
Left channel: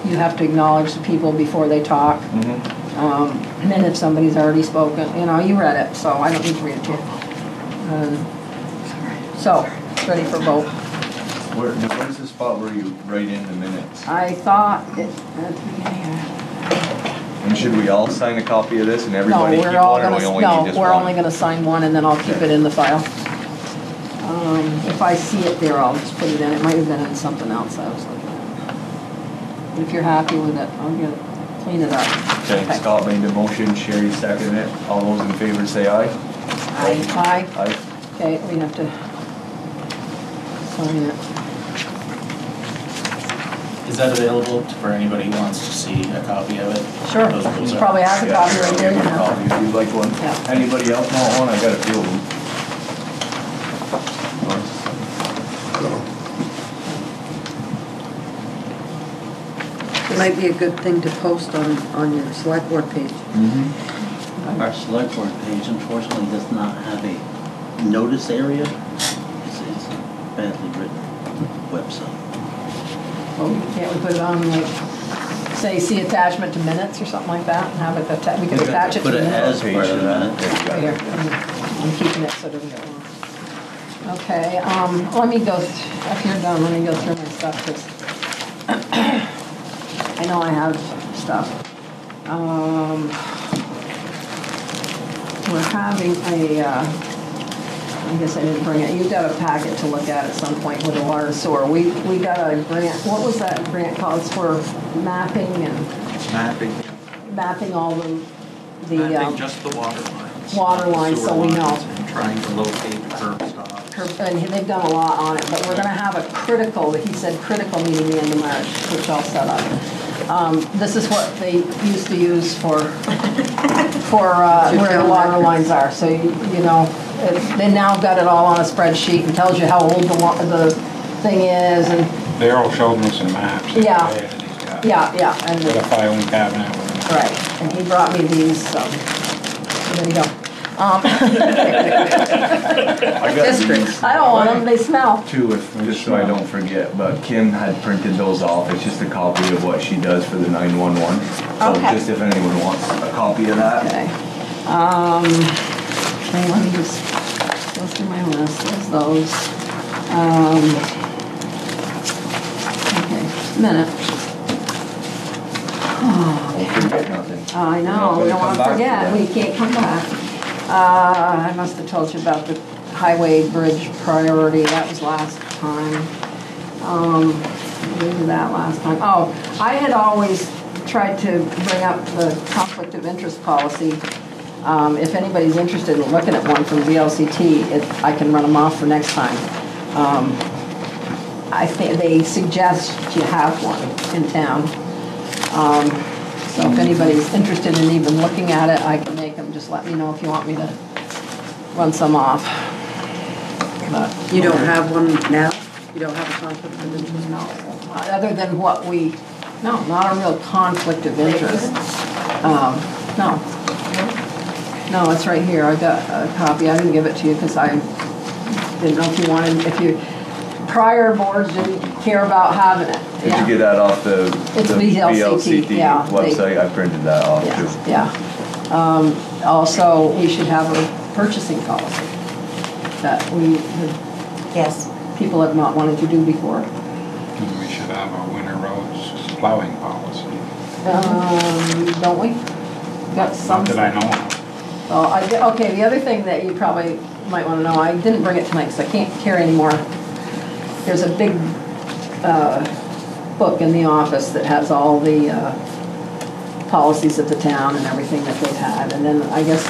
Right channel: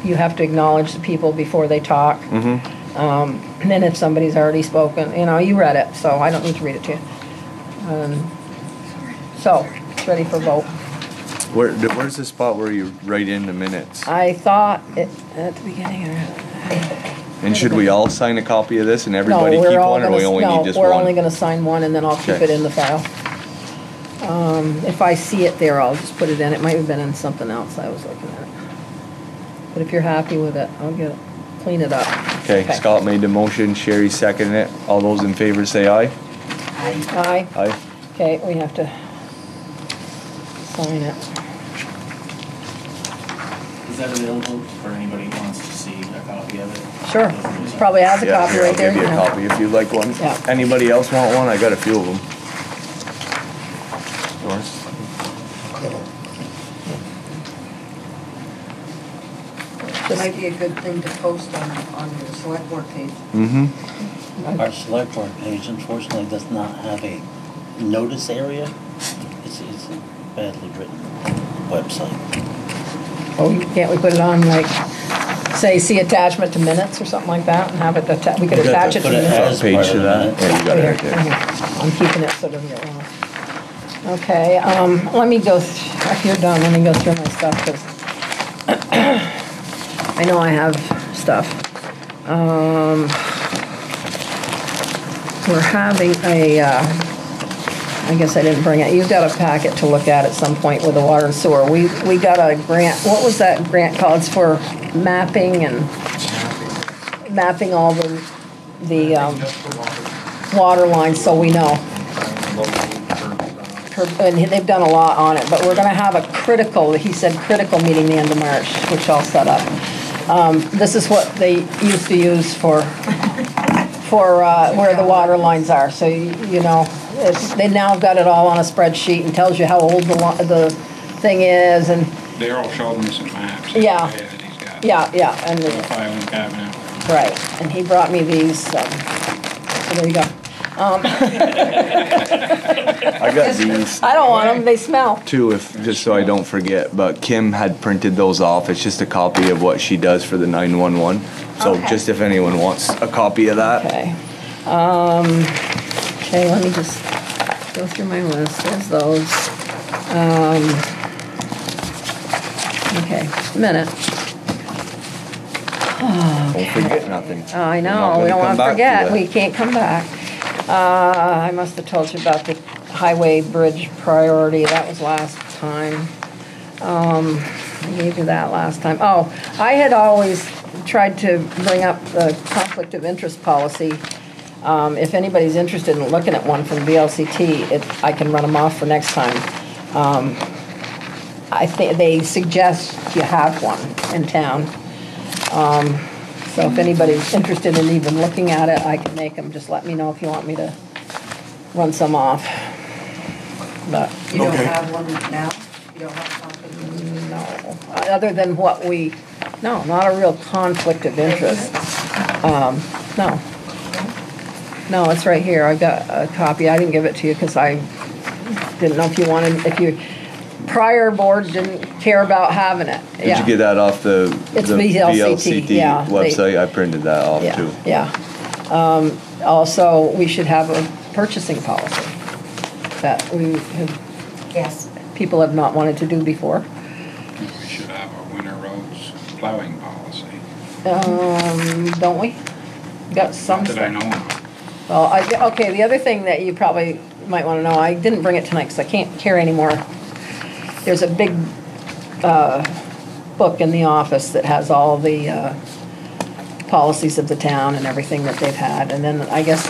you have to acknowledge the people before they talk. And then if somebody's already spoken, you know, you read it, so I don't need to read it to you. So, it's ready for vote. Where's the spot where you write in the minutes? I thought it, at the beginning, And should we all sign a copy of this and everybody keep one, or we only need just one? we're only gonna sign one and then I'll keep it in the file. If I see it there, I'll just put it in. It might have been in something else I was looking at. But if you're happy with it, I'll clean it up. Okay, Scott made the motion, Sherry seconded it. All those in favor say aye. Aye. Aye. Okay, we have to sign it. Is that available for anybody who wants to see a copy of it? Sure. Those rules He are- probably has a copy right there. I'll give you a copy if you'd like one. Yeah. Anybody else want one? I got a few of them. It might be a good thing to post on your select board page. Our select board page unfortunately does not have a notice area. It's a badly written website. Oh, can't we put it on like, say, see attachment to minutes or something like that and have it, we could attach it to Put it minutes. as part of that. Right here. I'm keeping it so it doesn't get lost. Okay, let me go, if you're done, let me go through my stuff, because I know I have stuff. We're having a, I guess I didn't bring it, you got a packet to look at some point with the water and sewer. We got a grant, what was that grant called? It's for mapping and mapping all the Just the water lines, so we know. Trying to locate curbs. And they've done a lot on it, but we're gonna have a critical, he said critical meeting the end of March, which I'll set up. This is what they used to use for where the water lines are, so you know, they now got it all on a spreadsheet and tells you how old the thing is, and Daryl showed me some maps. Yeah. And he's got yeah, and got a filing cabinet. right, and he brought me these, so there you go. I got these I don't want them, they smell. too, just so I don't forget, but Kim had printed those off. It's just a copy of what she does for the 911. So Okay. just if anyone wants a copy of that. Okay. Okay, let me just go through my list. There's those. Okay, just a minute. Don't forget nothing. I know, we don't want to forget. We can't come back. I must have told you about the highway bridge priority. That was last time. I gave you that last time. Oh, I had always tried to bring up the conflict of interest policy. If anybody's interested in looking at one from VLCT, I can run them off for next time. I think they suggest you have one in town. So if anybody's interested in even looking at it, I can make them. Just let me know if you want me to run some off. But You don't have one now? You don't have a conflict of interest? no, other than what we, no, not a real conflict of interest. No. No, it's right here. I got a copy. I didn't give it to you because I didn't know if you wanted, prior boards didn't care about having it. Did you get that off the It's VLCT, yeah, website? I printed that off Yeah, too. yeah. Also, we should have a purchasing policy that Yes. people have not wanted to do before. We should have a winter roads plowing policy. Don't we? Got some. Not that I know of. Well, okay, the other thing that you probably might want to know, I didn't bring it tonight because I can't carry anymore. There's a big book in the office that has all the policies of the town and everything that they've had. And then I guess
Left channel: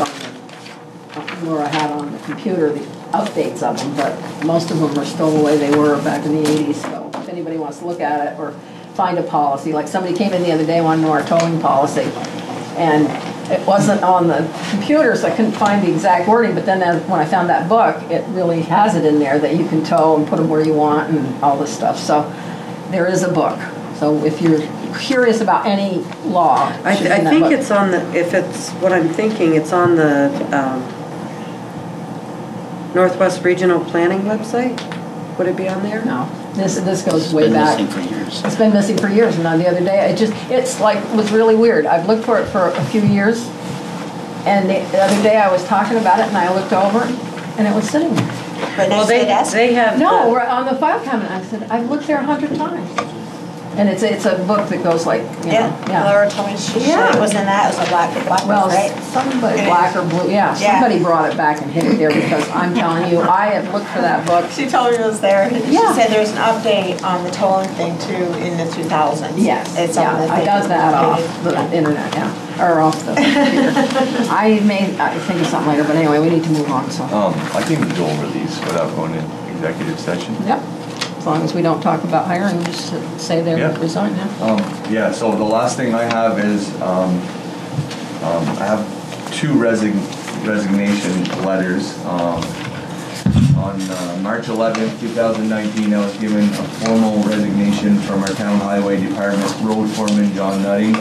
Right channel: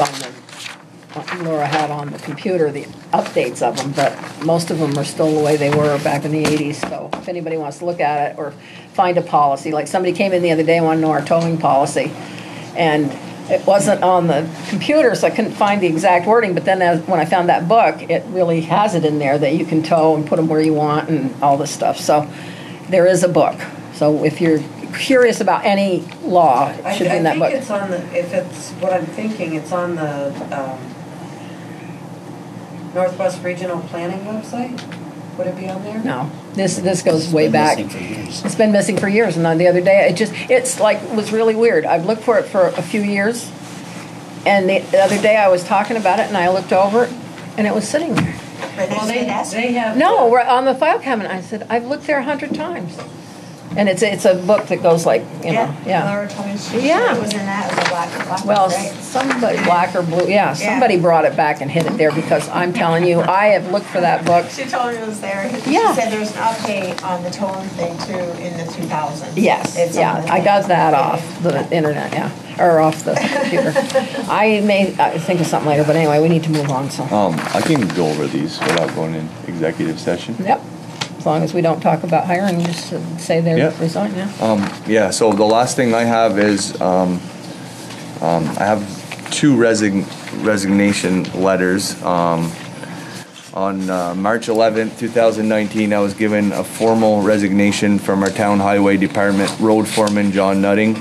Laura had on the computer the updates of them, but most of them are still the way they were back in the 80s. So if anybody wants to look at it or find a policy, like somebody came in the other day and wanted to know our towing policy, and it wasn't on the computer, so I couldn't find the exact wording, but then when I found that book, it really has it in there that you can tow and put them where you want and all this stuff. So there is a book. So if you're curious about any law, it I should be in that think book. it's on the, if it's what I'm thinking, it's on the Northwest Regional Planning website, would it be on there? No, this goes It's way been back. missing for years. It's been missing for years, and the other day, it's like, was really weird. I've looked for it for a few years, and the other day I was talking about it, and I looked over, and it was sitting there. But Well, they have. No, we're on the file cabinet. I said, I've looked there 100 times. And it's a book that goes like, you know, Yeah, Laura told me she Yeah. it was in that, it was a black well, book, right? somebody, black or blue, yeah, somebody brought it back and hid it there because I'm telling you, I have looked for that book. She told me it was there. She Yeah. said there's an update on the towing thing too in the 2000s. Yes, It's yeah, on the I got that updated. off the internet, yeah, or off the computer. I think of something later, but anyway, we need to move on, so. I can go over these without going in executive session. Yep, as long as we don't talk about hiring, just say they're Yep. resigning, yeah. Yeah, so the last thing I have is, I have two resignation letters. On March 11th, 2019, I was given a formal resignation from our town highway department road foreman, John Nutting.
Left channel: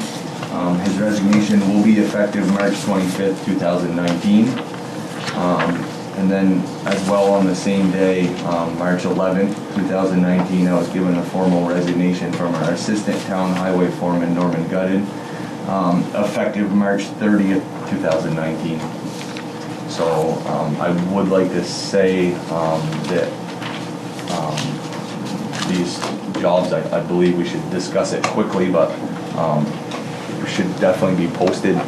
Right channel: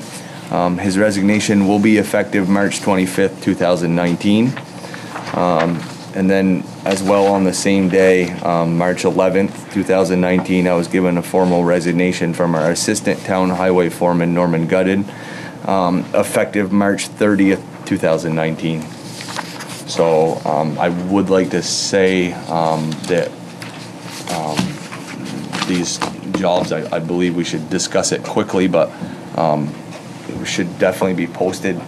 His resignation will be effective March 25th, 2019. And then as well on the same day, March 11th, 2019, I was given a formal resignation from our assistant town highway foreman, Norman Gutted, effective March 30th, 2019. So I would like to say that these jobs, I believe we should discuss it quickly, but it should definitely be posted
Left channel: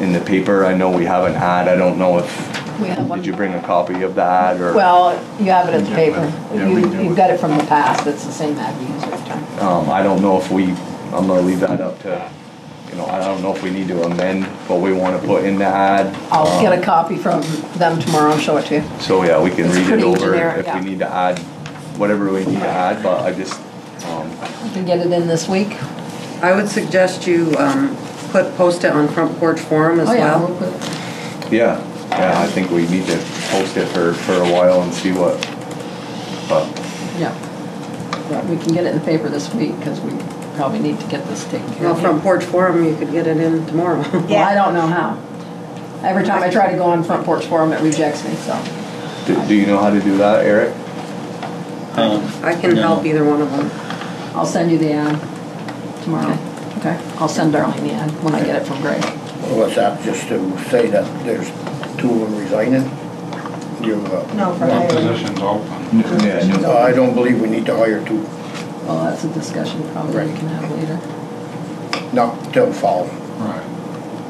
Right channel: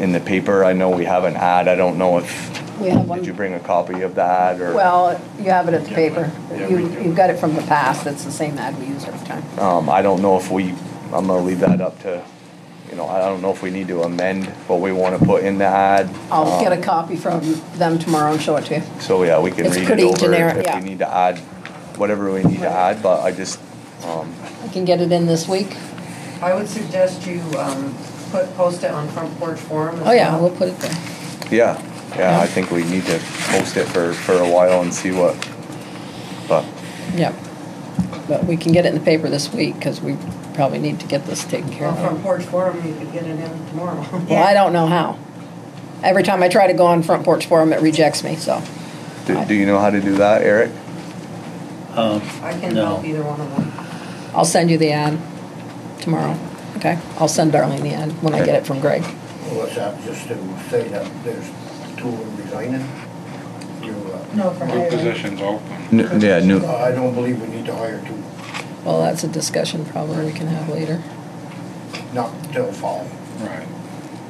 in the paper. I know we have an ad. I don't know if We have one. did you bring a copy of the ad or? Well, you have it in the paper. Yeah, we do. You've got it from the past. It's the same ad we use every time. I don't know if I'm gonna leave that up to, I don't know if we need to amend what we want to put in the ad. I'll get a copy from them tomorrow and show it to you. So yeah, we can It's read it pretty over generic, if yeah. we need to add, whatever we need to add, but I just, I can get it in this week. I would suggest you post it on Front Porch Forum as well. Oh, yeah, we'll put it there. yeah, I think we need to post it for a while and see what, but. Yeah. But we can get it in the paper this week because we probably need to get this taken care Well, of. Front Porch Forum, you could get it in tomorrow. Well, I don't know how. Every time I try to go on Front Porch Forum, it rejects me, so. Do you know how to do that, Eric? I can help either one of them. I'll send you the ad tomorrow, okay? I'll send Darlene the ad when I get it from Greg. What's that, just to say that there's two of them resigning? No, for What hiring. position's open? Yeah, new. I don't believe we need to hire two, Well, that's a discussion probably we can have later. not till fall. Right.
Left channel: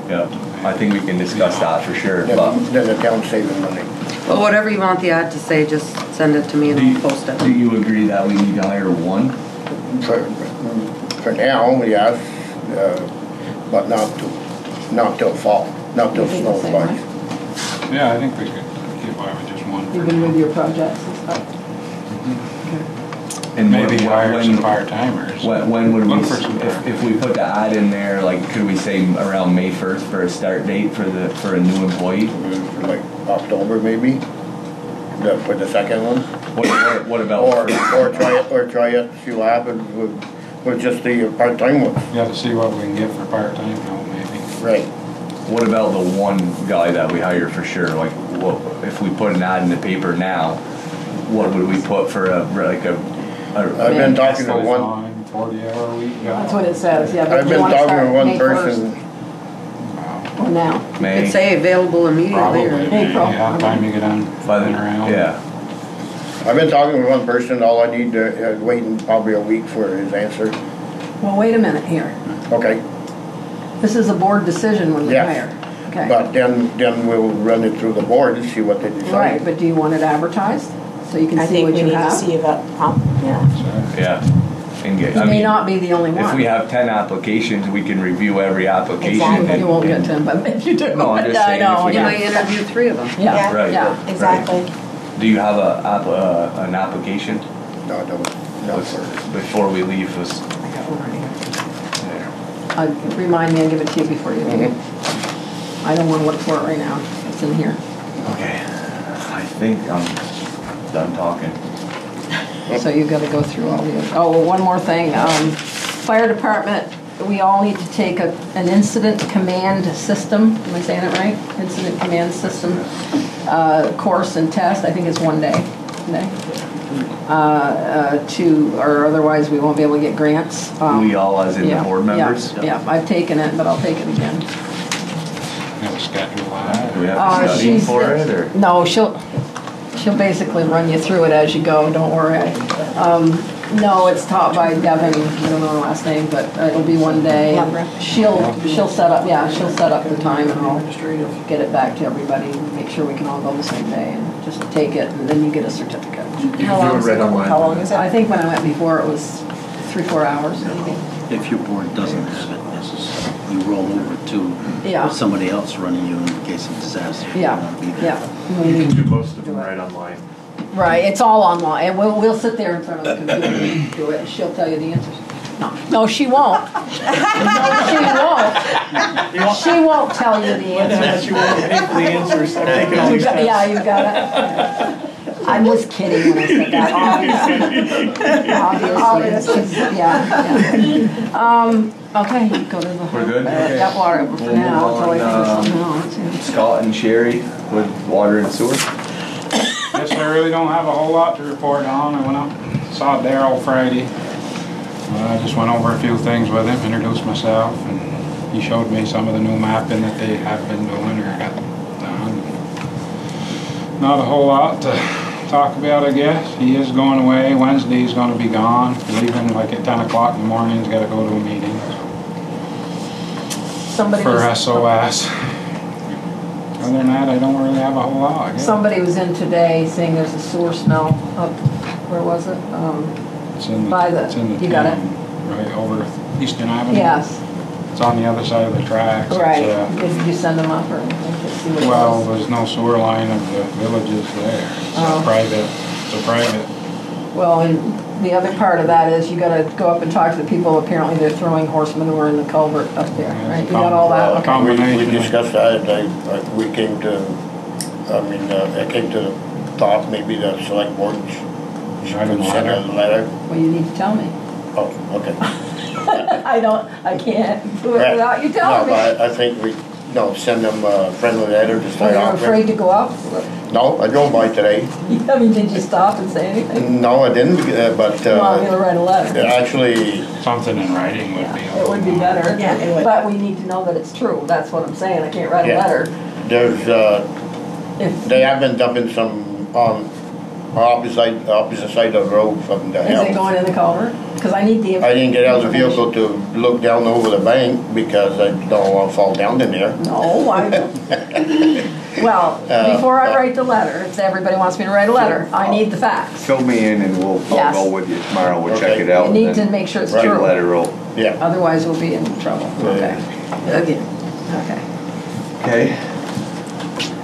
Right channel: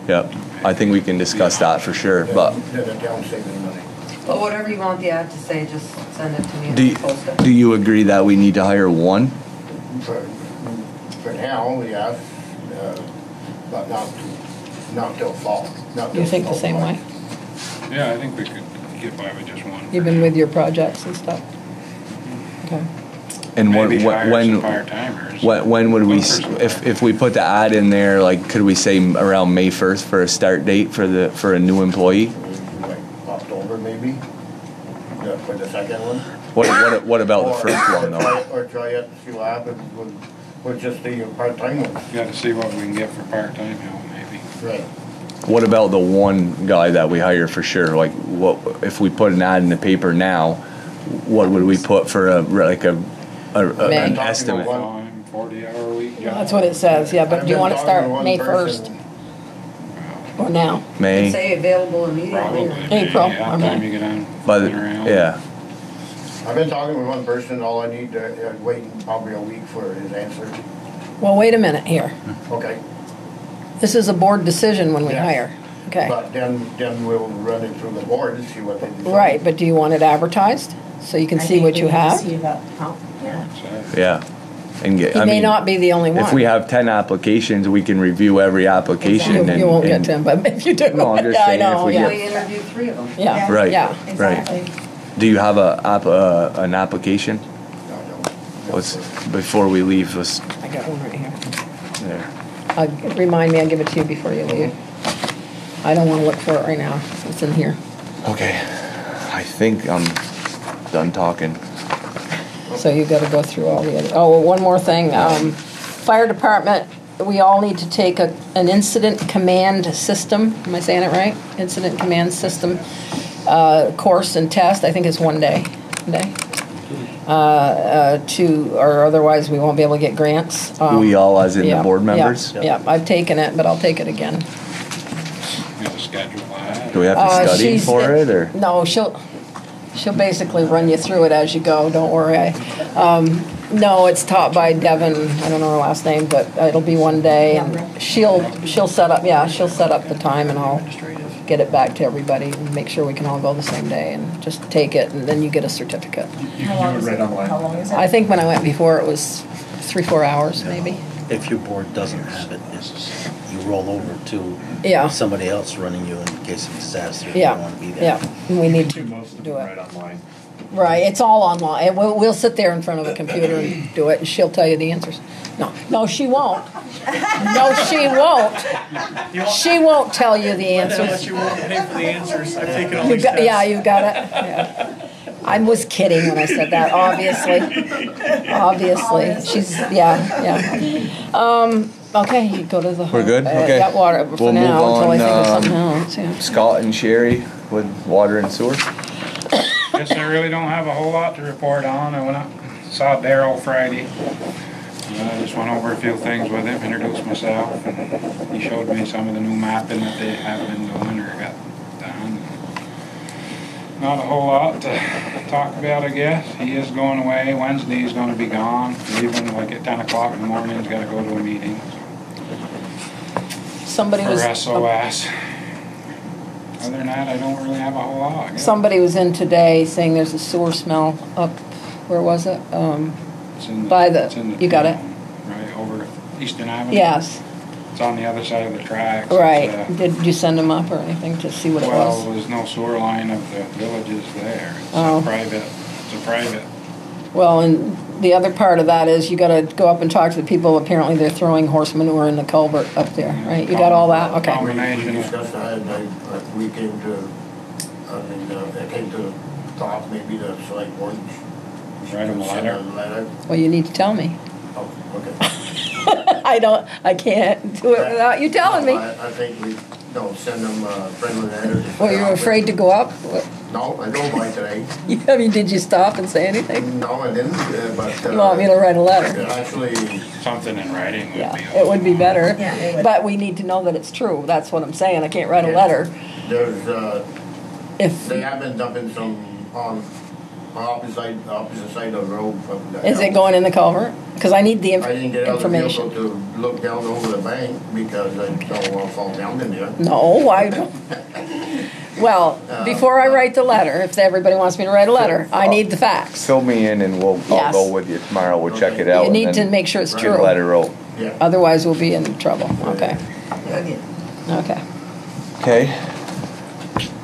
Yeah, I think we can discuss that for sure, Then but. then the town's saving money. Well, whatever you want the ad to say, just send it to me and Do I'll post it. you agree that we need to hire one? For now, yes, but not till fall, not till You think snow the same flies. way? Yeah, I think we could get by with just one. Even with your projects and stuff? Okay. And Maybe hire when, some part-timers. when would we, Look for some if we put the ad in there, like, could we say around May 1st for a start date for a new employee? Like October maybe, for the second one. What about Or try it, see what happens with just the part-time one. You have to see what we can get for part-time help, maybe. Right. What about the one guy that we hire for sure? Like, what if we put an ad in the paper now? What would we put for a I've been talking to one. 40-hour week job. That's what it says, yeah, I've but you been want to talking to start one May 1st person. or now? May? It'd say available immediately. Probably. or- April, Yeah, I time mean. you get on By flipping around. yeah. I've been talking with one person, all I need to, waiting probably a week for his answer. Well, wait a minute here. Okay, This is a board decision when we Yes. hire. Okay. but then we'll run it through the board and see what they decide. Right, but do you want it advertised so you can I see think what we you need to have? see about, yeah. Yeah. And get, He may not be the only one. If we have 10 applications, we can review every application. Exactly. And, You won't get and- 10, but if you do. No, I'm just Yeah, I saying know, if we yeah. We interview 3 of them. Yeah, Right. yeah. Exactly. Do you have an application? No, Let's, before we leave us I got one right here. there. Remind me, I'll give it to you before you leave. I don't want to look for it right now. It's in here. Okay. I think I'm done talking. So you've got to go through all the other, oh, one more thing. Fire department, we all need to take an incident command system, am I saying it right? Incident command system course and test. I think it's one day. or otherwise we won't be able to get grants. We all, as in Yeah, the board members? Yeah, I've taken it, but I'll take it again. Schedule that. Do we have to study for it, or? No, she'll basically run you through it as you go, don't worry. No, it's taught by Devin, I don't know her last name, but it'll be one day. She'll set up, she'll set up the time and I'll get it back to everybody and make sure we can all go the same day and just take it and then you get a certificate. How long is it? How long is it? I think when I went before it was 3-4 hours maybe. If your board doesn't have it, you roll over to somebody else running you in case of disaster. You don't want to be there. Yeah, we need to Most of do them it. right online. Right, it's all online, and we'll sit there in front of the computer and do it, and she'll tell you the answers. No, she won't. No, she won't. She won't tell you the answers. She won't pay for the answers. I've taken all these tests. Yeah, you got it. I was kidding when I said that, obviously. She's, okay, you go to the. We're good? Okay. Got water for We'll move now, until I think of on, something else, Scott and Sherry with water and sewer. Guess I really don't have a whole lot to report on. I went up, saw Daryl Friday. I just went over a few things with him, introduced myself, and he showed me some of the new mapping that they have been doing or got done. Not a whole lot to talk about, I guess. He is going away. Wednesday he's going to be gone. Leaving like at 10 o'clock in the morning. He's got to go to a meeting for SOS. Other than that, I don't really have a whole lot. Somebody was in today saying there's a sewer smell up, where was it? It's in you got it? Right over Eastern Avenue? Yes. It's on the other side of the tracks. Right. Did you send them up or anything to see what it was? Well, there's no sewer line of the villages there. It's a private. Well, and the other part of that is you got to go up and talk to the people. Apparently they're throwing horse manure in the culvert up there, right? You got all that? Okay. We discussed that. We came to, I came to the thought maybe the select board should send a letter. Well, you need to tell me. Oh, okay. I can't do it without you telling me. I think send them a friendly letter. Well, you're afraid to go up? No, I drove by today. Did you stop and say anything? No, I didn't, but... you want me to write a letter? Actually... Something in writing would be... It would be better. Yeah, it would. But we need to know that it's true. That's what I'm saying. I can't write a letter. There's, they have been dumping some on opposite side of the road from the Is it going in the culvert? Because I need the I didn't get out of the vehicle to look down over the bank because I don't want to fall down in there. No, why? Well, before I write the letter, if everybody wants me to write a letter, I need the facts. Fill me in and I'll go with you tomorrow. We'll check it out. You need to make sure it's true. Letter out. Yeah. Otherwise, we'll be in trouble. Okay. Again. Okay. Okay.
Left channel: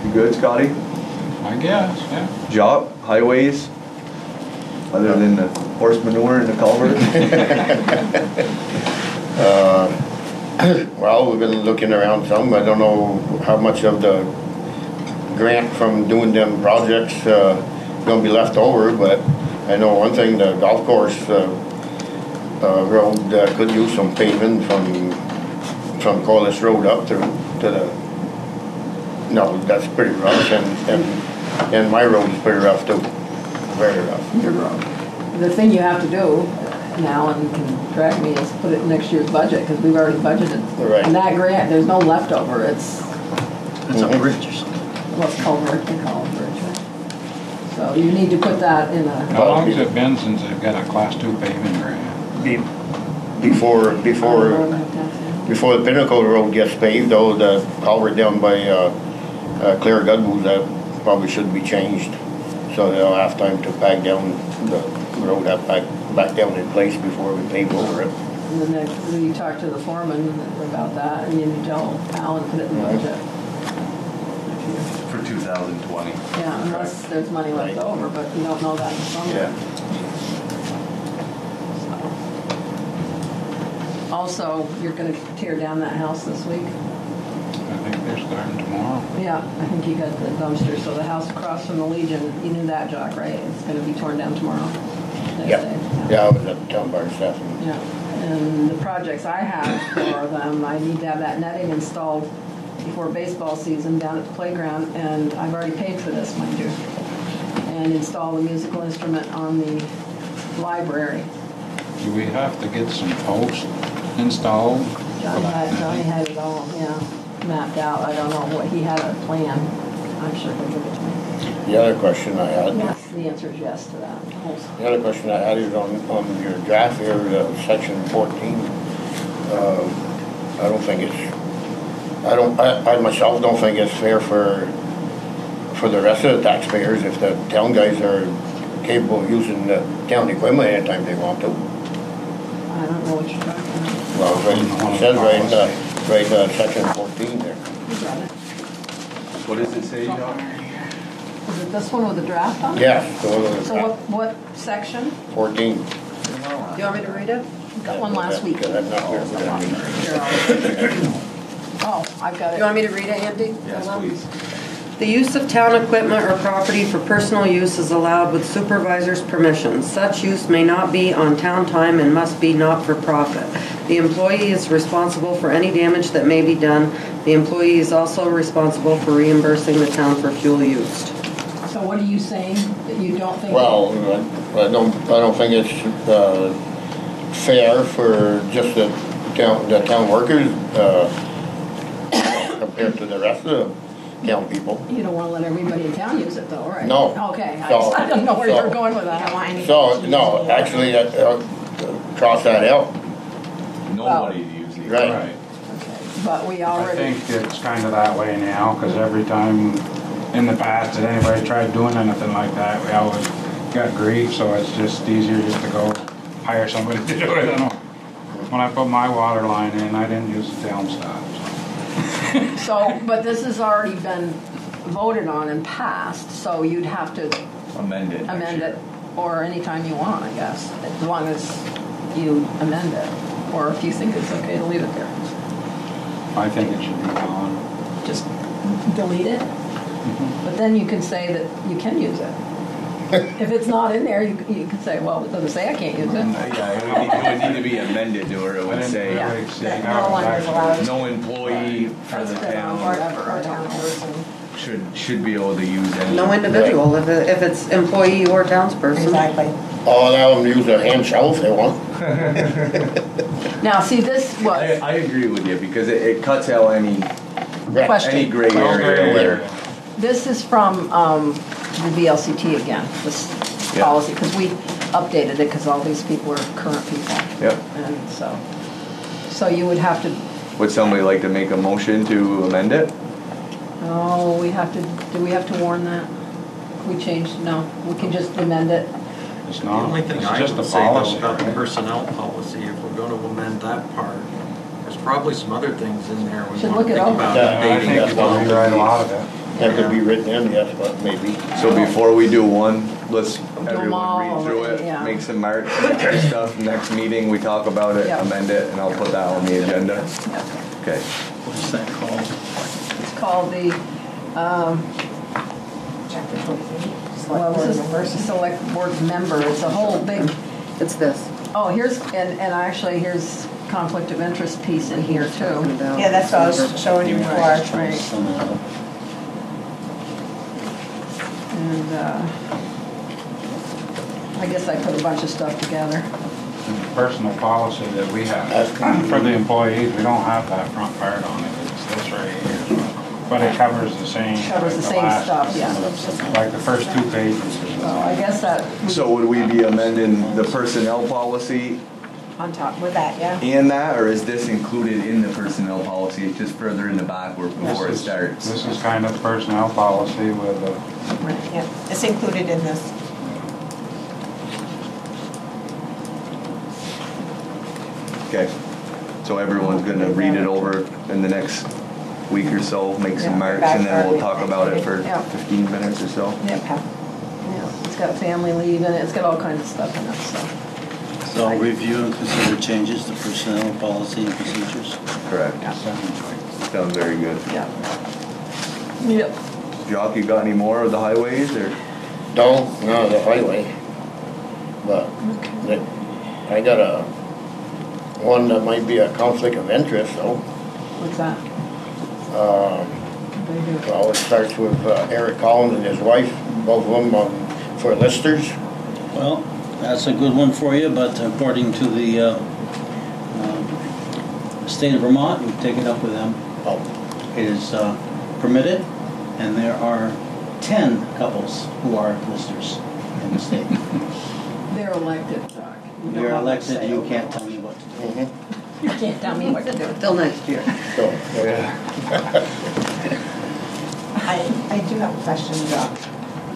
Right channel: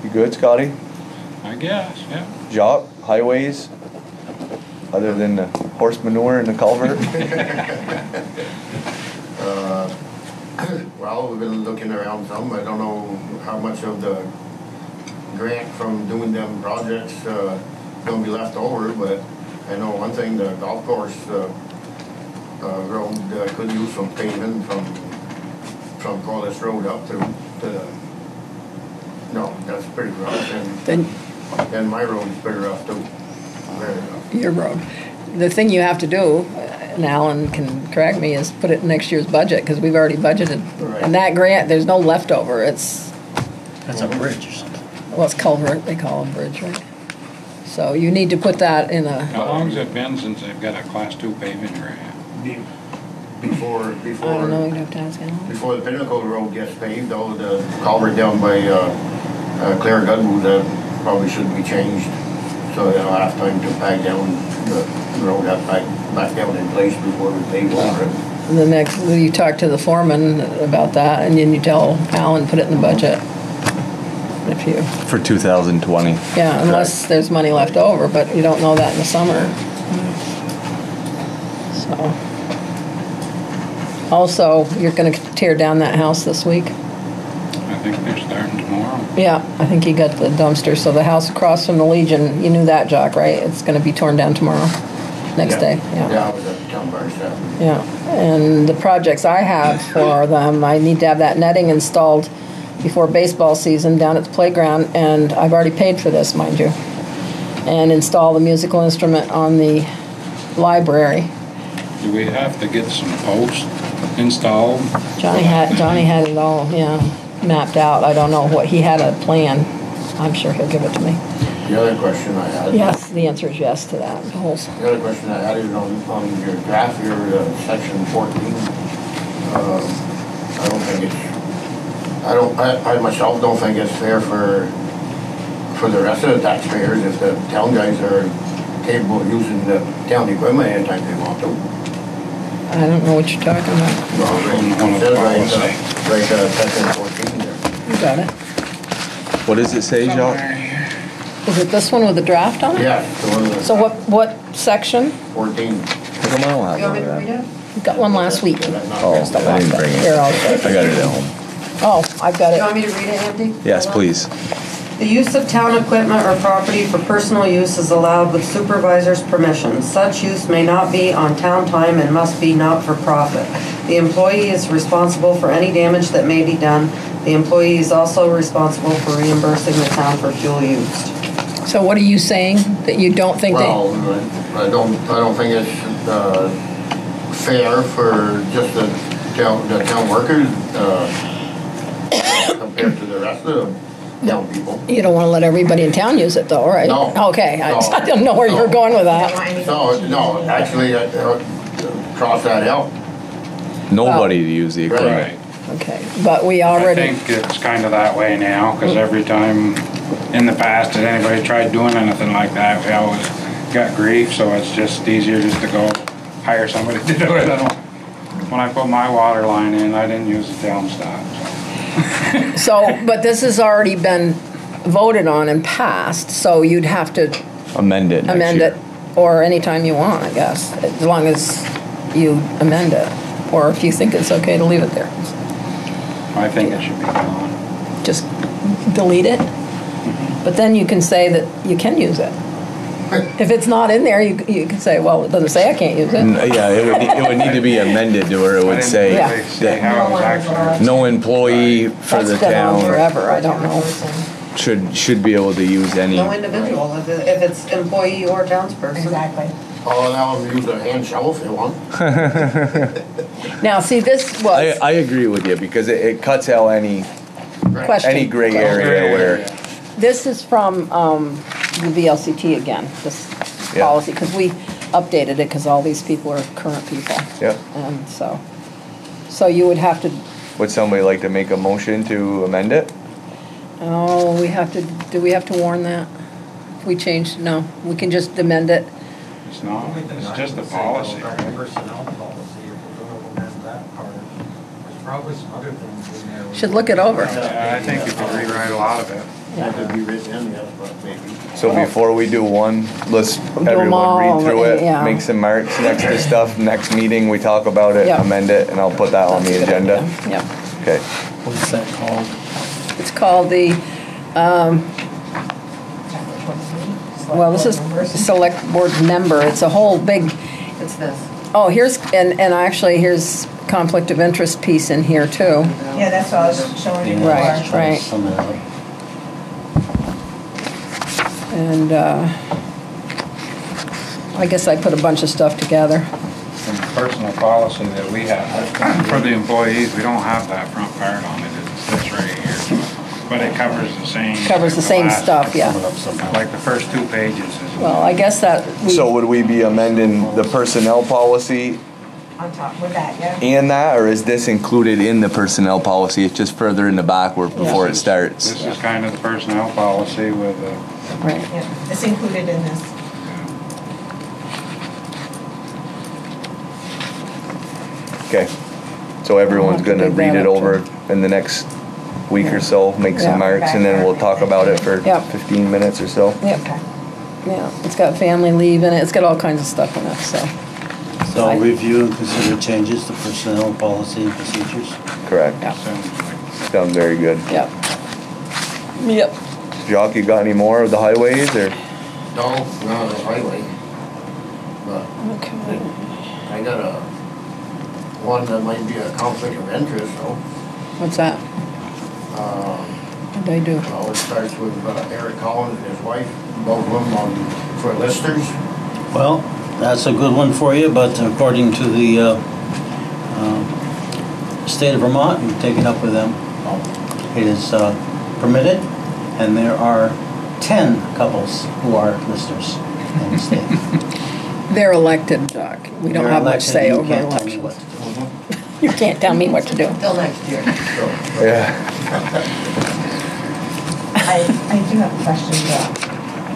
You good, Scotty? I guess, yeah. Job, highways, other than the horse manure in the culvert? Well, we've been looking around some. I don't know how much of the grant from doing them projects going to be left over, but I know one thing, the golf course road could use some pavement from Corliss Road up to the... No, that's pretty rough, and my road is pretty rough too, very rough. Your road. The thing you have to do, and Alan can correct me, is put it in next year's budget, because we've already budgeted. Right. And that grant, there's no leftover, it's... It's a bridge or something. Well, it's culvert, they call it bridge, right? So you need to put that in a... How long has it been since they've got a Class 2 paving grant? Before the Pinnacle Road gets paved, though, the culvert down by Claire Goodwood, that probably should be changed. So they'll have time to pack down the road, back down in place before we pave over it. The next, you talk to the foreman about that, and then you tell Alan, put it in the budget. If you... For 2020. Yeah, unless there's money left over, but you don't know that in the summer. So... Also, you're going to tear down that house this week? I think they're starting tomorrow. Yeah, I think you got the dumpster. So the house across from the Legion, you knew that, Jock, right? It's going to be torn down tomorrow, next day. Yeah, I was at the town bar stuff. Yeah, and the projects I have for them, I need to have that netting installed before baseball season down at the playground, and I've already paid for this, mind you. and install the musical instrument on the library. Do we have to get some posts installed? Johnny had it all, yeah, mapped out. I don't know what, he had a plan. I'm sure he'll give it to me. The other question I had. Yes, the answer is yes to that. The other question I had is on your draft here, section 14. I don't think I myself don't think it's fair for the rest of the taxpayers if the town guys are capable of using the town equipment anytime they want to. I don't know what you're talking about. Well, it says right, section 14 there. You got it. What does it say, John? Is it this one with the draft on it? Yeah. The one with the So what section? 14. Come on. You want me to read it? We got one last week. Oh, I didn't bring it. Here, I got it at home. Oh, I've got You it. want me to read it, Andy? Yes, please. The use of town equipment or property for personal use is allowed with supervisor's permission. Such use may not be on town time and must be not for profit. The employee is responsible for any damage that may be done. The employee is also responsible for reimbursing the town for fuel used. So what are you saying? That you don't think Well, I don't think it's fair for just the town workers compared to the rest of the town people. you don't want to let everybody in town use it though, right? No. Okay, I didn't know where you were going with that. So, no, actually, cross that out. Nobody to use the equipment. Okay, but we I already, think it's kind of that way now, because every time in the past that anybody tried doing anything like that, we always got grief, so it's just easier just to go hire somebody to do it. When I put my water line in, I didn't use the town stuff. so, but this has already been voted on and passed, so you'd have to Amend it. next amend year. it, or anytime you want, I guess, as long as you amend it, or if you think it's okay to leave it there. I think it should be gone. Just delete it, but then you can say that you can use it. If it's not in there, you can say, well, it doesn't say I can't use it. Yeah, it would need to be amended to where it would say Yeah. that no employee for the That's been on town forever, I don't know. should be able to use any. No individual, if it's employee or townsperson. Exactly. Oh, now them use a hand shovel if they want. Now, see, this was, I agree with you because it cuts out any Question. gray area where. this is from the VLCT again, this Yeah. policy, because we updated it because all these people are current people. Yeah. And so you would have to, Would somebody like to make a motion to amend it? oh, do we have to warn that? We changed, no, we can just amend it. It's The not, only thing it's I just a would say though policy. about the right? personnel policy, if we're gonna amend that part, there's probably some other things in there. we Should wanna look it think over. about Yeah, I updating think as we'll well. rewrite a lot of it. That could be written in, yes, but maybe. So before we do one, let's them everyone all, read through it, yeah. make some marks next to stuff. Next meeting we talk about it, Yeah. amend it, and I'll put that on the agenda. Yeah. Okay. What's that called? It's called the, well, this is select board member. It's a whole big, It's this. oh, here's, and actually, here's conflict of interest piece in here too. Yeah, that's what I was showing you before. Right. And I guess I put a bunch of stuff together. And the personal policy that we have for the employees, we don't have that front part on it. It's this right here. But it covers the same. Covers the same last- stuff, yeah. Like the first 2 pages. Well, I guess that. So would we be amending the personnel policy On top with that, yeah. and that, or is this included in the personnel policy? It's just further in the back where before it starts. This is kind of the personnel policy with Right. Yeah, it's included in this. Okay. So everyone's I'll have to gonna dig read that it up, over in the next week or so, make some Yeah. marks, and then we'll talk about it for Yeah. 15 minutes or so. Yeah. Yeah, it's got family leave in it. It's got all kinds of stuff in it, so. So I'll review and consider changes to personnel policy and procedures. Correct. Yeah. Sounds very good. Yep. Yep. Jock, you got any more of the highways or? No, not the highway. But I got one that might be a conflict of interest though. What's that? What did I do? Well, it starts with Eric Collins and his wife both of them for listers? Well, that's a good one for you, but according to the state of Vermont, we've taken up with them, it is permitted, and there are 10 couples who are listers in the state. They're elected, Doc. We don't have much say over You can't tell me elections. what to do. You can't tell me what to do. Till next year. Yeah. I do have a question, Doc.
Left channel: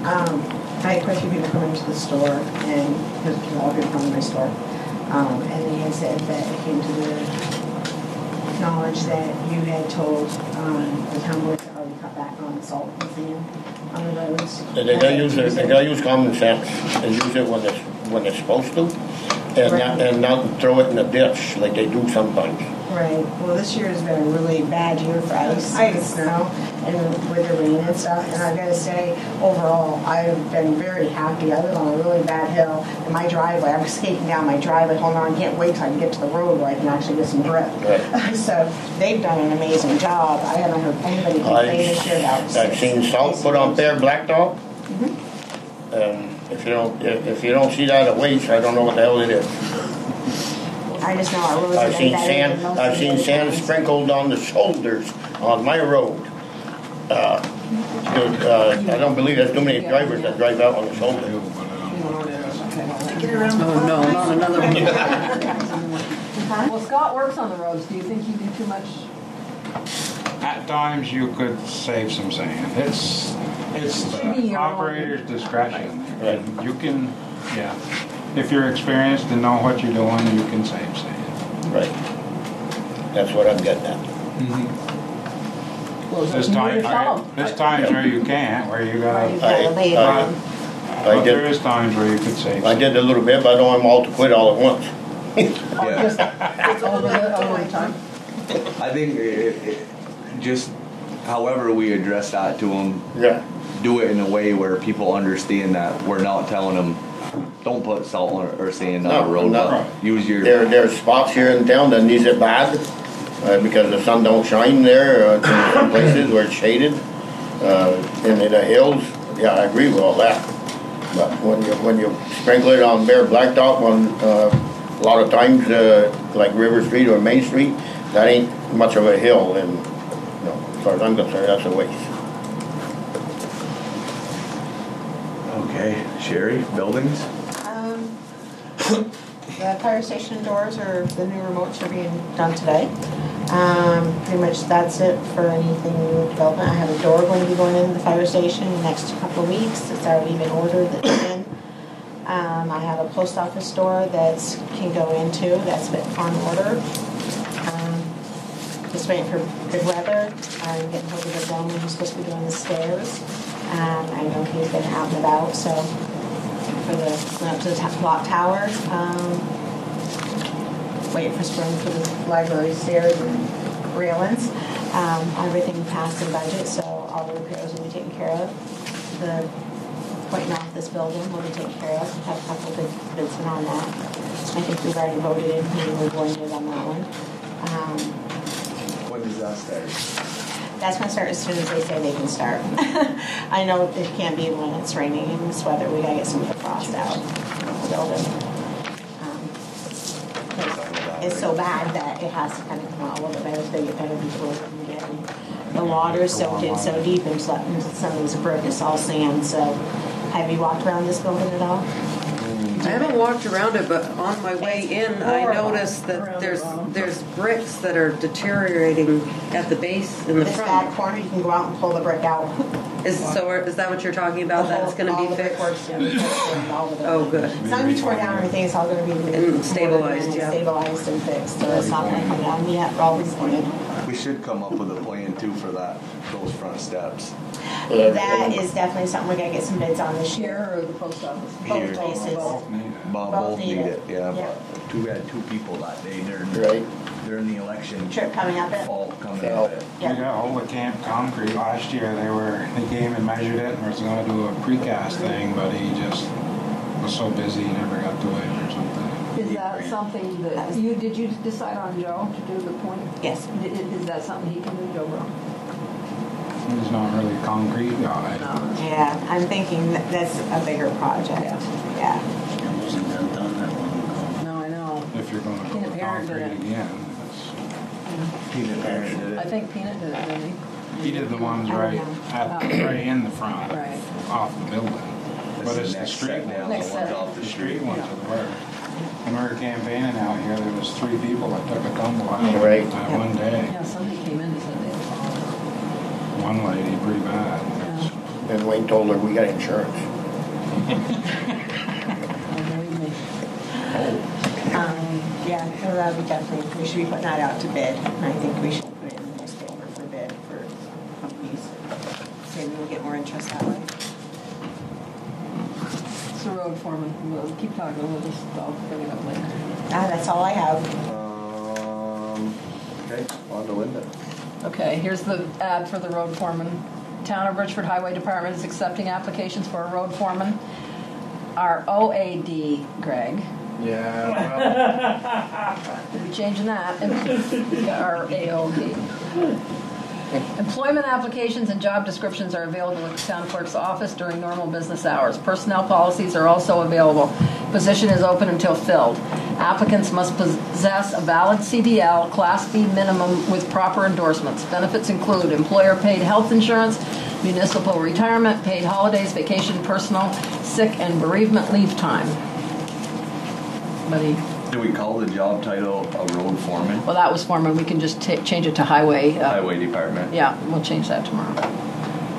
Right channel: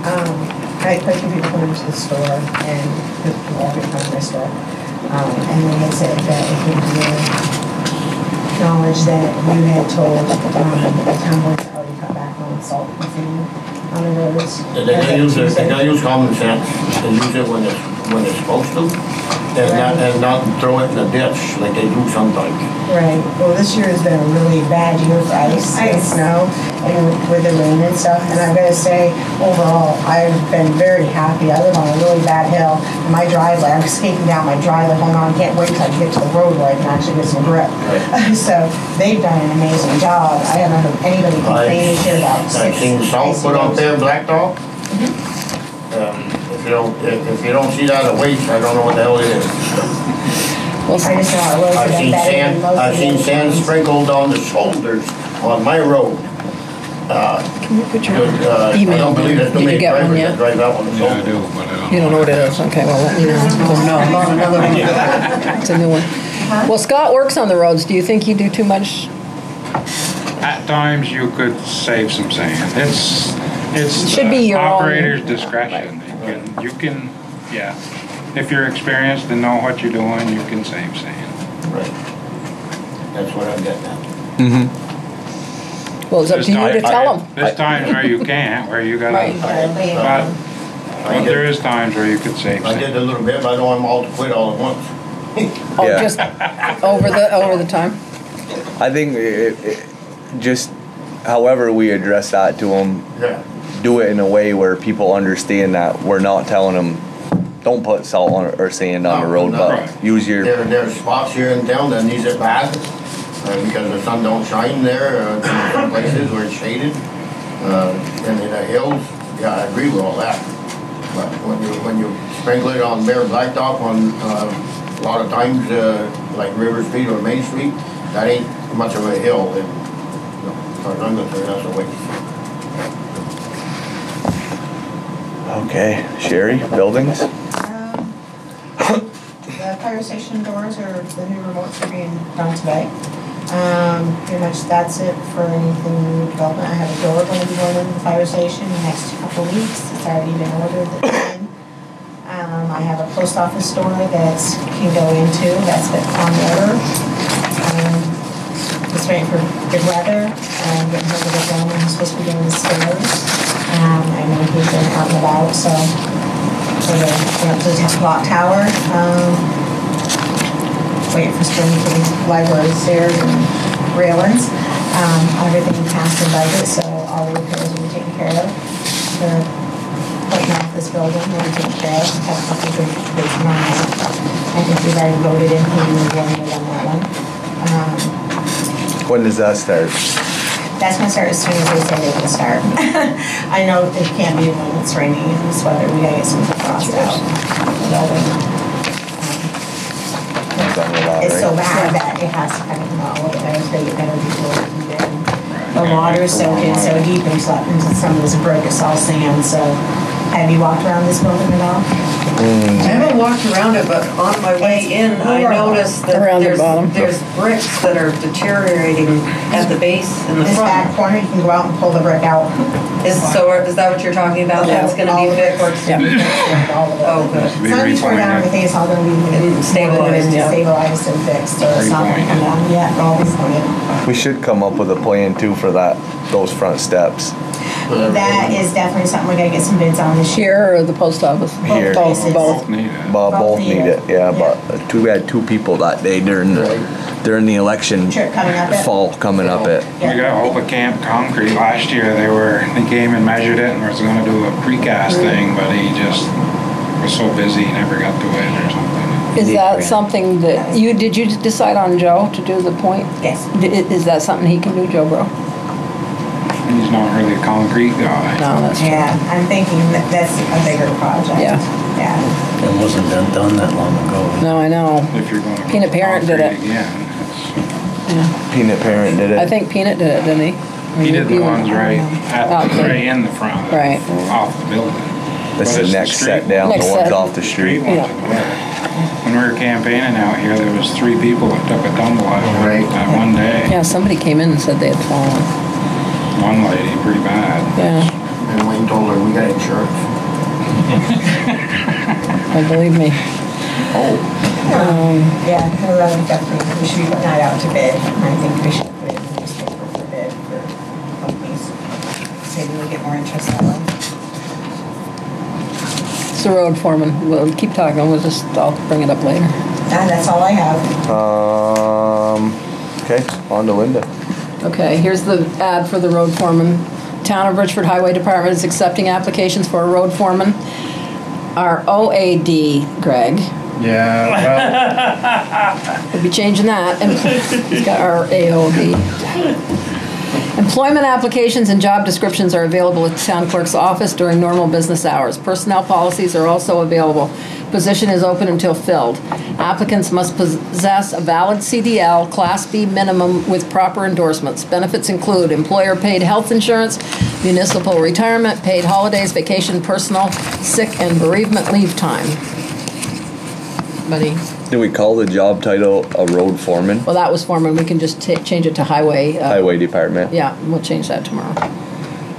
I quite a few people come into the store and people all come to my store. And they said that it came to their knowledge that you had told the town board to already cut back on salt and sand on the roads. They use common sense. They use it when it's supposed to, and not throw it in the ditch like they do sometimes. Right. Well, this year has been a really bad year for ice and snow, and with the rain and stuff. And I've got to say, overall, I've been very happy. I live on a really bad hill, and my driveway, I'm skating down my driveway. Hold on, can't wait till I get to the road where I can actually get some grip. Right. So they've done an amazing job. I haven't heard anybody complain this year about. I've seen salt put on there, blacktop. Mm-hmm. If you don't see that as a waste, I don't know what the hell it is. I just know it was I've seen sand sprinkled on the shoulders on my road. I don't believe there's too many drivers that drive out on the shoulders. I do, but I don't. You don't know what it is? Okay, well, let me know. Oh, no, not another one. It's a new one. Well, Scott works on the roads. Do you think you do too much? At times you could save some sand. It's It should be the your own- operator's discretion. You can, yeah. If you're experienced and know what you're doing, you can save sand. Right. That's what I'm getting at. Mm-hmm. Well, it's up to you to tell them. There's times where you can't, where you gotta. Right. But there is times where you could save I sand. did a little bit, but I don't want them all to quit all at once. Oh, Yeah. just over the time. I think just however we address that to them, Yeah. do it in a way where people understand that we're not telling them don't put salt on or sand on the road, No. but use your. There are spots here in town that needs it bad because the sun don't shine there. Some places where it's shaded, and in the hills. Yeah, I agree with all that. But when you sprinkle it on bare blacktop on a lot of times like River Street or Main Street, that ain't much of a hill, and as far as I'm concerned, that's a waste. Okay, Sherry, buildings. The fire station doors or the new remotes are being done today. Pretty much that's it for anything new development. I have a door going to be going into the fire station in the next couple of weeks. It's already been ordered. That's in. I have a post office door that can go into. That's been on order. Just waiting for good weather. I'm getting hold of the gentleman who's supposed to be doing the stairs. I know he's been out and about, so we're up to the clock tower. Waiting for spring for the library stairs and railings. Everything passed and budget, so all the repairs will be taken care of. The putting off this building will be taken care of. Have a couple of good bids on that. I think we've already voted in paying $1 on that one. When does that start? That's going to start as soon as they say they can start. I know it can't be when it's raining and it's weather. We gotta get some frost out. It's so bad that it has to kind of not look better. They get better before it can get. The water is soaking so deep into some of this broke. It's all sand. So, have you walked around this building at all? I haven't walked around it, but on my way in, I noticed that there's bricks that are deteriorating at the base and the This front. back corner, you can go out and pull the brick out. Is that what you're talking about? That's going to All be the fixed? brickwork's to be fixed and all of it. Oh, good. It's not going to be torn down, everything, it's all going to be Stabilized, yeah. stabilized and fixed, so it's not going to come down yet, all these pointed. We should come up with a plan too for those front steps. That is definitely something we gotta get some bids on this year. Here or the post office? Here. Both. Both need it. Both need it, yeah, but we had 2 people that day during the election Trip coming up it? fall coming up it. We got hold of Camp Concrete last year. They came and measured it and was going to do a precast thing, but he just was so busy he never got to it or something. Is that something that did you decide on Joe to do the point? Yes. Is that something he can do, Joe Bro? He's not really a concrete guy. No, that's true. Yeah, I'm thinking that that's a bigger project. Yeah. It wasn't done that long ago. No, I know. If you're going to Peanut Parent did it. again, Yeah. Peanut Parent did it. I think Peanut did it, didn't he? he did the ones right Okay. right in the front, Right. off the building. That's But the it's next street set down, Next the ones set. off the street. ones Yeah. in the way. When we were campaigning out here, there was 3 people that took a tumble out of Right. it that one day. Yeah, somebody came in and said they had fallen. One lady, pretty bad. Yeah, And Wayne told her, we got insurance. believe me. Yeah, definitely, we should be putting that out to bid. I think we should put it in the newspaper for bid for companies. Maybe we'll get more interest that way. It's the road foreman. We'll keep talking. I'll bring it up later. That's all I have. Okay, on to Linda. Okay, here's the ad for the road foreman. Town of Richford Highway Department is accepting applications for a road foreman. Our OAD, Greg. Yeah, We'll be changing that. He's got our AOD. Employment applications and job descriptions are available at the town clerk's office during normal business hours. Personnel policies are also available. Position is open until filled. Applicants must possess a valid CDL, Class B minimum with proper endorsements. Benefits include employer-paid health insurance, municipal retirement, paid holidays, vacation, personal, sick, and bereavement leave time. Buddy. Do we call the job title a road foreman? Well, that was foreman. We can just change it to highway. Highway department. Yeah, we'll change that tomorrow.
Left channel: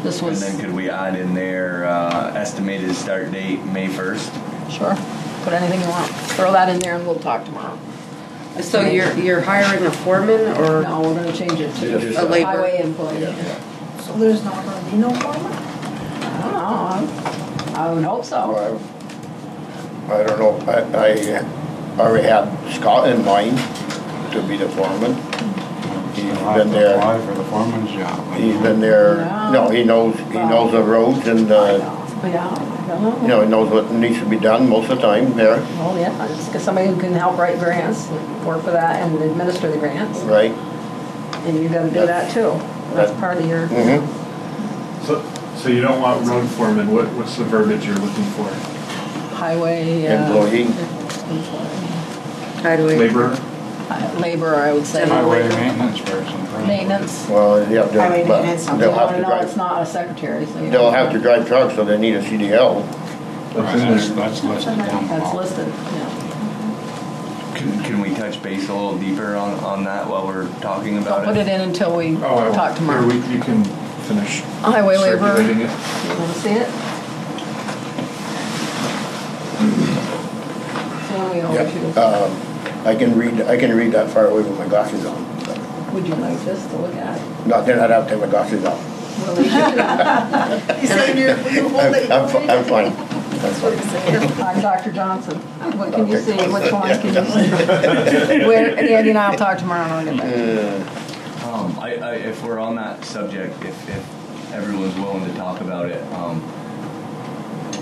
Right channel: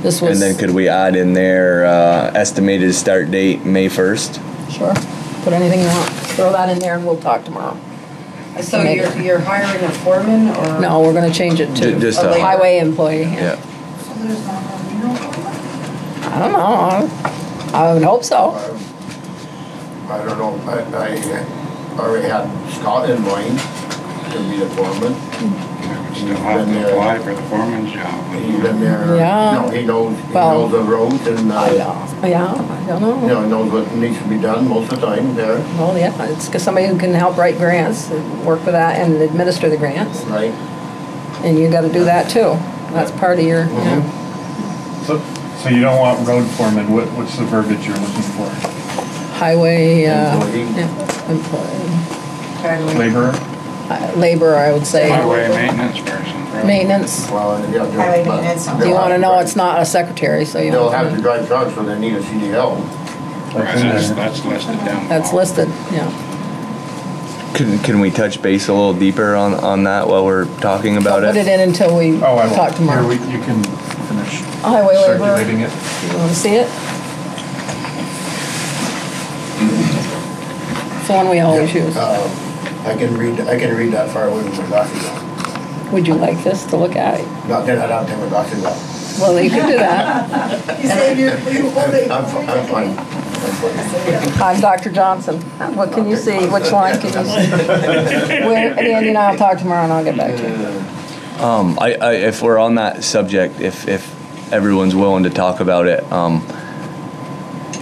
This was. And then could we add in there estimated start date May 1st? Sure. Put anything you want. Throw that in there and we'll talk tomorrow. So you're hiring a foreman or? No, we're going to change it to Just a a- highway employee. Yeah. So there's not gonna be no foreman? I don't know. I would hope so. I don't know, I already had Scott in mind to be the foreman. You'll have to apply for the foreman's job. He's been there, Yeah. no, he knows the roads and, Yeah, I don't know. he knows what needs to be done most of the time there, Well, yeah, it's somebody who can help write grants and work with that and administer the grants. right? And you got to do that too. That's part of your. Mhm. so you don't want road foreman, what's the verbiage you're looking for? Highway Employee. employee. Highway. Laborer? Laborer, I would say. Highway maintenance person. probably. Maintenance. Well, yeah. Highway maintenance. Do you want to know it's not a secretary, so you They'll don't. have to drive trucks, so they need a CDL. Right, that's listed down. That's listed, yeah. Can we touch base a little deeper on that while we're talking about Put it in until we talk tomorrow. Here, you can finish Highway laborer. circulating it. You want to see it? It's the one we always use. I can read that far away with my glasses on. Would you like this to look at? Not that I'd have to take my glasses off. Well, you can do that. I'm fine. I'm Dr. Johnson. What can you see? Which line can you see? Andy and I'll talk tomorrow and I'll get back to you. If we're on that subject, if everyone's willing to talk about it,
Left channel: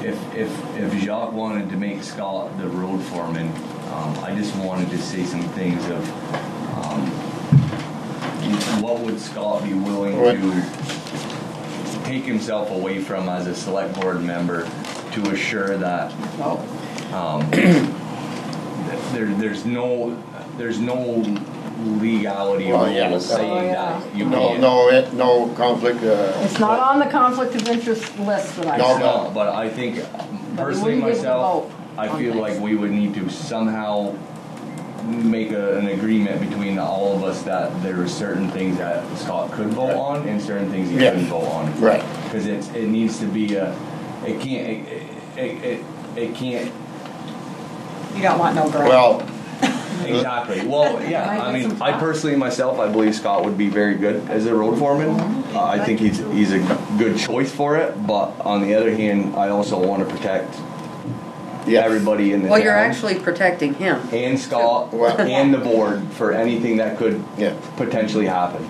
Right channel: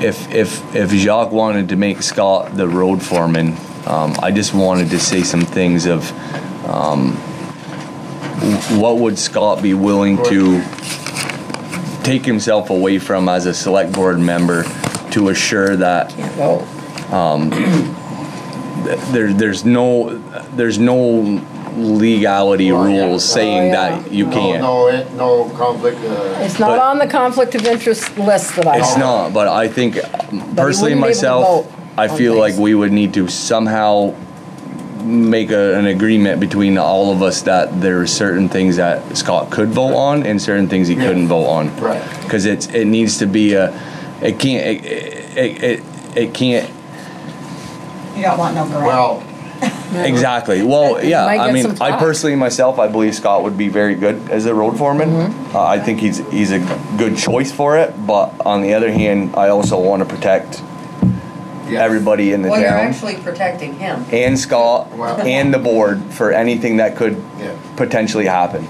if Jacques wanted to make Scott the road foreman, I just wanted to say some things of what would Scott be willing to take himself away from as a select board member to assure that there's no legality rules saying that you can't. No conflict. It's not on the conflict of interest list that I It's have. not, but I think personally wouldn't be able to myself, vote I on feel things. like we would need to somehow make an agreement between all of us that there are certain things that Scott could vote on and certain things he couldn't vote on. Right. Because it needs to be it can't. You don't want no grant. Well, Exactly. Well, yeah. Might I get mean, some I thought. personally myself, I believe Scott would be very good as a road foreman. Mm-hmm. I think he's a good choice for it. But on the other hand, I also want to protect everybody in the Well, you're town actually protecting him. and Scott and the board for anything that could potentially happen.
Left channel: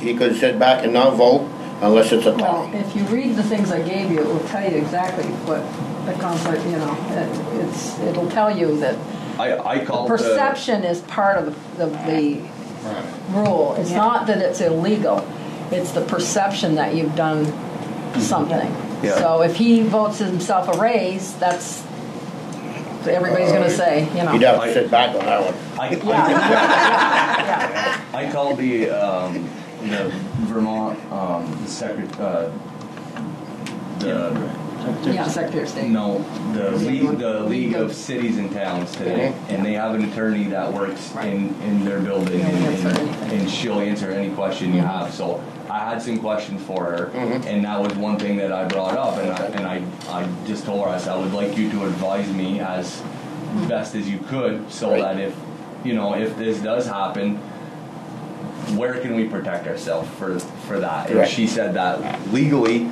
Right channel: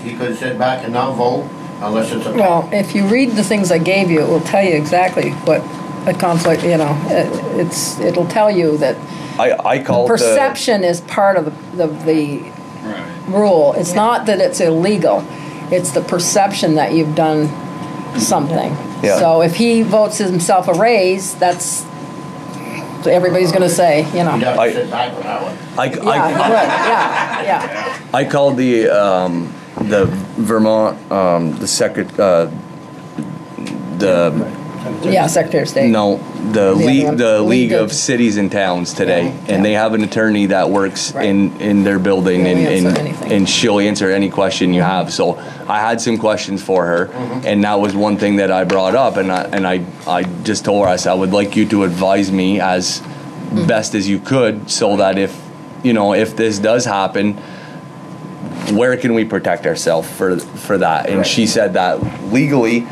he could sit back and not vote unless it's a Well, if you read the things I gave you, it will tell you exactly what a conflict, it'll tell you that I call the perception is part of the rule. It's not that it's illegal. It's the perception that you've done something. Yeah. So if he votes himself a raise, that's everybody's going to say, you know. You'd have to sit back on that one. I called the Vermont Secretary of State. No, the League League of- of Cities and Towns today, and they have an attorney that works in their building, They'll answer anything. and she'll answer any question you have. So I had some questions for her, and that was one thing that I brought up, and I just told her, I said, I would like you to advise me as best as you could, so that if this does happen, where can we protect ourselves for that? And she said that legally,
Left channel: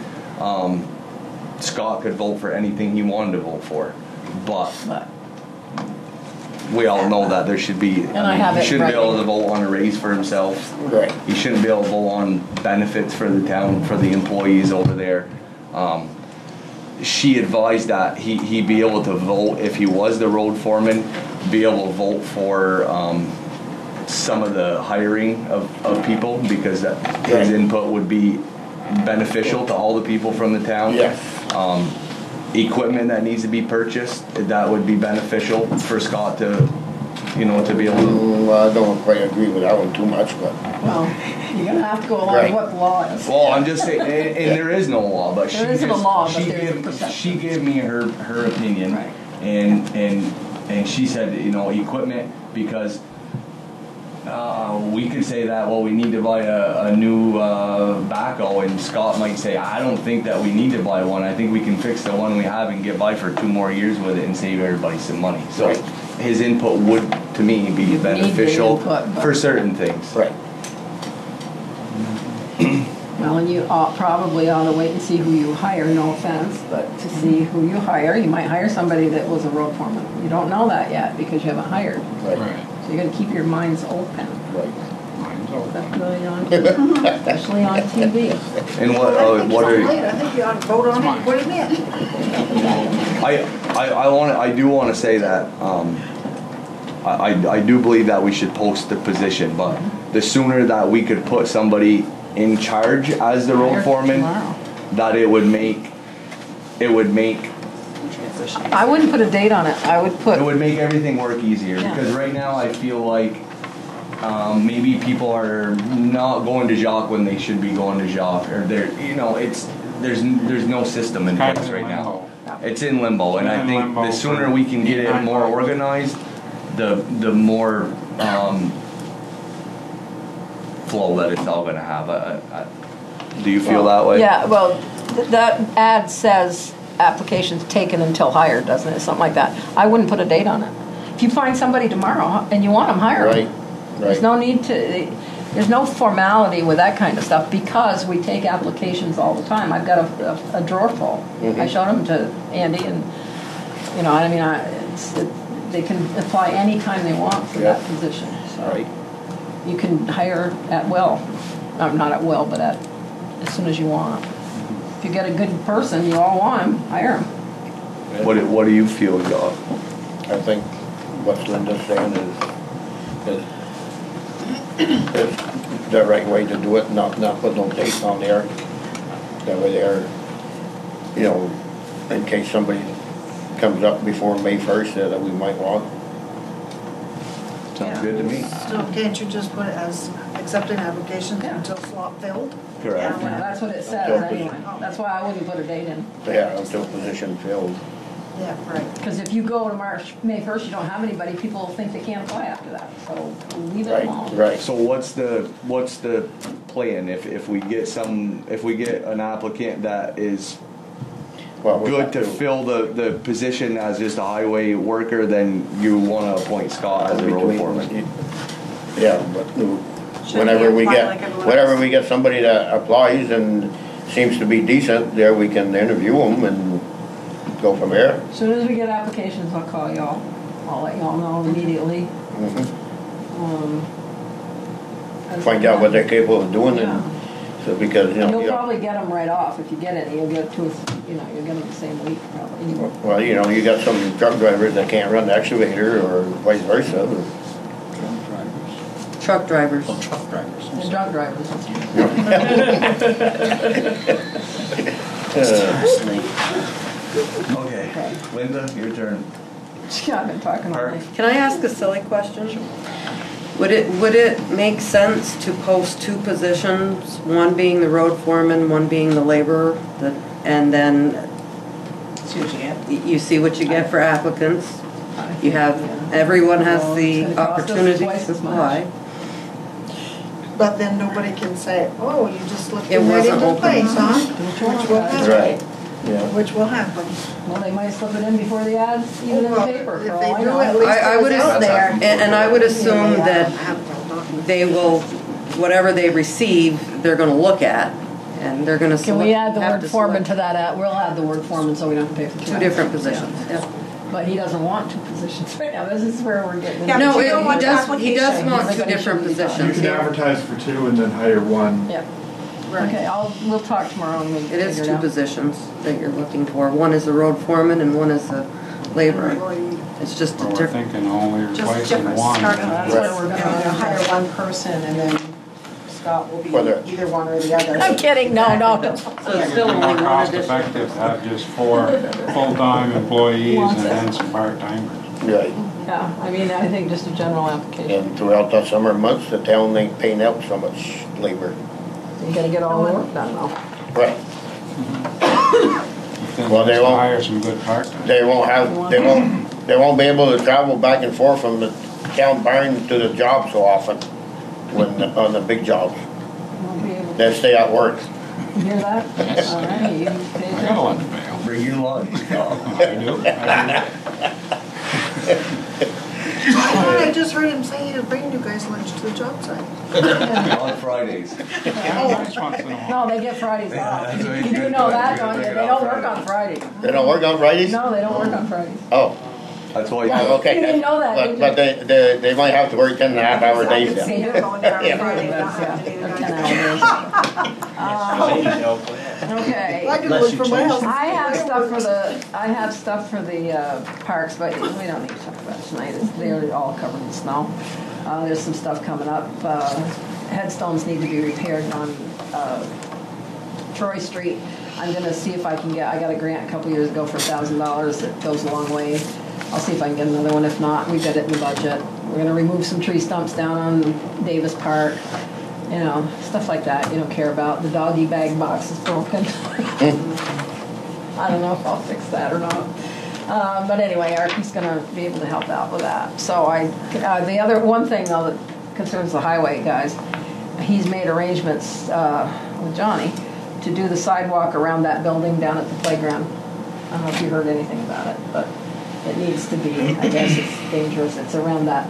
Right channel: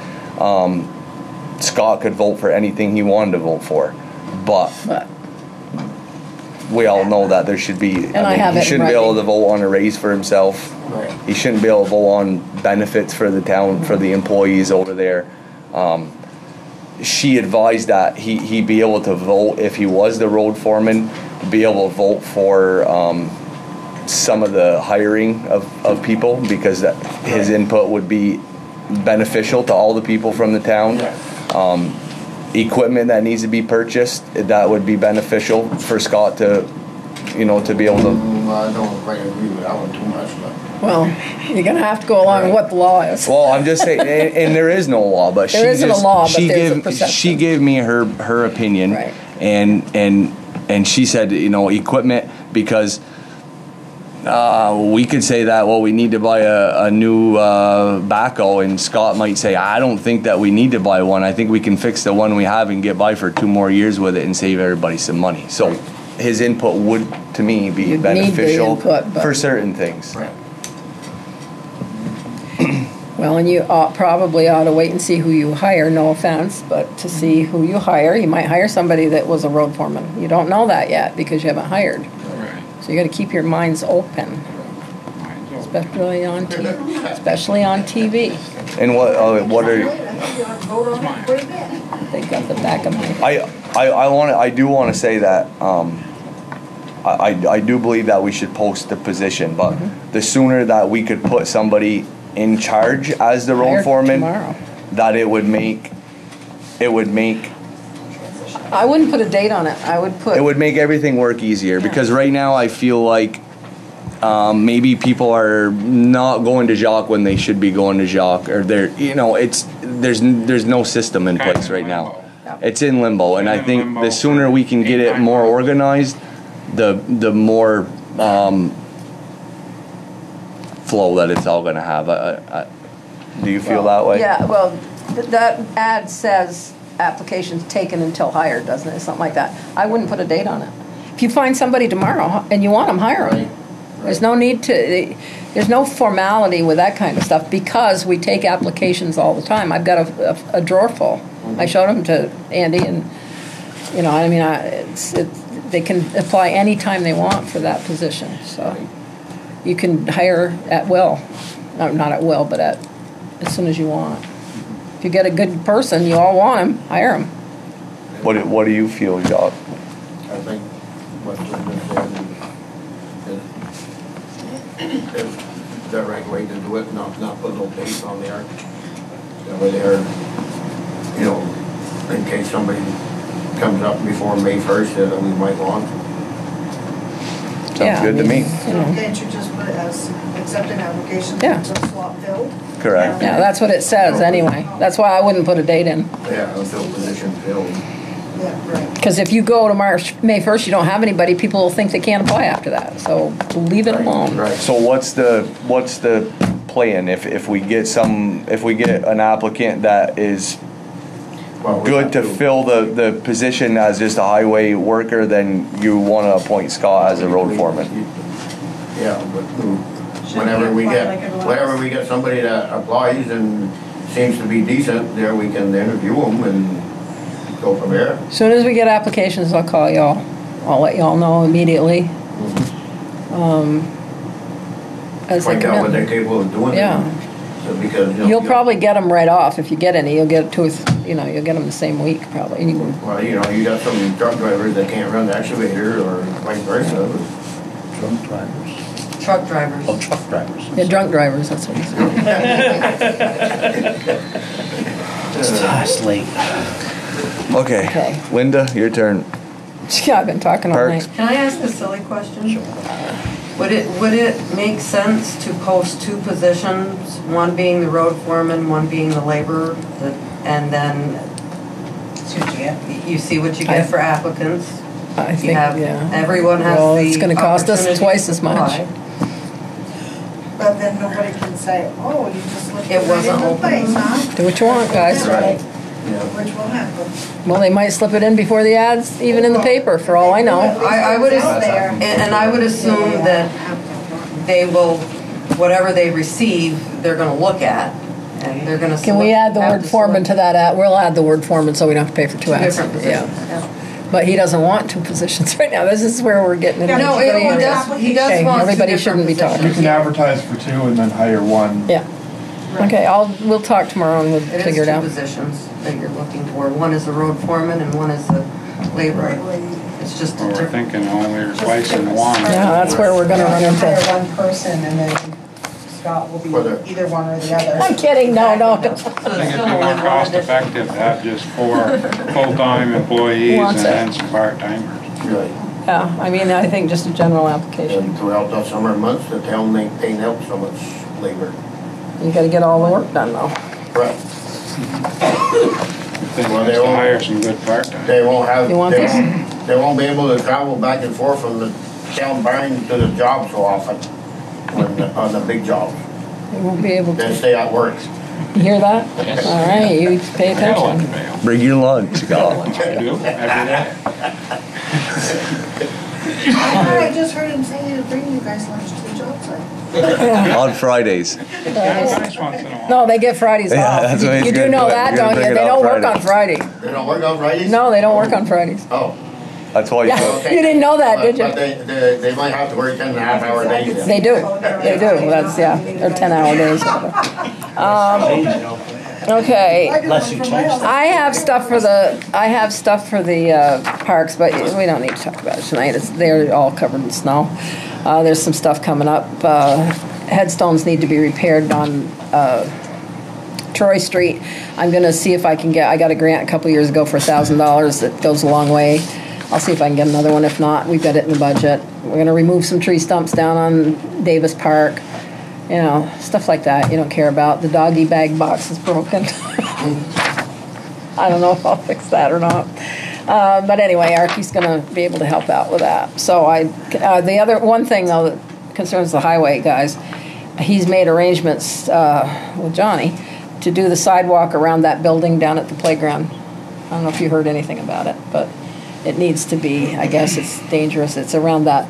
Scott could vote for anything he wanted to vote for, but we all know that there should be. He shouldn't be able to vote on a raise for himself. Right. He shouldn't be able to vote on benefits for the town, for the employees over there. She advised that he'd be able to vote if he was the road foreman, be able to vote for some of the hiring of people, because his input would be beneficial to all the people from the town. Yes. Equipment that needs to be purchased, that would be beneficial for Scott to be able to. I don't quite agree with that one too much, but. Well, you're going to have to go along with what the law is. Well, I'm just saying, and there is no law, but There isn't a law, but there's a perception. she gave me her opinion, Right. and she said, equipment, because we could say that, well, we need to buy a new backhoe, and Scott might say, I don't think that we need to buy one. I think we can fix the one we have and get by for 2 more years with it and save everybody some money. So his input would, to me, be beneficial for certain things. Right. Well, and you probably ought to wait and see who you hire, no offense, but to see who you hire. You might hire somebody that was a road foreman. You don't know that yet because you haven't hired. Right. So you got to keep your minds open, especially on TV. And what are I think you ought to vote on it and put it in. I do want to say that I do believe that we should post the position, but the sooner that we could put somebody in charge as the road foreman, that it would make I wouldn't put a date on it. I would put. It would make everything work easier, because right now I feel like maybe people are not going to Jacques when they should be going to Jacques, or there's no system in place right now. It's in limbo, and I think the sooner we can get it more organized, the more flow that it's all going to have. Do you feel that way? Yeah, well, that ad says applications taken until hired, doesn't it? Something like that. I wouldn't put a date on it. If you find somebody tomorrow and you want them, hire them. Right. There's no need to, there's no formality with that kind of stuff, because we take applications all the time. I've got a drawer full. I showed them to Andy, and they can apply any time they want for that position. So you can hire at will. Not at will, but as soon as you want. If you get a good person, you all want them, hire them. What do you feel, Jacques? I think what Linda's saying is the right way to do it, not put no dates on there. That way there, in case somebody comes up before May 1st that we might want. Sounds good to me. So can't you just put it as accepting applications until slot filled? Correct. Yeah, that's what it says anyway. That's why I wouldn't put a date in. Yeah, until position filled. Yeah, right. Because if you go to May 1st, you don't have anybody, people will think they can't apply after that. So leave it alone. Right. So what's the plan if we get an applicant that is good to fill the position as just a highway worker, then you want to appoint Scott as a road foreman? Yeah, but whenever we get somebody that applies and seems to be decent, there we can interview them and go from there. As soon as we get applications, I'll call y'all. I'll let y'all know immediately. Find out what they're capable of doing. Yeah. Because you'll probably get them right off. If you get any, you'll get you'll get them the same week probably. Well, you got some truck drivers that can't run the excavator, or vice versa. Truck drivers. truck drivers. Oh, truck drivers. Yeah, drunk drivers, that's what It's late. Okay, Linda, your turn. Yeah, I've been talking all night. Can I ask a silly question? Would it make sense to post 2 positions, one being the road foreman, one being the laborer, and then you see what you get for applicants? I You think, have, yeah. everyone has Well, the it's gonna cost us opportunity twice to as much. apply. But then nobody can say, oh, you just slipped It it right wasn't into open. place, huh? Do what you want, Which will guys. happen. Right. Which will happen. Well, they might slip it in before the ads, even in the paper, for all I know. I would out there. And I would assume that they will, whatever they receive, they're gonna look at, and they're gonna. Can we add the have word to foreman select to that ad? We'll add the word foreman so we don't have to pay for 2 ads. Different Yeah. positions, yeah. But he doesn't want 2 positions right now. This is where we're getting into. No, he does want 2 Everybody different shouldn't be talking. You positions. can advertise for 2 and then hire 1. Yeah. Okay, we'll talk tomorrow and we'll It is figure it 2 out. positions that you're looking for. One is a road foreman and one is a laborer. It's just a Well, we're different. thinking only replacing different one. start. Yeah, that's where we're gonna run Hire into. one person and then Scott will be Whether- either one or the other. I'm kidding, no. So I it's think still it'd be only more one cost addition. effective to have just 4 full-time employees Wants and it. then some part-timers. Right. Yeah, I mean, I think just a general application. And throughout the summer months, the town ain't paying out so much labor. You gotta get all the work done though. Right. Think Well, we they should won't- hire some good part-time. They won't have, You want this? they won't be able to travel back and forth from the town barn to the job so often on the big jobs. You won't be able to. They stay at work. You hear that? Yes. All right, you pay I got a lot to attention. bail. Bring your lunch, go. I do, every day. I just heard him say he'd bring you guys lunch to the job site. On Fridays. Nice once in a while. No, they get Fridays Yeah, off. that's what he's You do gonna know do. that, He's don't gonna you? bring They it don't on work Friday. on Friday. They don't work on Fridays? No, they don't work on Fridays. Oh. That's why you Yeah, Okay. you didn't know that, But did you? they might have to work 10.5-hour days then. They do. They do. That's, yeah, they're 10-hour days. Okay. I do one for my house. I have stuff for the parks, but we don't need to talk about it tonight. They're all covered in snow. There's some stuff coming up. Headstones need to be repaired on Troy Street. I'm gonna see if I can I got a grant a couple years ago for $1,000 that goes a long way. I'll see if I can get another one. If not, we've got it in the budget. We're gonna remove some tree stumps down on Davis Park. You know, stuff like that you don't care about. The doggy bag box is broken. I don't know if I'll fix that or not. But anyway, Archie's gonna be able to help out with that. So the other one thing though that concerns the highway guys, he's made arrangements with Johnny to do the sidewalk around that building down at the playground. I don't know if you heard anything about it, but it needs to be, I guess it's dangerous. It's around that,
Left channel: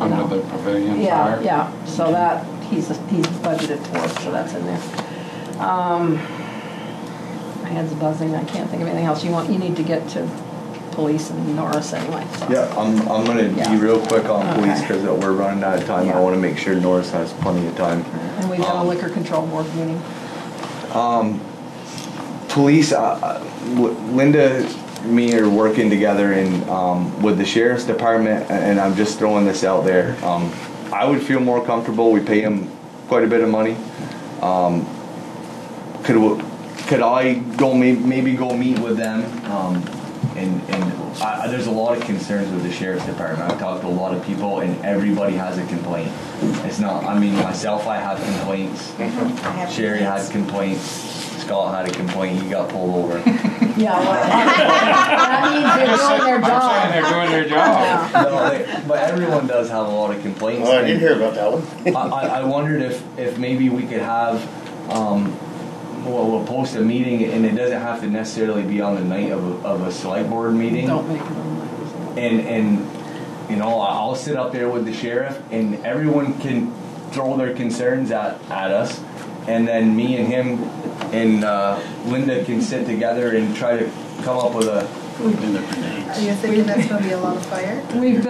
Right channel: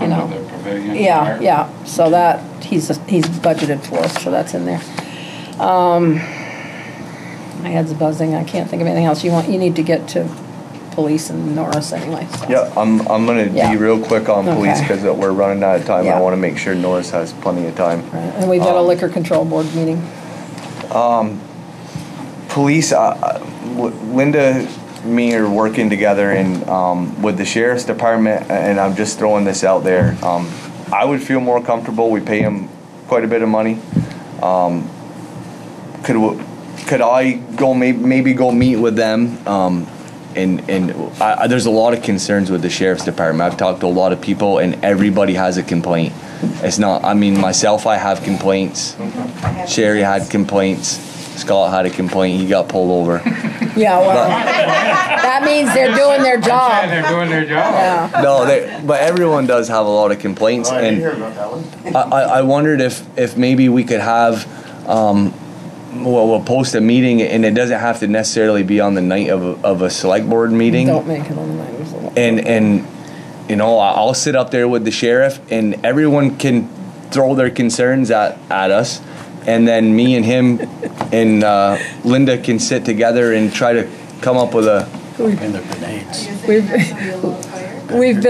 you know. The pavilion. Yeah, fire. yeah. So that he's budgeted for, so that's in there. My head's buzzing. I can't think of anything else. You need to get to police and Norris anyway. So. Yeah, I'm gonna Yeah. be real quick on police Okay. because we're running out of time. Yeah. I want to make sure Norris has plenty of time. And we've got a liquor control board meeting. Police, Linda, me are working together with the sheriff's department, and I'm just throwing this out there. I would feel more comfortable. We pay him quite a bit of money. Could I go maybe go meet with them? There's a lot of concerns with the sheriff's department. I've talked to a lot of people, and everybody has a complaint. It's not. I mean, myself, I have complaints. Sherry had complaints. Scott had a complaint. He got pulled over. Yeah, well, that means they're doing their job. They're doing their job. Yeah. No, but everyone does have a lot of complaints. Oh, I didn't and hear about that one. I wondered if maybe we could have. We'll post a meeting, and it doesn't have to necessarily be on the night of a select board meeting. Don't make it on the And you know, I'll sit up there with the sheriff, and everyone can throw their concerns at us, and then me and him and Linda can sit together and try to come up with a. Do you think there's gonna be a lot of fire? We've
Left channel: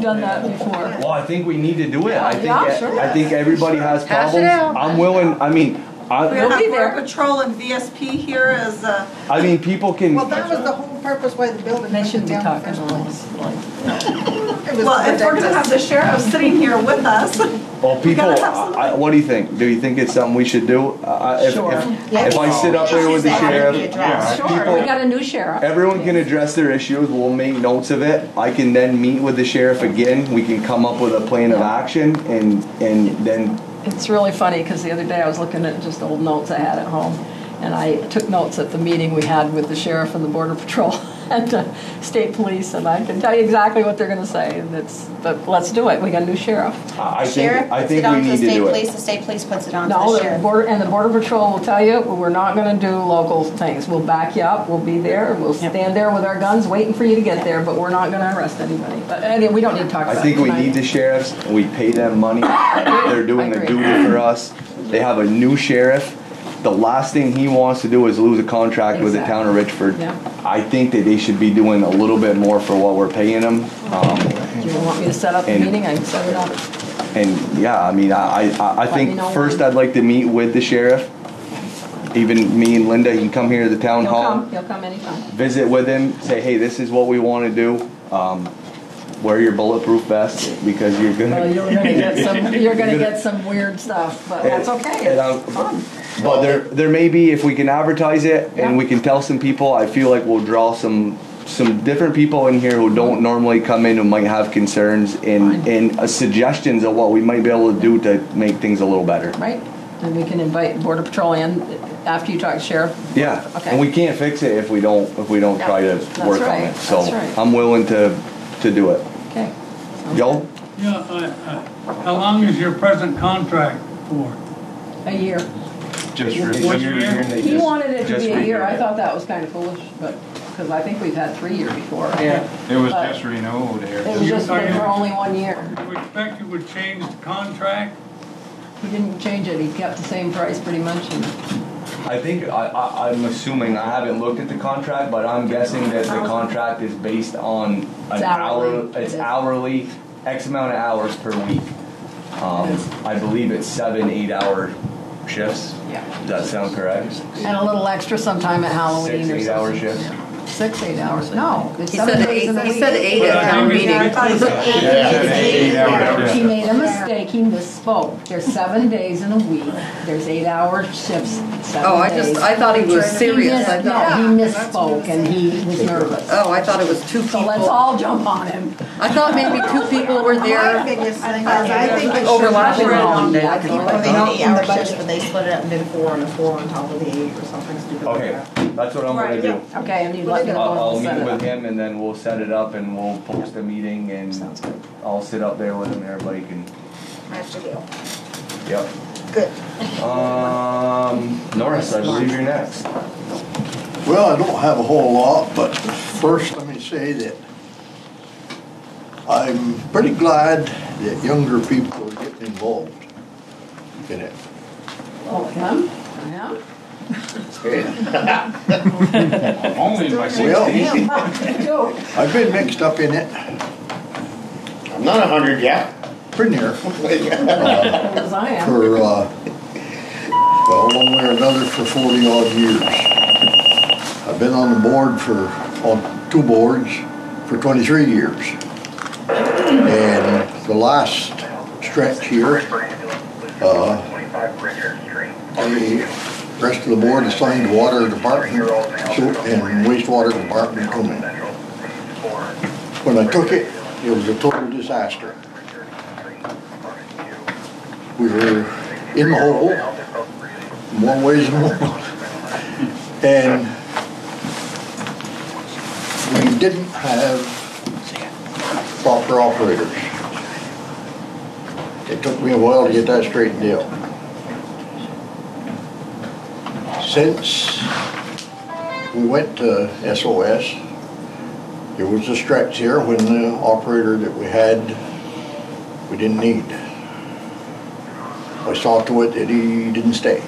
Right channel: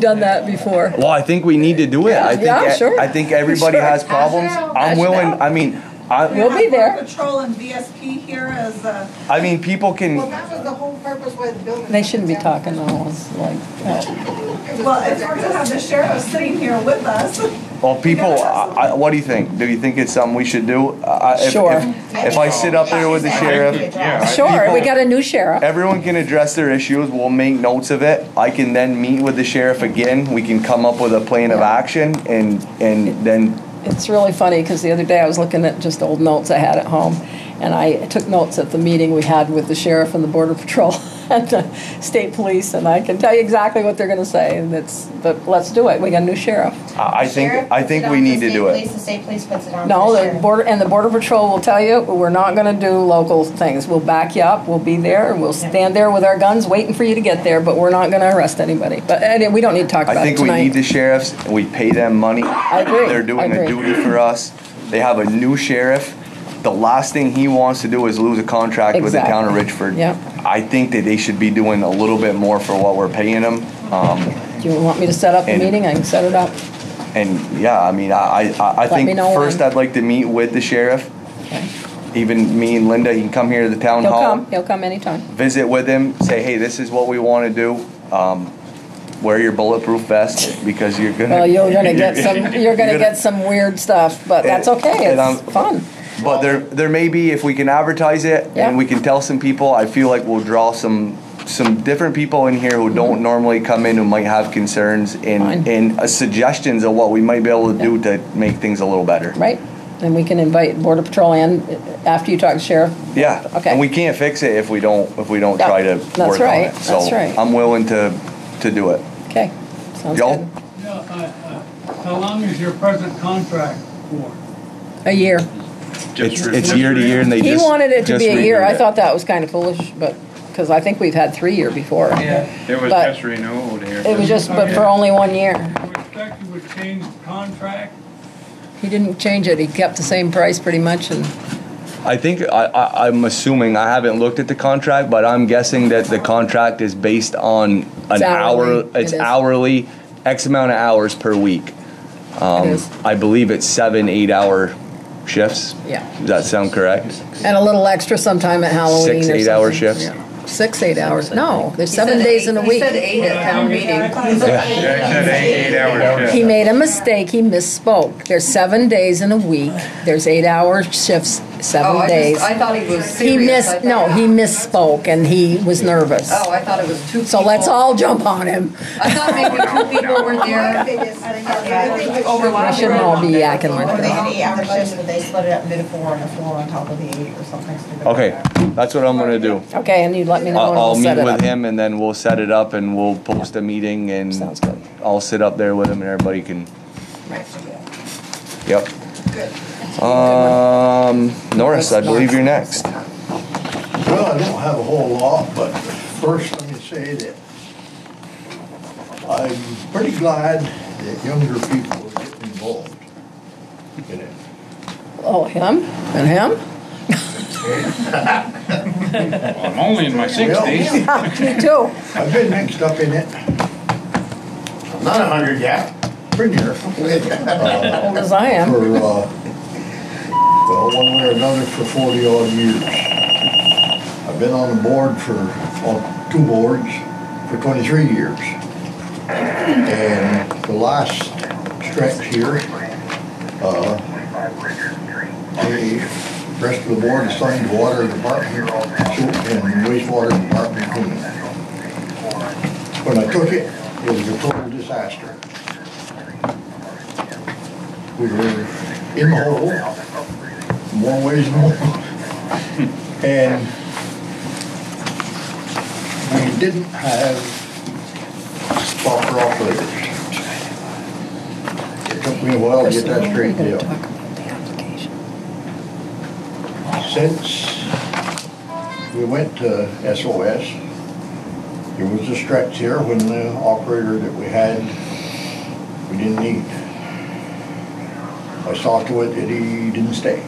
done that before. Well, I think we need to do it. I think Yeah, sure. I think everybody has Hash it problems. out, hash I'm it willing. out. I mean, We'll be there. Border Patrol and VSP here as I mean, people can. well, that was the whole purpose why the building. They shouldn't be talking all this like. Well, if we're gonna have the sheriff sitting here with us. Well, people, what do you think? Do you think it's something we should do? Sure. If I sit up there with the sheriff, Sure, we got a new sheriff. everyone can address their issues. We'll make notes of it. I can then meet with the sheriff again. We can come up with a plan of action, and then. It's really funny because the other day I was looking at just old notes I had at home, and I took notes at the meeting we had with the sheriff and the border patrol and the state police, and I can tell you exactly what they're going to say. And but let's do it. We got a new sheriff. I think we need to do it. The state police puts it on. No, the border patrol will tell you we're not going to do local things. We'll back you up. We'll be there. We'll stand there with our guns waiting for you to get there. But we're not going to arrest anybody. But we don't need to talk about it. I think we need the sheriffs, and we pay them money. I agree. They're doing a duty for us. They have a new sheriff. The last thing he wants to do is lose a contract with the town of Richford. Yeah. I think that they should be doing a little bit more for what we're paying them. Do you want me to set up the meeting? I can set it up. And yeah, I mean, I think first I'd like to meet with the sheriff. Even me and Linda, you can come here to the town hall. He'll come anytime. Visit with him. Say, hey, this is what we want to do. Wear your bulletproof vest because you're gonna. Well, you're gonna get some weird stuff, but that's okay. It's fun. But there may be, if we can advertise it and we can tell some people, I feel like we'll draw some different people in here who don't normally come in, who might have concerns and suggestions of what we might be able to do to make things a little better. Right. And we can invite Border Patrol in after you talk to Sheriff. Yeah. Okay. And we can't fix it if we don't try to work on it. So I'm willing to do it. Okay. Joe? Yeah, how long is your present contract for? A year. It's year to year, and he wanted it to be a year. I thought that was kind of foolish, but because I think we've had 3 years before. Yeah, it was just renewed here. It was just, but for only 1 year. I would expect you would change the contract. He didn't change it. He kept the same price pretty much. And I think I'm assuming, I haven't looked at the contract, but I'm guessing that the contract is based on an hour. It's hourly, X amount of hours per week. I believe it's 7 8-hour shifts. Yeah. Does that sound correct? And a little extra sometime at Halloween. 6 8-hour shifts. Yeah. 6 8 hours. No, there's 7 days in a week. He said 8 at town meeting. He made a mistake. He misspoke. There's 7 days in a week. There's 8-hour shifts, 7 days. I thought he was serious. He misspoke and he was nervous. Oh, I thought it was 2 people. So let's all jump on him. I thought maybe 2 people were there. I think overlapping and all be yakking like Or they that. don't in the budget, but they split it up and did a 4 and a 4 on top of the 8 or something. Okay, that's what I'm gonna do. Okay, and you let me know when I'll we'll meet set it with up. him, and then we'll set it up, and we'll post a meeting, and I'll sit up there with him, and everybody can. Yep. Good. Norris, I believe you're next. Well, I don't have a whole lot, but first let me say that I'm pretty glad that younger people are getting involved in it. Oh, him? And him? I'm only in my 60s. Me too. I've been mixed up in it. I'm not 100 yet. Pretty near. As I am. For, well, one way or another for 40 odd years. I've been on the board for, on 2 boards for 23 years. And the last stretch here, the rest of the board assigned the water department and wastewater department equipment. When I took it, it was a total disaster. We were in the hole, one way and one. And we didn't have proper operators. It took me a while to get that straightened out. Since we went to SOS, there was a stretch here when the operator that we had, we didn't need. I saw to it that he didn't stay.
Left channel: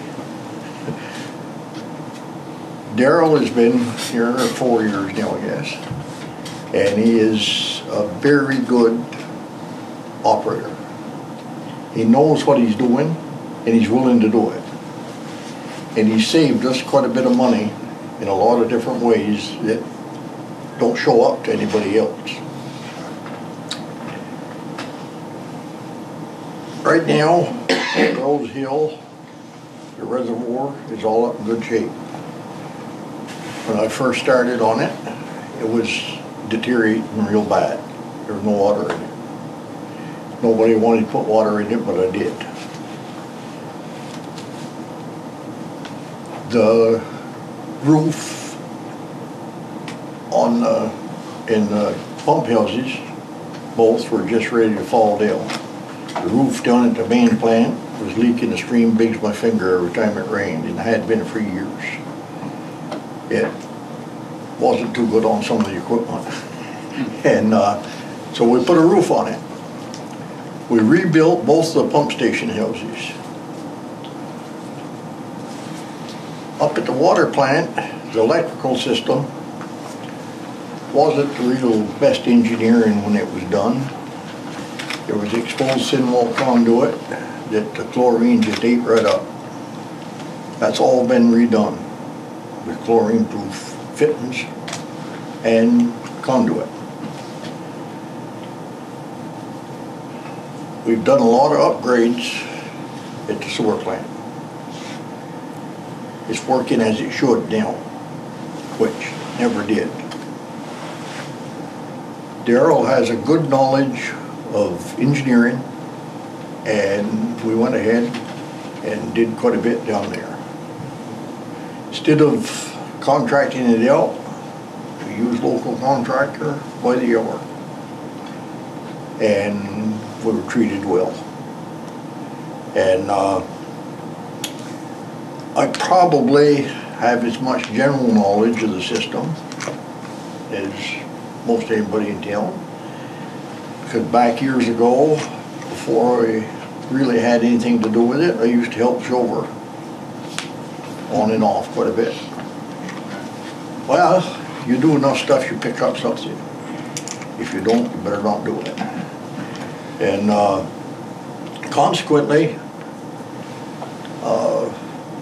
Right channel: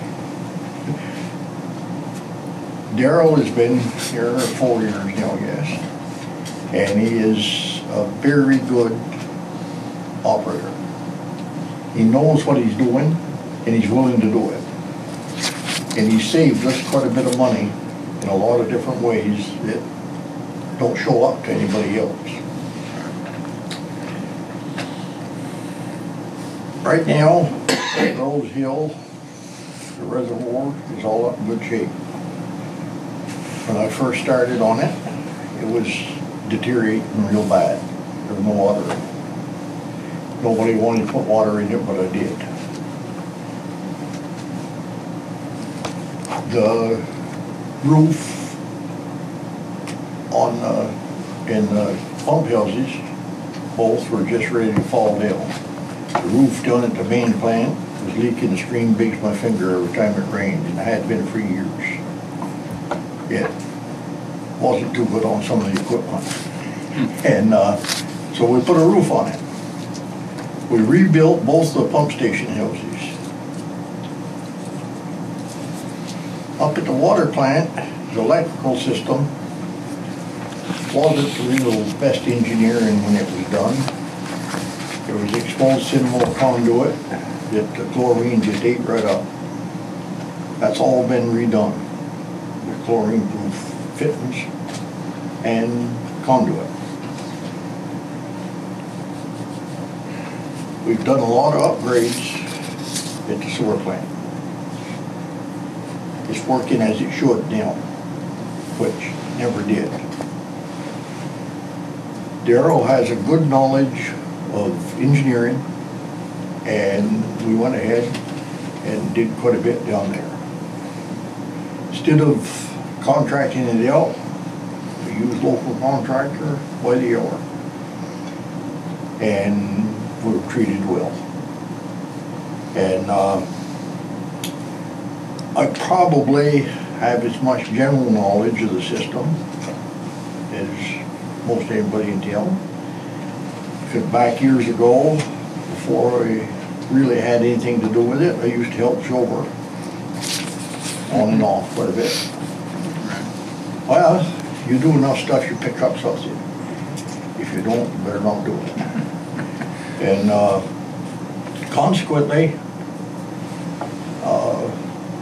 Daryl has been here 4 years now, I guess, and he is a very good operator. He knows what he's doing, and he's willing to do it. And he saved us quite a bit of money in a lot of different ways that don't show up to anybody else. Right now, Rose Hill, the reservoir is all up in good shape. When I first started on it, it was deteriorating real bad. There was no water in it. Nobody wanted to put water in it, but I did. The roof on in the pump houses, both were just ready to fall down. The roof down at the main plant was leaking a stream big as my finger every time it rained, and it had been for years. It wasn't too good on some of the equipment. And so we put a roof on it. We rebuilt both the pump station houses. Up at the water plant, the electrical system wasn't the real best engineering when it was done. There was exposed thin wall conduit that the chlorine just ate right up. That's all been redone with chlorine-proof fittings and conduit. We've done a lot of upgrades at the sewer plant. It's working as it should now, which never did. Darrell has a good knowledge of engineering, and we went ahead and did quite a bit down there. Instead of contracting it out, we used local contractor by the hour, and we were treated well. And I probably have as much general knowledge of the system as most anybody in town. Because back years ago, before I really had anything to do with it, I used to help Shover on and off quite a bit. Well, you do enough stuff, you pick up something. If you don't, you better not do it. And consequently,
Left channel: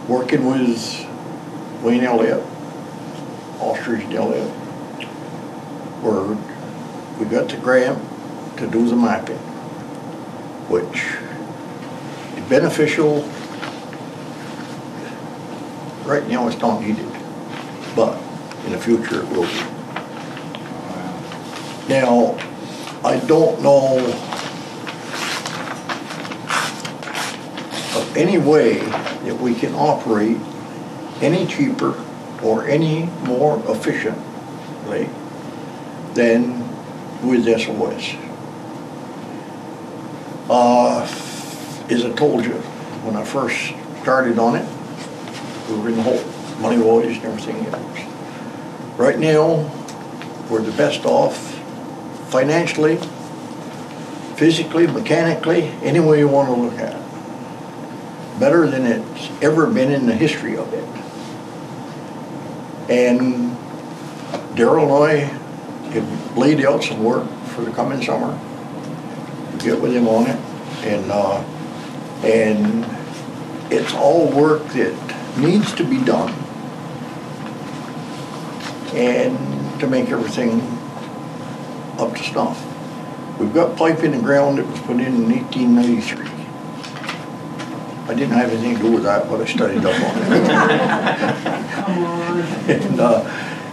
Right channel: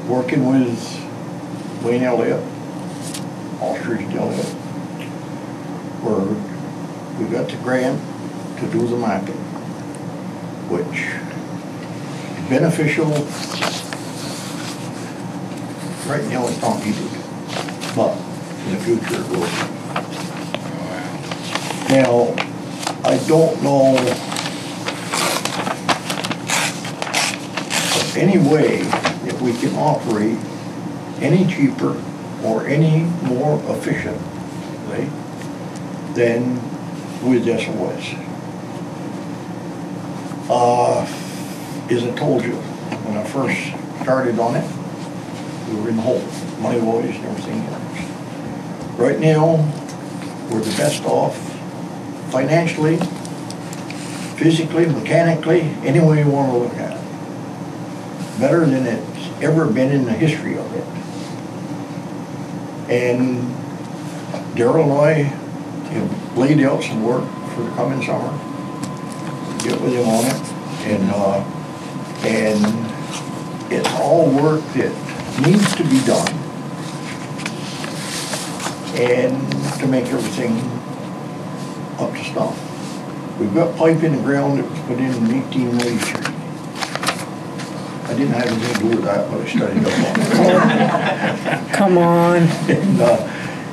working with Wayne Elliott, Ostrich Elliott, where we got the grant to do the mapping, which is beneficial. Right now it's not needed, but in the future it will be. Now, I don't know of any way that we can operate any cheaper or any more efficiently than with SOS. As I told you, when I first started on it, we were in the hole. Money wages and everything else. Right now, we're the best off financially, physically, mechanically, any way you want to look at it. Better than it's ever been in the history of it. And Darrell and I have laid out some work for the coming summer. Get with him on it. And it's all work that needs to be done. And to make everything up to snuff. We've got pipe in the ground that was put in 1893. I didn't have anything to do with that, but I studied up on it. Come on.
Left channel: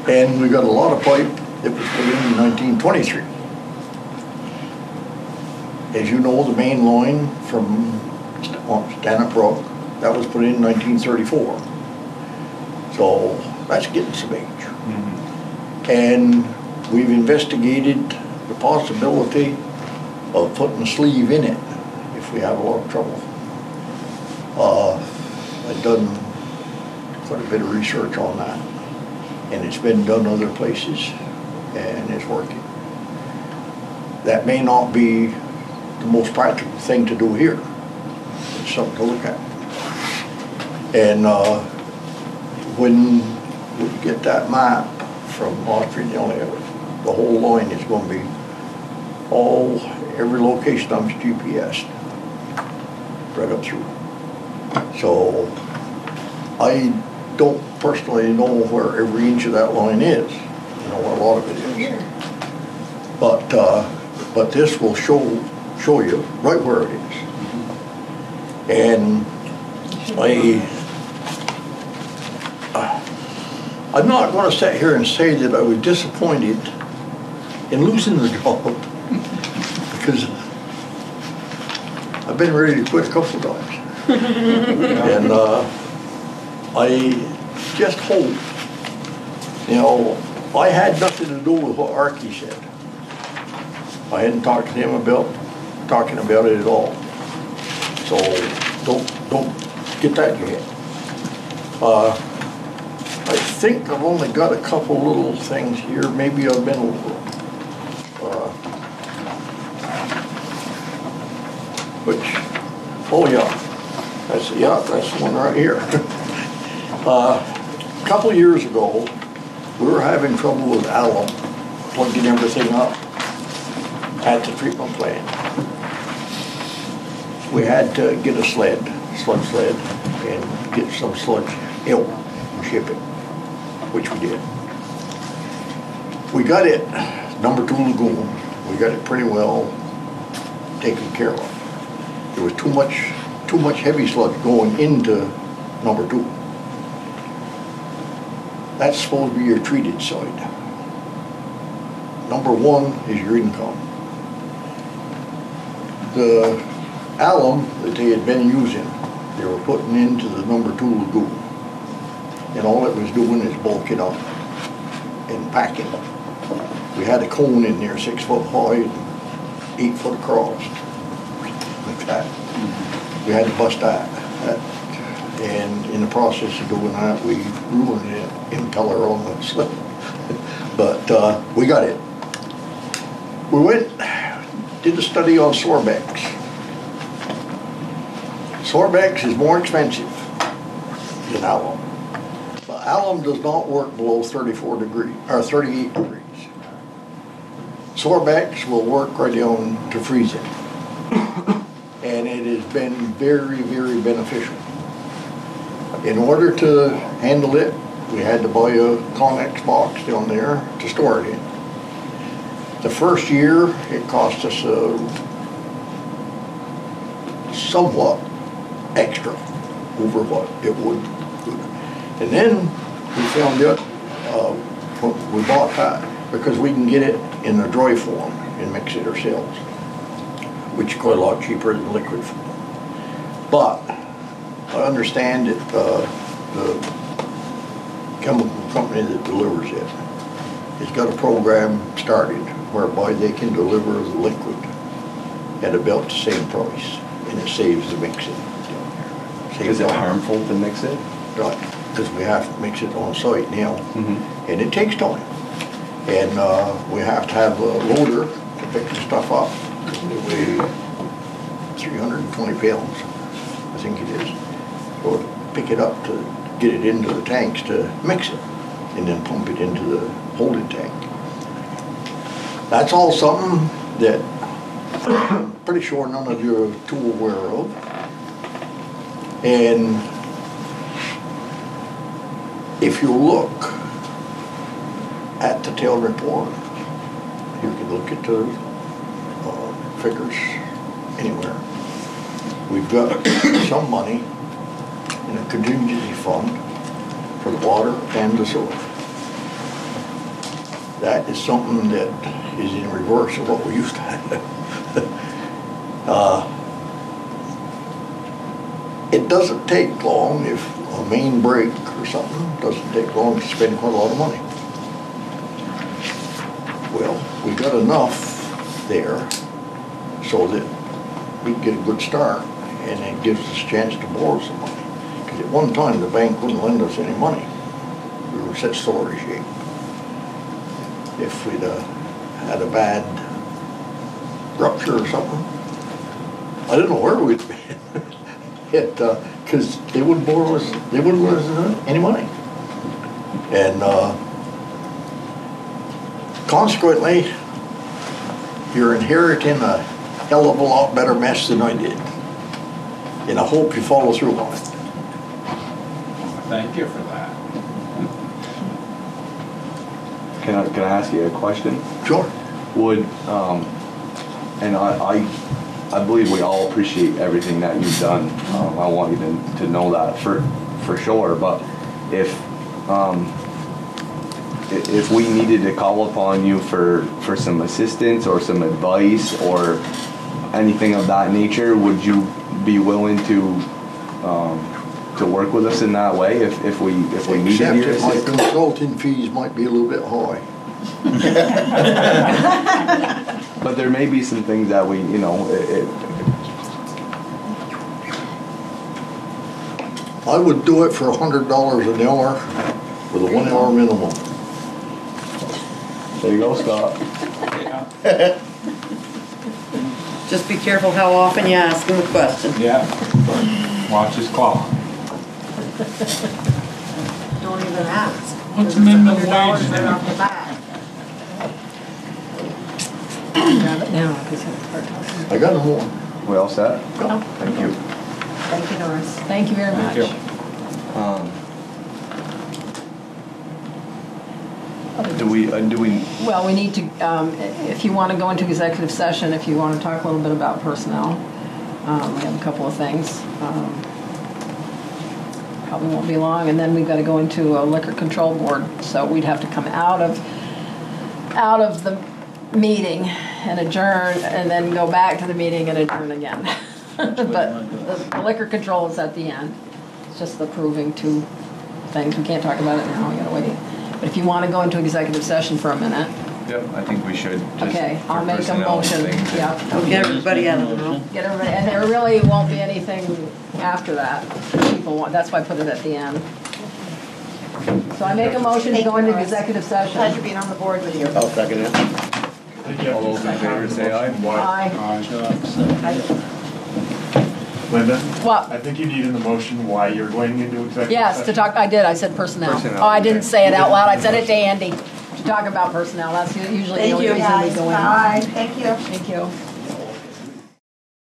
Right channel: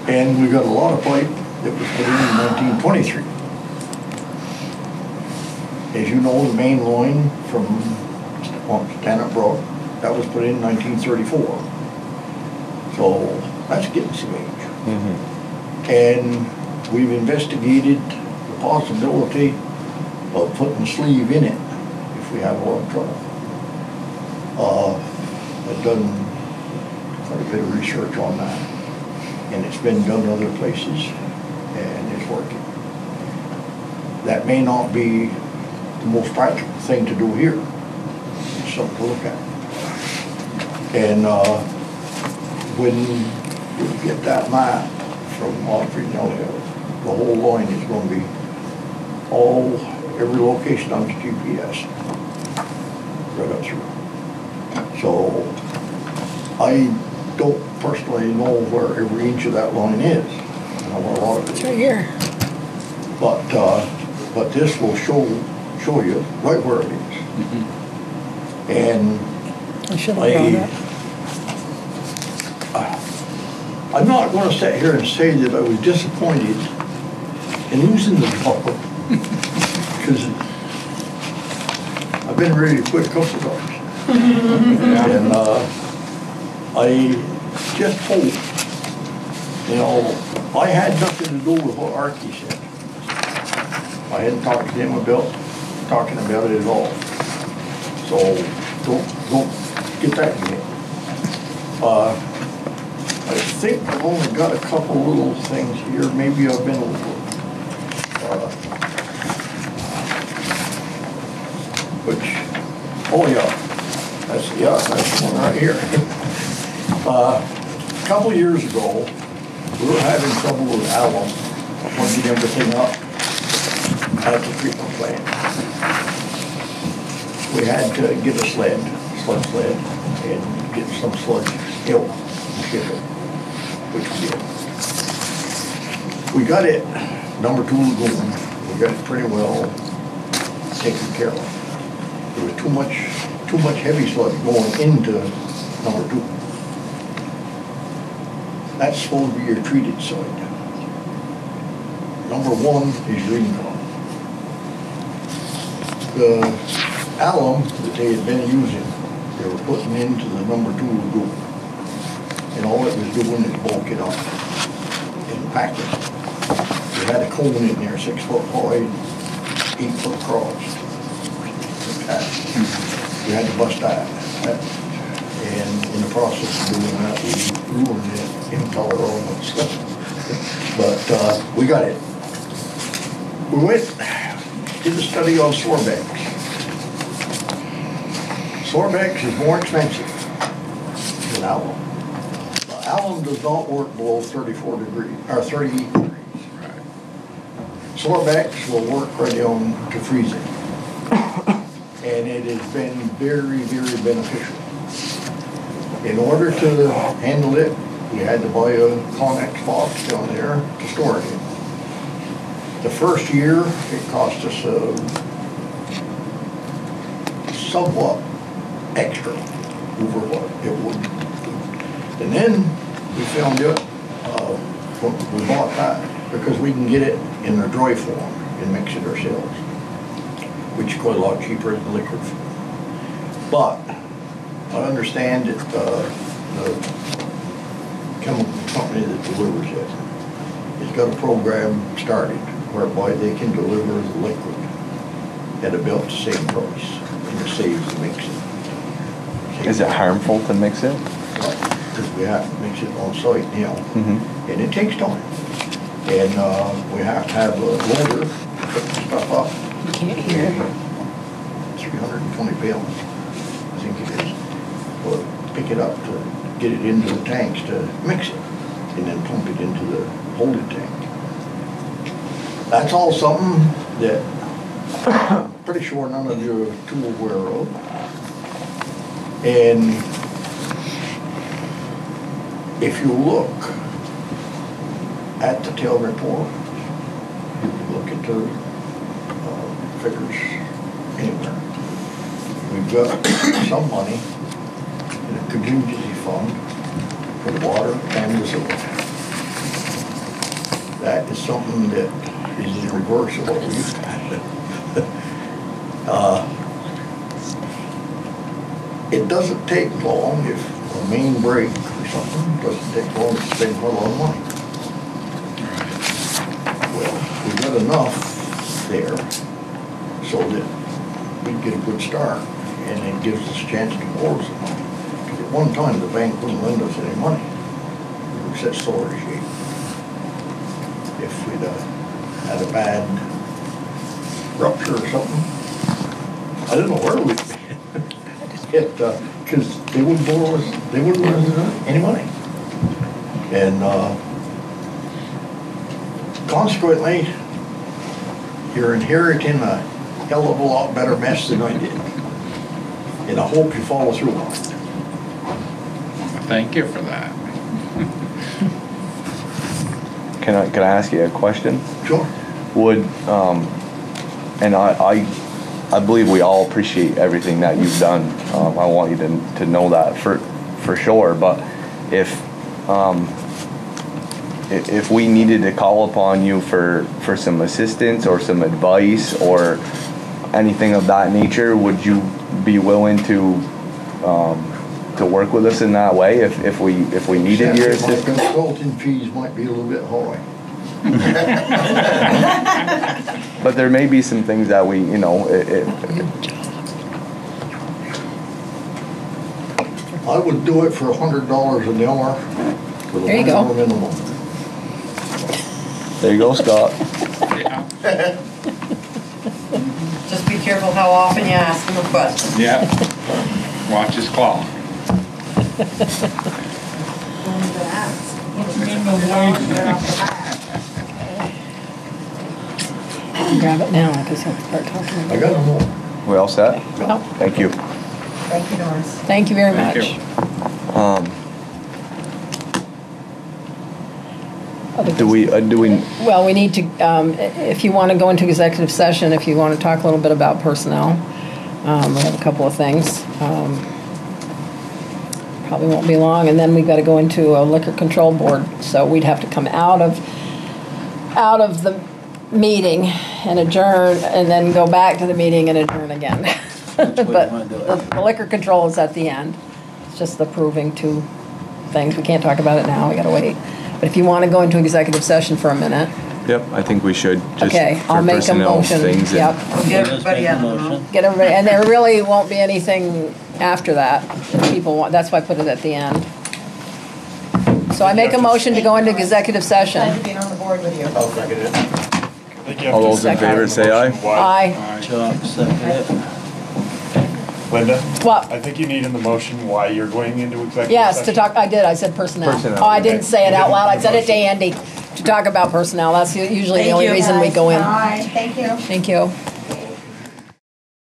And we got a lot of pipe that was put in 1923. As you know, the main line from Stanhope Brook, that was put in 1934. So that's getting some age. Mm-hmm. And we've investigated the possibility of putting a sleeve in it if we have a lot of trouble. I've done quite a bit of research on that, and it's been done other places, and it's working. That may not be the most practical thing to do here. It's something to look at. And when you get that map from Montreal, the whole line is going to be every location on its GPS right up through. So I don't personally know where every inch of that line is. I know where a lot of it is. Right here. But this will show you right where it is. And I'm not going to sit here and say that I was disappointed in losing the job, because I've been ready to quit a couple of times. And I just hope, I had nothing to do with what Archie said. I hadn't talked to him about talking about it at all. So don't get that yet. I think I've only got a couple little things here. Maybe I've been a little. That's one right here. A couple of years ago, we were having trouble with alum, plugging everything up at the treatment plant. We had to get a sled, and get some sludge help ship it, which we did. We got it, number 2 lagoon, we got it pretty well taken care of. There was too much heavy sludge going into number 2. That's supposed to be your treated side. Number 1 is your income. The alum that they had been using, they were putting into the number 2 lagoon. And all it was doing is bulk it up and pack it. We had a cone in there 6 foot wide, 8 foot across. We had to bust that. And in the process of doing that, we ruined the impeller on the slip. But we got it. We did a study on Sorbex. Sorbex is more expensive than alum. But alum does not work below 34 degrees, or 38 degrees. Sorbex will work right down to freezing. And it has been very, very beneficial. In order to handle it, we had to buy a Connex box down there to store it in. The first year, it cost us somewhat extra over what it would do. And then we found out when we bought that, because we can get it in a dry form and mix it ourselves, which is quite a lot cheaper than liquid form. But I understand that the chemical company that delivers it has got a program started whereby they can deliver the liquid at about the same price, and it saves the mixing. Is it harmful to mix it? Right, because we have to mix it on site now, and it takes time. And we have to have a loader to pick the stuff up. 320 pounds, I think it is. So pick it up to get it into the tanks to mix it, and then pump it into the holding tank. That's all something that I'm pretty sure none of you are too aware of. And if you look at the tail report, you can look at the figures anywhere. We've got some money in a contingency fund for the water and the sewer. That is something that is in reverse of what we used to have. It doesn't take long if a main break or something, it doesn't take long to spend quite a lot of money. Well, we got enough there so that we get a good start, and it gives us a chance to borrow some money. Because at one time, the bank wouldn't lend us any money. We were in such sorry shape. If we'd had a bad rupture or something, I didn't know where we'd hit, because they wouldn't borrow us, they wouldn't lend us any money. And consequently, you're inheriting a hell of a lot better mess than I did. And I hope you follow through on it. Thank you for that. Can I ask you a question? Sure. Would, and I believe we all appreciate everything that you've done. I want you to know that for sure. But if we needed to call upon you for some assistance or some advice or anything of that nature, would you be willing to work with us in that way if we needed your assistance? My consulting fees might be a little bit high. But there may be some things that we, I would do it for $100 an hour with a 1 hour minimum. There you go, Scott. Just be careful how often you ask him a question. Yeah. Watch his claw. Don't even ask. What's the minimum wage? Grab it now because he'll start talking. I got them all. We all set? Thank you. Thank you, Norris. Thank you very much. Thank you. Do we? Well, we need to, if you want to go into executive session, if you want to talk a little bit about personnel, we have a couple of things. Probably won't be long, and then we've got to go into a liquor control board. So we'd have to come out of the meeting and adjourn, and then go back to the meeting and adjourn again. But the liquor control is at the end. It's just approving two things. We can't talk about it now. We got to wait. But if you want to go into executive session for a minute. Yep, I think we should. Just okay, I'll make a motion. Yep. Get everybody out of the room. Get everybody, and there really won't be anything after that. If people want. That's why I put it at the end. So I make a motion to go into executive session. Glad to be on the board with you. I'll second it. All those in favor say aye. Aye. Linda? What? I think you need in the motion why you're going into executive Yes, session. to talk. I did. I said personnel. Oh, I didn't say it out loud. I said it to Andy. To talk about personnel. That's usually the only reason we go in. Bye. Thank you. Thank you.